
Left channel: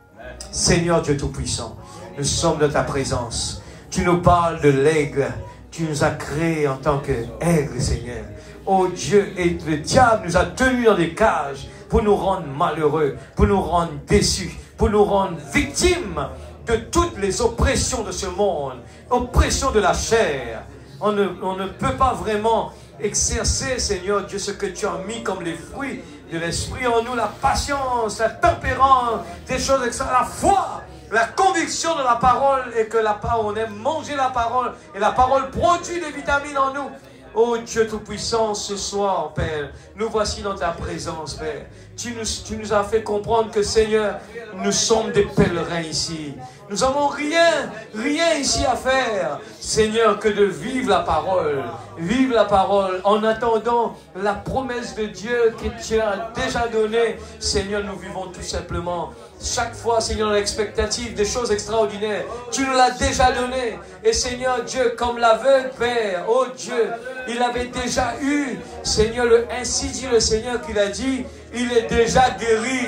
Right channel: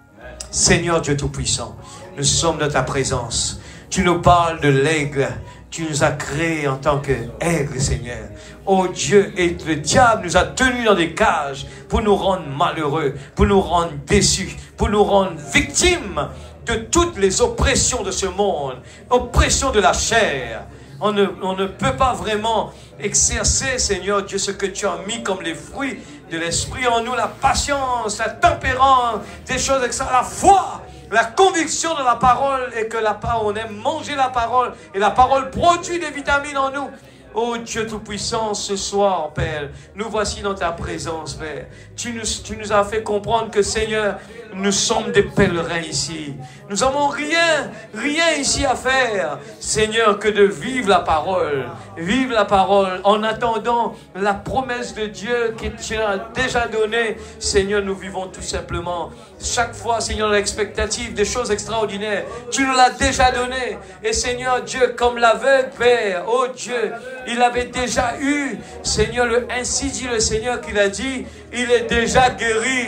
Seigneur Dieu Tout-Puissant, nous sommes dans ta présence. Tu nous parles de l'aigle. Tu nous as créés en tant qu'aigle, Seigneur. Oh Dieu, et le diable nous a tenus dans des cages pour nous rendre malheureux, pour nous rendre déçus, pour nous rendre victimes de toutes les oppressions de ce monde, oppressions de la chair. On ne peut pas vraiment exercer, Seigneur Dieu, ce que tu as mis comme les fruits de l'esprit en nous, la patience, la tempérance, des choses extra, la foi, la conviction de la parole et que on aime manger la parole et la parole produit des vitamines en nous. Oh Dieu Tout-Puissant, ce soir, Père, nous voici dans ta présence, Père. Tu nous as fait comprendre que, Seigneur, nous sommes des pèlerins ici. Nous n'avons rien ici à faire, Seigneur, que de vivre la parole. Vivre la parole en attendant la promesse de Dieu que tu as déjà donnée. Seigneur, nous vivons tout simplement chaque fois, Seigneur, l'expectative des choses extraordinaires. Tu nous l'as déjà donné. Et Seigneur Dieu, comme l'aveugle, Père, oh Dieu, il avait déjà eu, Seigneur, ainsi dit le Seigneur qu'il a dit, il est déjà guéri.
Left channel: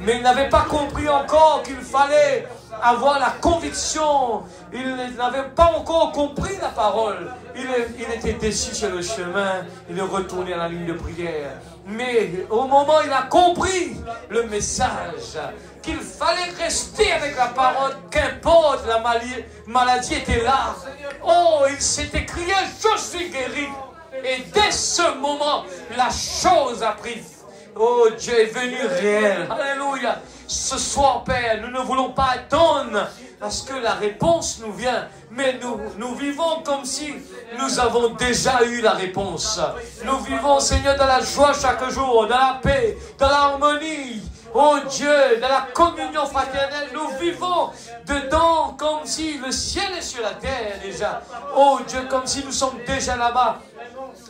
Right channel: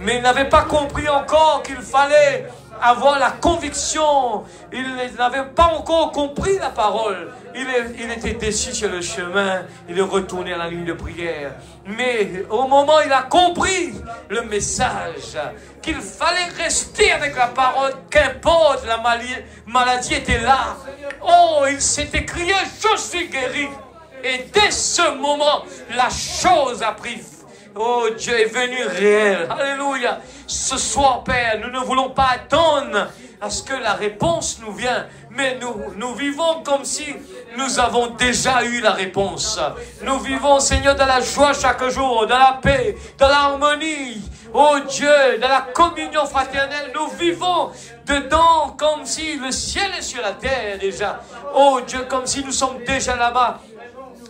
Mais il n'avait pas compris encore qu'il fallait avoir la conviction. Il n'avait pas encore compris la parole. Il était déçu sur le chemin. Il est retourné à la ligne de prière. Mais au moment où il a compris le message, qu'il fallait rester avec la parole, qu'importe la maladie était là. Oh, il s'est écrié, je suis guéri. Et dès ce moment, la chose a pris. Oh, Dieu est venu réel. Alléluia. Ce soir, Père, nous ne voulons pas attendre à ce que la réponse nous vienne. Mais nous vivons comme si nous avons déjà eu la réponse. Nous vivons, Seigneur, dans la joie chaque jour, dans la paix, dans l'harmonie. Oh Dieu, dans la communion fraternelle, nous vivons dedans comme si le ciel est sur la terre déjà. Oh Dieu, comme si nous sommes déjà là-bas.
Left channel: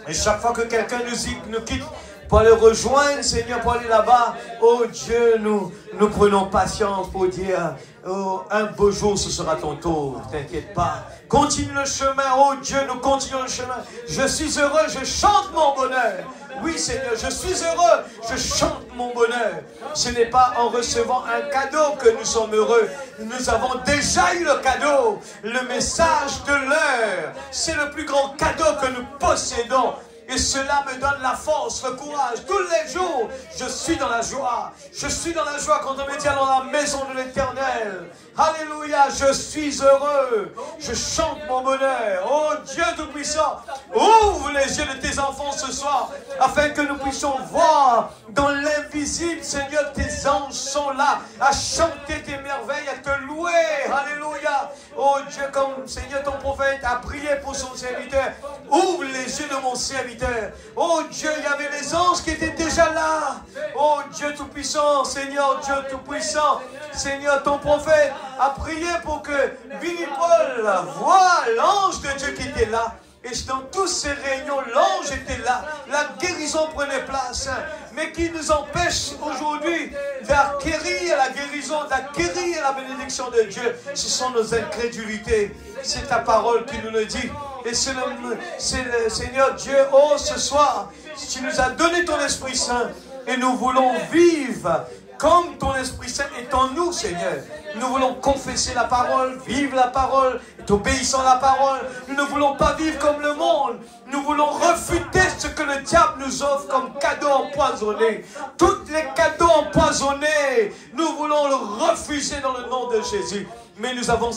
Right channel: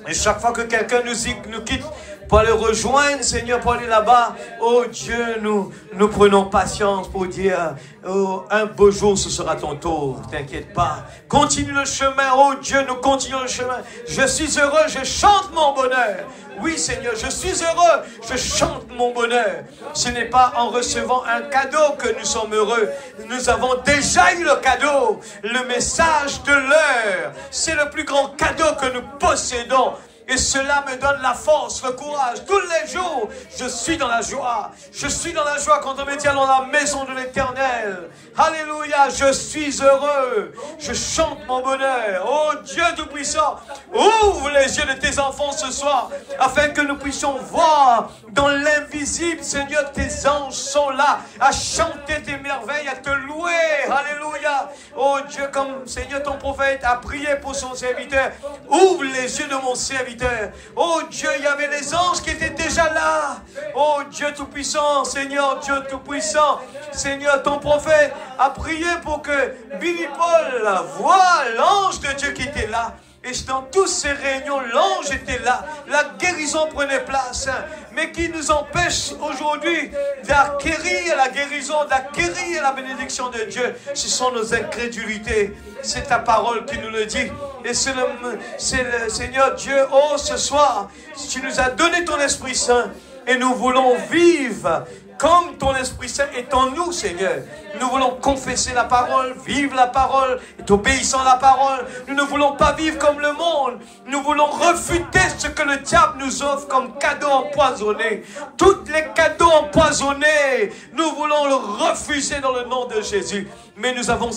Et chaque fois que quelqu'un nous quitte pour aller rejoindre, Seigneur, pour aller là-bas, oh Dieu, nous prenons patience pour dire, oh, un beau jour ce sera ton tour, t'inquiète pas. Continue le chemin, oh Dieu, nous continuons le chemin. Je suis heureux, je chante mon bonheur. Oui Seigneur, je suis heureux, je chante mon bonheur. Ce n'est pas en recevant un cadeau que nous sommes heureux. Nous avons déjà eu le cadeau, le message de l'heure. C'est le plus grand cadeau que nous possédons. Et cela me donne la force, le courage. Tous les jours, je suis dans la joie. Je suis dans la joie quand on me tient dans la maison de l'Éternel. Alléluia, je suis heureux. Je chante mon bonheur. Oh Dieu Tout-Puissant, ouvre les yeux de tes enfants ce soir, afin que nous puissions voir dans l'invisible, Seigneur, tes anges sont là, à chanter tes merveilles, à te louer. Alléluia. Oh Dieu, comme Seigneur, ton prophète a prié pour son serviteur, ouvre les yeux de mon serviteur. Oh Dieu, il y avait les anges qui étaient déjà là. Oh Dieu Tout-Puissant, Seigneur, Dieu Tout-Puissant, Seigneur, ton prophète a prié pour que Billy Paul voie l'ange de Dieu qui était là. Et dans toutes ces réunions, l'ange était là, la guérison prenait place. Mais qui nous empêche aujourd'hui d'acquérir la guérison, d'acquérir la bénédiction de Dieu? Ce sont nos incrédulités. C'est ta parole qui nous le dit. Et c'est le Seigneur Dieu, oh ce soir, tu nous as donné ton Esprit Saint. Et nous voulons vivre comme ton Esprit Saint est en nous, Seigneur. Nous voulons confesser la parole, vivre la parole, et obéissant à la parole. Nous ne voulons pas vivre comme le monde. Nous voulons refuter ce que le diable nous offre comme cadeau empoisonné. Tous les cadeaux empoisonnés, nous voulons le refuser dans le nom de Jésus. Mais nous avons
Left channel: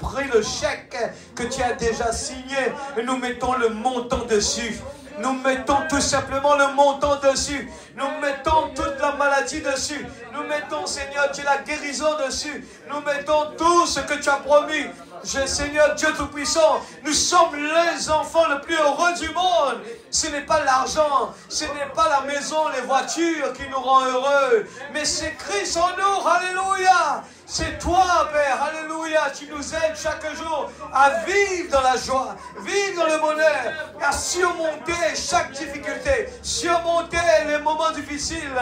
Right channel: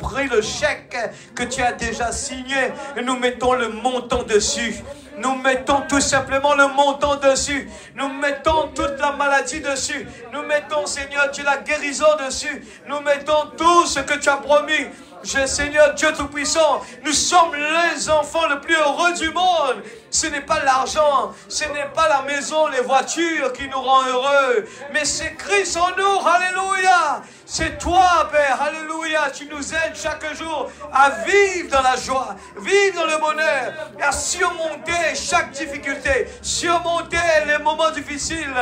pris le chèque que tu as déjà signé et nous mettons le montant dessus. Nous mettons tout simplement le montant dessus. Nous mettons toute la maladie dessus. Nous mettons, Seigneur Dieu, la guérison dessus. Nous mettons tout ce que tu as promis. Seigneur Dieu Tout-Puissant, nous sommes les enfants les plus heureux du monde. Ce n'est pas l'argent, ce n'est pas la maison, les voitures qui nous rendent heureux, mais c'est Christ en nous. Alléluia. C'est toi, Père. Alléluia. Tu nous aides chaque jour à vivre dans la joie, vivre dans le bonheur, et à surmonter chaque difficulté, surmonter les moments difficiles.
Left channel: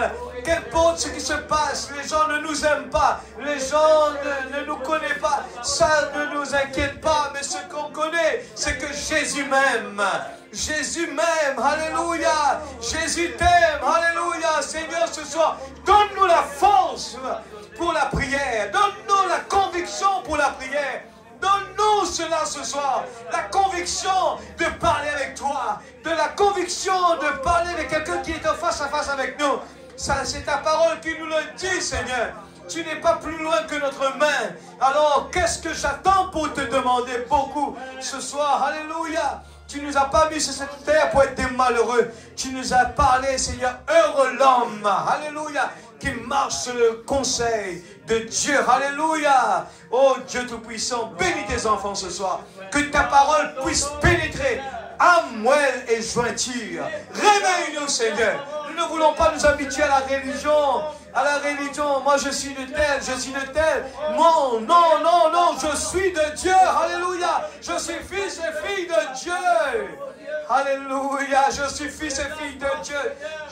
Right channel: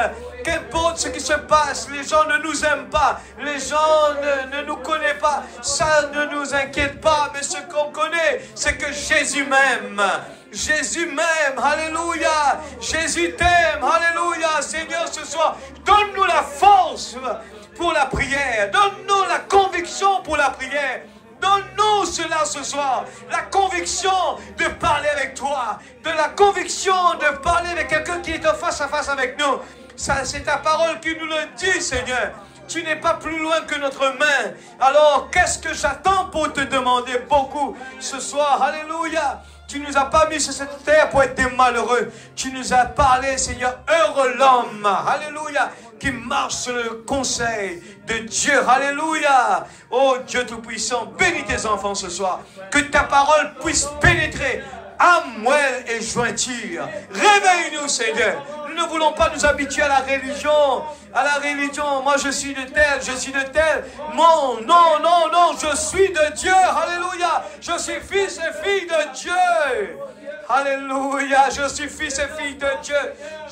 Qu'importe ce qui se passe, les gens ne nous aiment pas, les gens ne nous connaissent pas, ça ne nous inquiète pas, mais ce qu'on connaît, c'est que Jésus m'aime. Jésus m'aime, alléluia. Jésus t'aime, alléluia. Seigneur, ce soir, donne-nous la force pour la prière, donne-nous la conviction pour la prière. Donne-nous cela ce soir, la conviction de parler avec toi, de la conviction de parler avec quelqu'un qui est en face à face avec nous. Ça, c'est ta parole qui nous le dit, Seigneur. Tu n'es pas plus loin que notre main. Alors, qu'est-ce que j'attends pour te demander beaucoup ce soir? Alléluia. Tu ne nous as pas mis sur cette terre pour être des malheureux. Tu nous as parlé, Seigneur, heureux l'homme. Alléluia. Qui marche sur le conseil de Dieu. Alléluia. Oh Dieu Tout-Puissant, bénis tes enfants ce soir. Que ta parole puisse pénétrer âme, moelle et jointure. Réveille-nous, Seigneur. Nous ne voulons pas nous habituer à la religion. À la religion, moi je suis de tel, je suis de tel. Non, non, non, non, je suis de Dieu. Alléluia. Je suis fils et fille de Dieu. Alléluia. Je suis fils et fille de Dieu.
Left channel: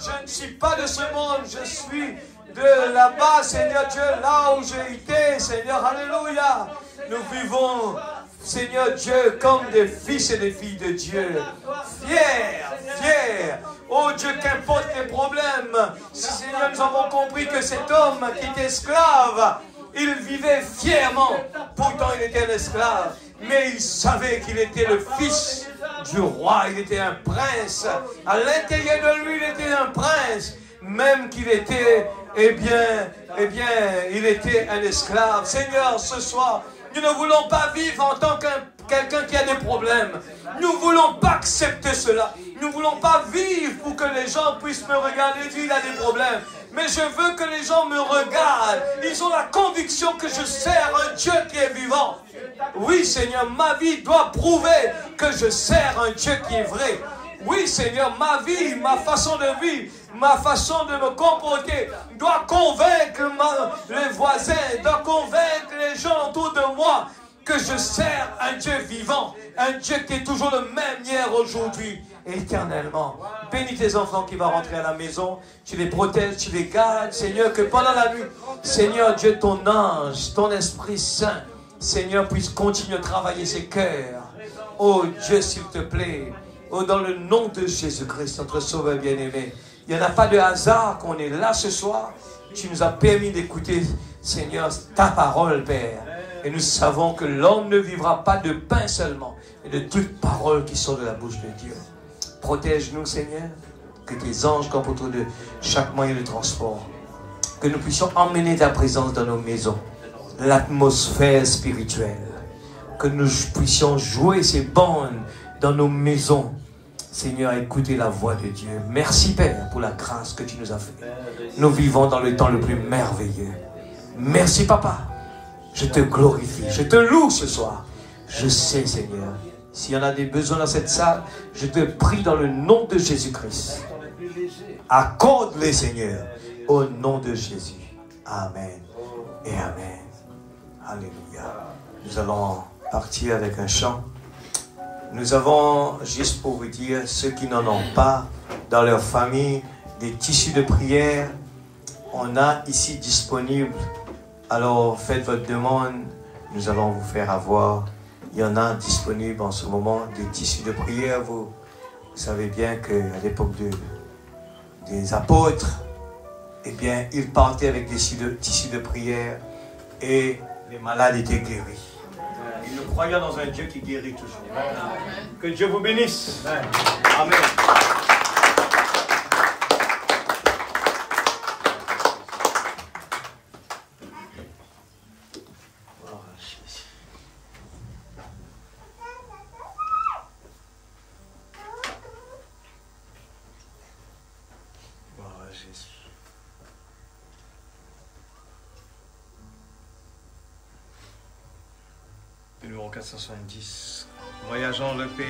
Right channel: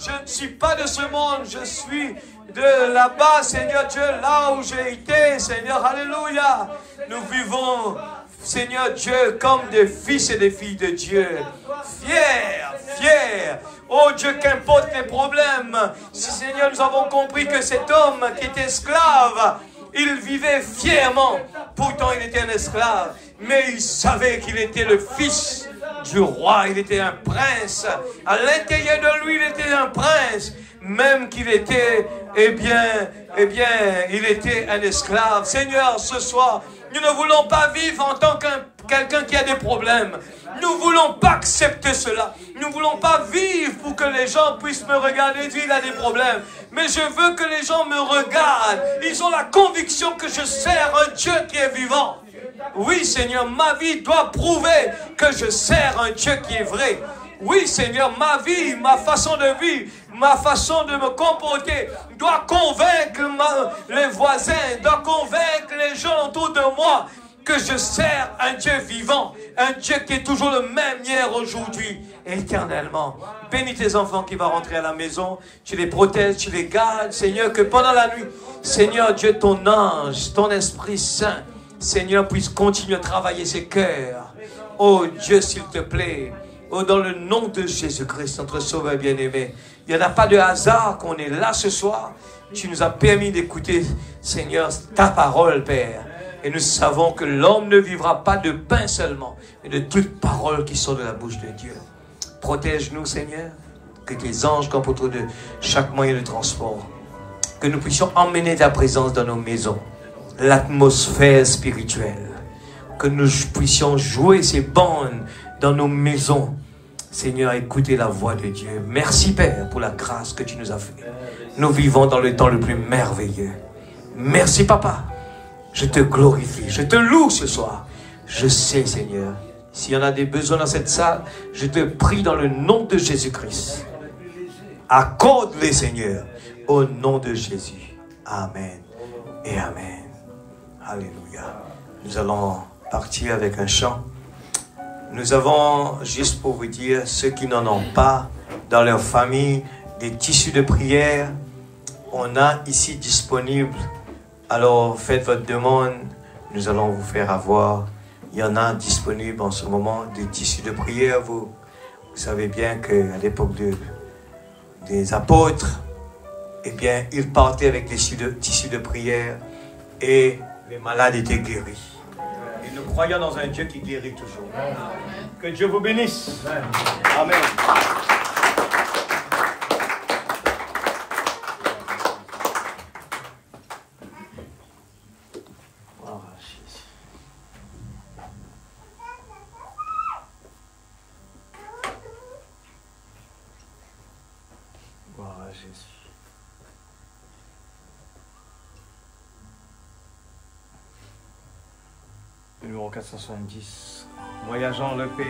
Je ne suis pas de ce monde. Je suis de là-bas, Seigneur Dieu, là où j'ai été, Seigneur. Alléluia. Nous vivons, Seigneur Dieu, comme des fils et des filles de Dieu. Fiers, fiers. Oh Dieu, qu'importe les problèmes. Si, Seigneur, nous avons compris que cet homme qui était esclave, il vivait fièrement. Pourtant, il était un esclave. Mais il savait qu'il était le fils du roi. Il était un prince. À l'intérieur de lui, il était un prince. Même qu'il était, eh bien, il était un esclave. Seigneur, ce soir, nous ne voulons pas vivre en tant que quelqu'un qui a des problèmes. Nous ne voulons pas accepter cela. Nous ne voulons pas vivre pour que les gens puissent me regarder et dire qu'il a des problèmes. Mais je veux que les gens me regardent. Ils ont la conviction que je sers un Dieu qui est vivant. Oui, Seigneur, ma vie doit prouver que je sers un Dieu qui est vrai. Oui, Seigneur, ma vie, ma façon de vivre, ma façon de me comporter doit convaincre les voisins, doit convaincre les gens autour de moi que je sers un Dieu vivant, un Dieu qui est toujours le même hier, aujourd'hui, éternellement. Bénis tes enfants qui vont rentrer à la maison, tu les protèges, tu les gardes, Seigneur, que pendant la nuit, Seigneur Dieu, ton ange, ton Esprit Saint, Seigneur, puisse continuer à travailler ses cœurs. Oh Dieu, s'il te plaît, oh, dans le nom de Jésus-Christ, notre Sauveur bien-aimé, il n'y en a pas de hasard qu'on est là ce soir. Tu nous as permis d'écouter, Seigneur, ta parole, Père. Et nous savons que l'homme ne vivra pas de pain seulement, mais de toute parole qui sort de la bouche de Dieu. Protège-nous, Seigneur, que tes anges comportent de chaque moyen de transport. Que nous puissions emmener ta présence dans nos maisons, l'atmosphère spirituelle. Que nous puissions jouer ces bandes dans nos maisons, Seigneur, écoutez la voix de Dieu. Merci, Père, pour la grâce que tu nous as faite. Nous vivons dans le temps le plus merveilleux. Merci, Papa. Je te glorifie, je te loue ce soir. Je sais, Seigneur, s'il y en a des besoins dans cette salle, je te prie dans le nom de Jésus-Christ. Accorde-les, Seigneur, au nom de Jésus. Amen et Amen. Alléluia. Nous allons partir avec un chant. Nous avons, juste pour vous dire, ceux qui n'en ont pas dans leur famille, des tissus de prière, on a ici disponible. Alors faites votre demande, nous allons vous faire avoir. Il y en a disponible en ce moment, des tissus de prière. Vous savez bien qu'à l'époque des apôtres, eh bien, ils partaient avec des tissus de prière et les malades étaient guéris. Et nous croyons dans un Dieu qui guérit toujours. Amen. Que Dieu vous bénisse. Amen. Gloire à Jésus. Le numéro 470. Voyageons le pays.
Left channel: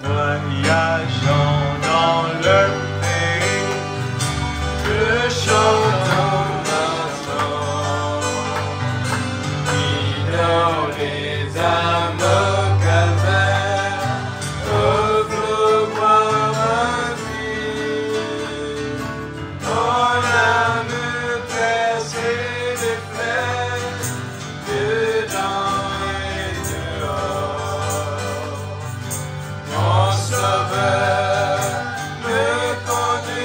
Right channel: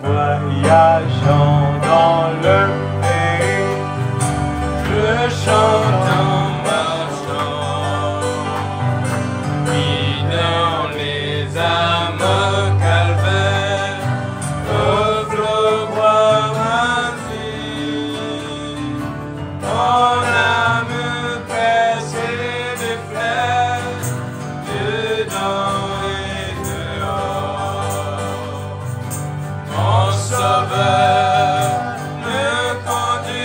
Voyageons dans le pays. Le chant. Il me prend de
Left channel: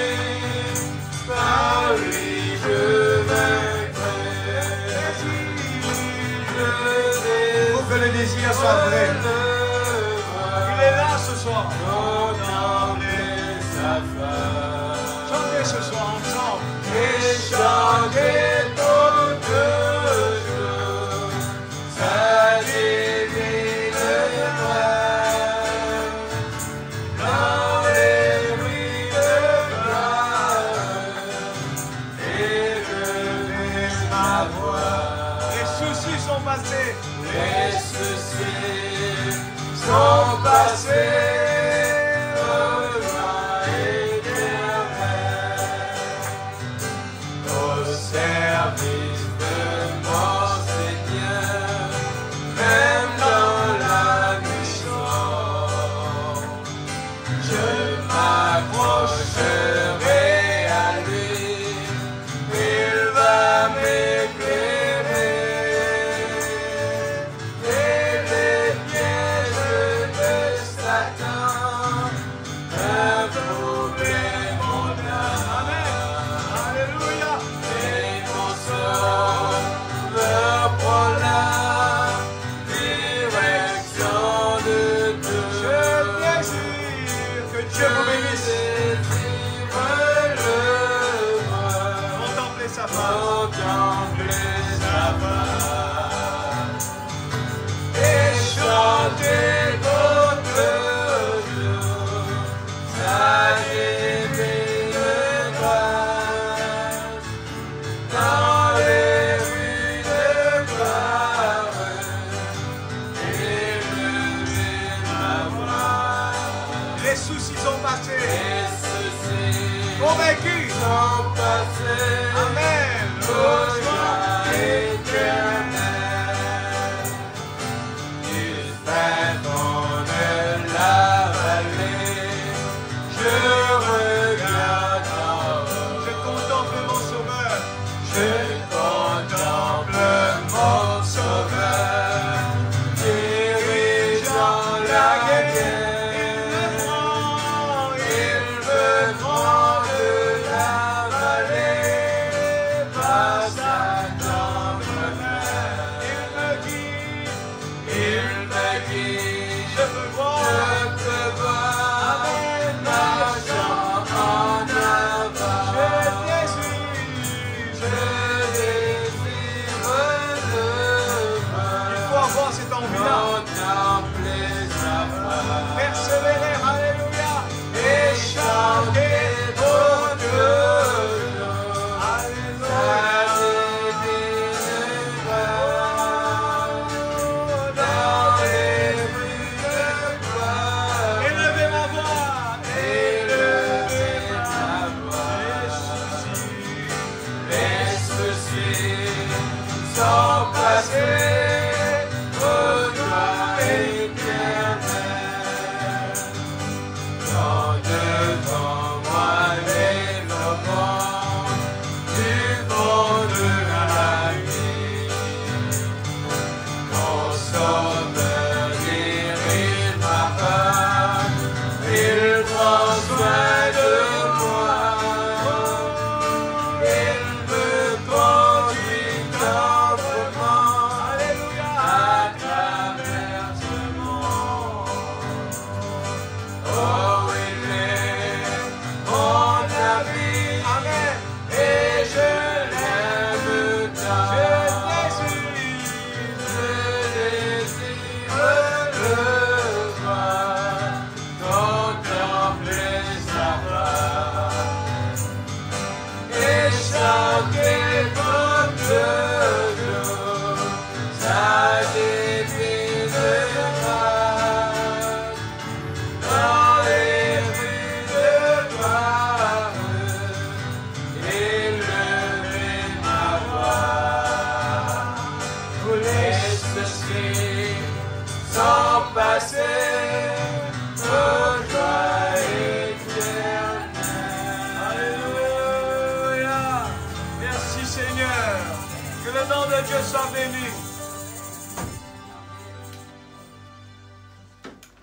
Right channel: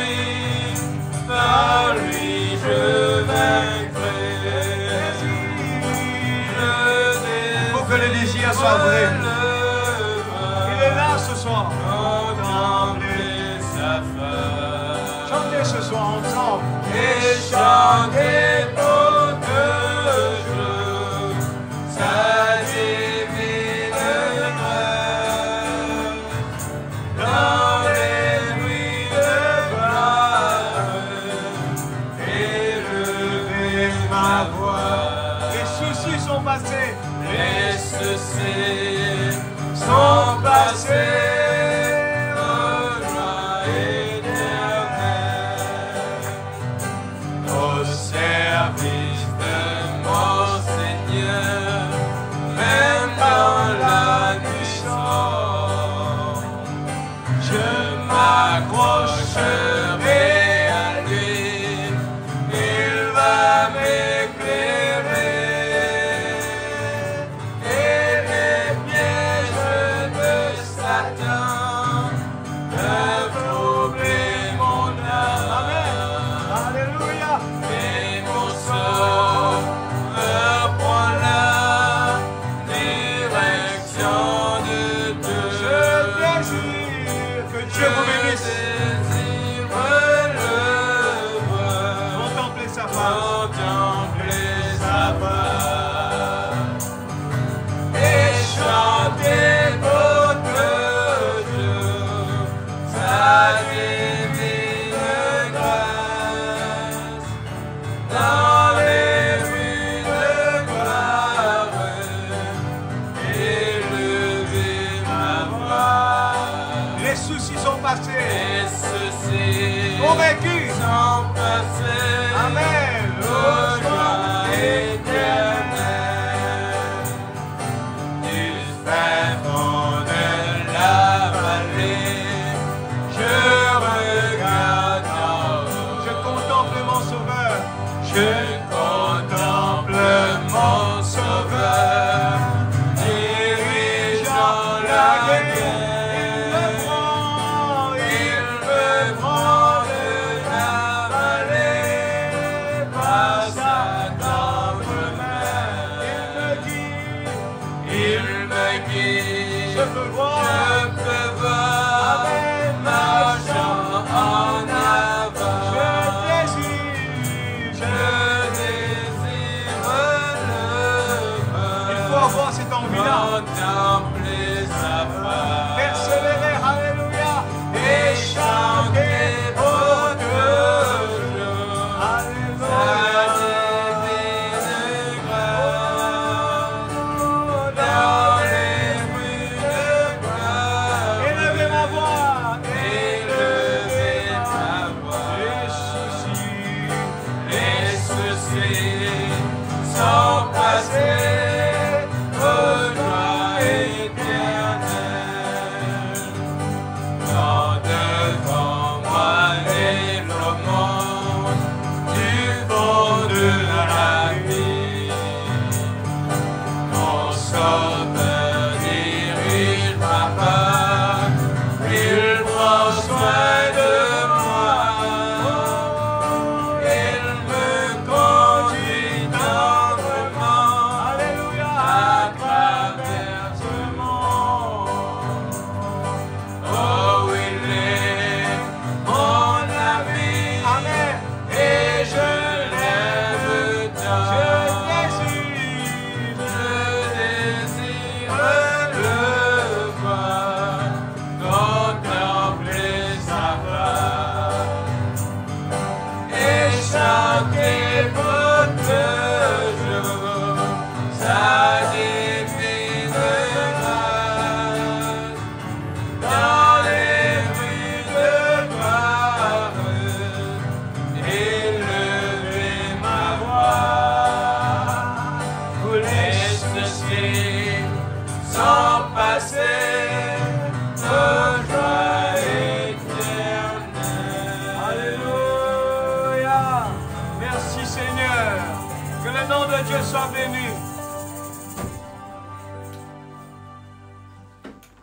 Que le nom de Dieu soit béni.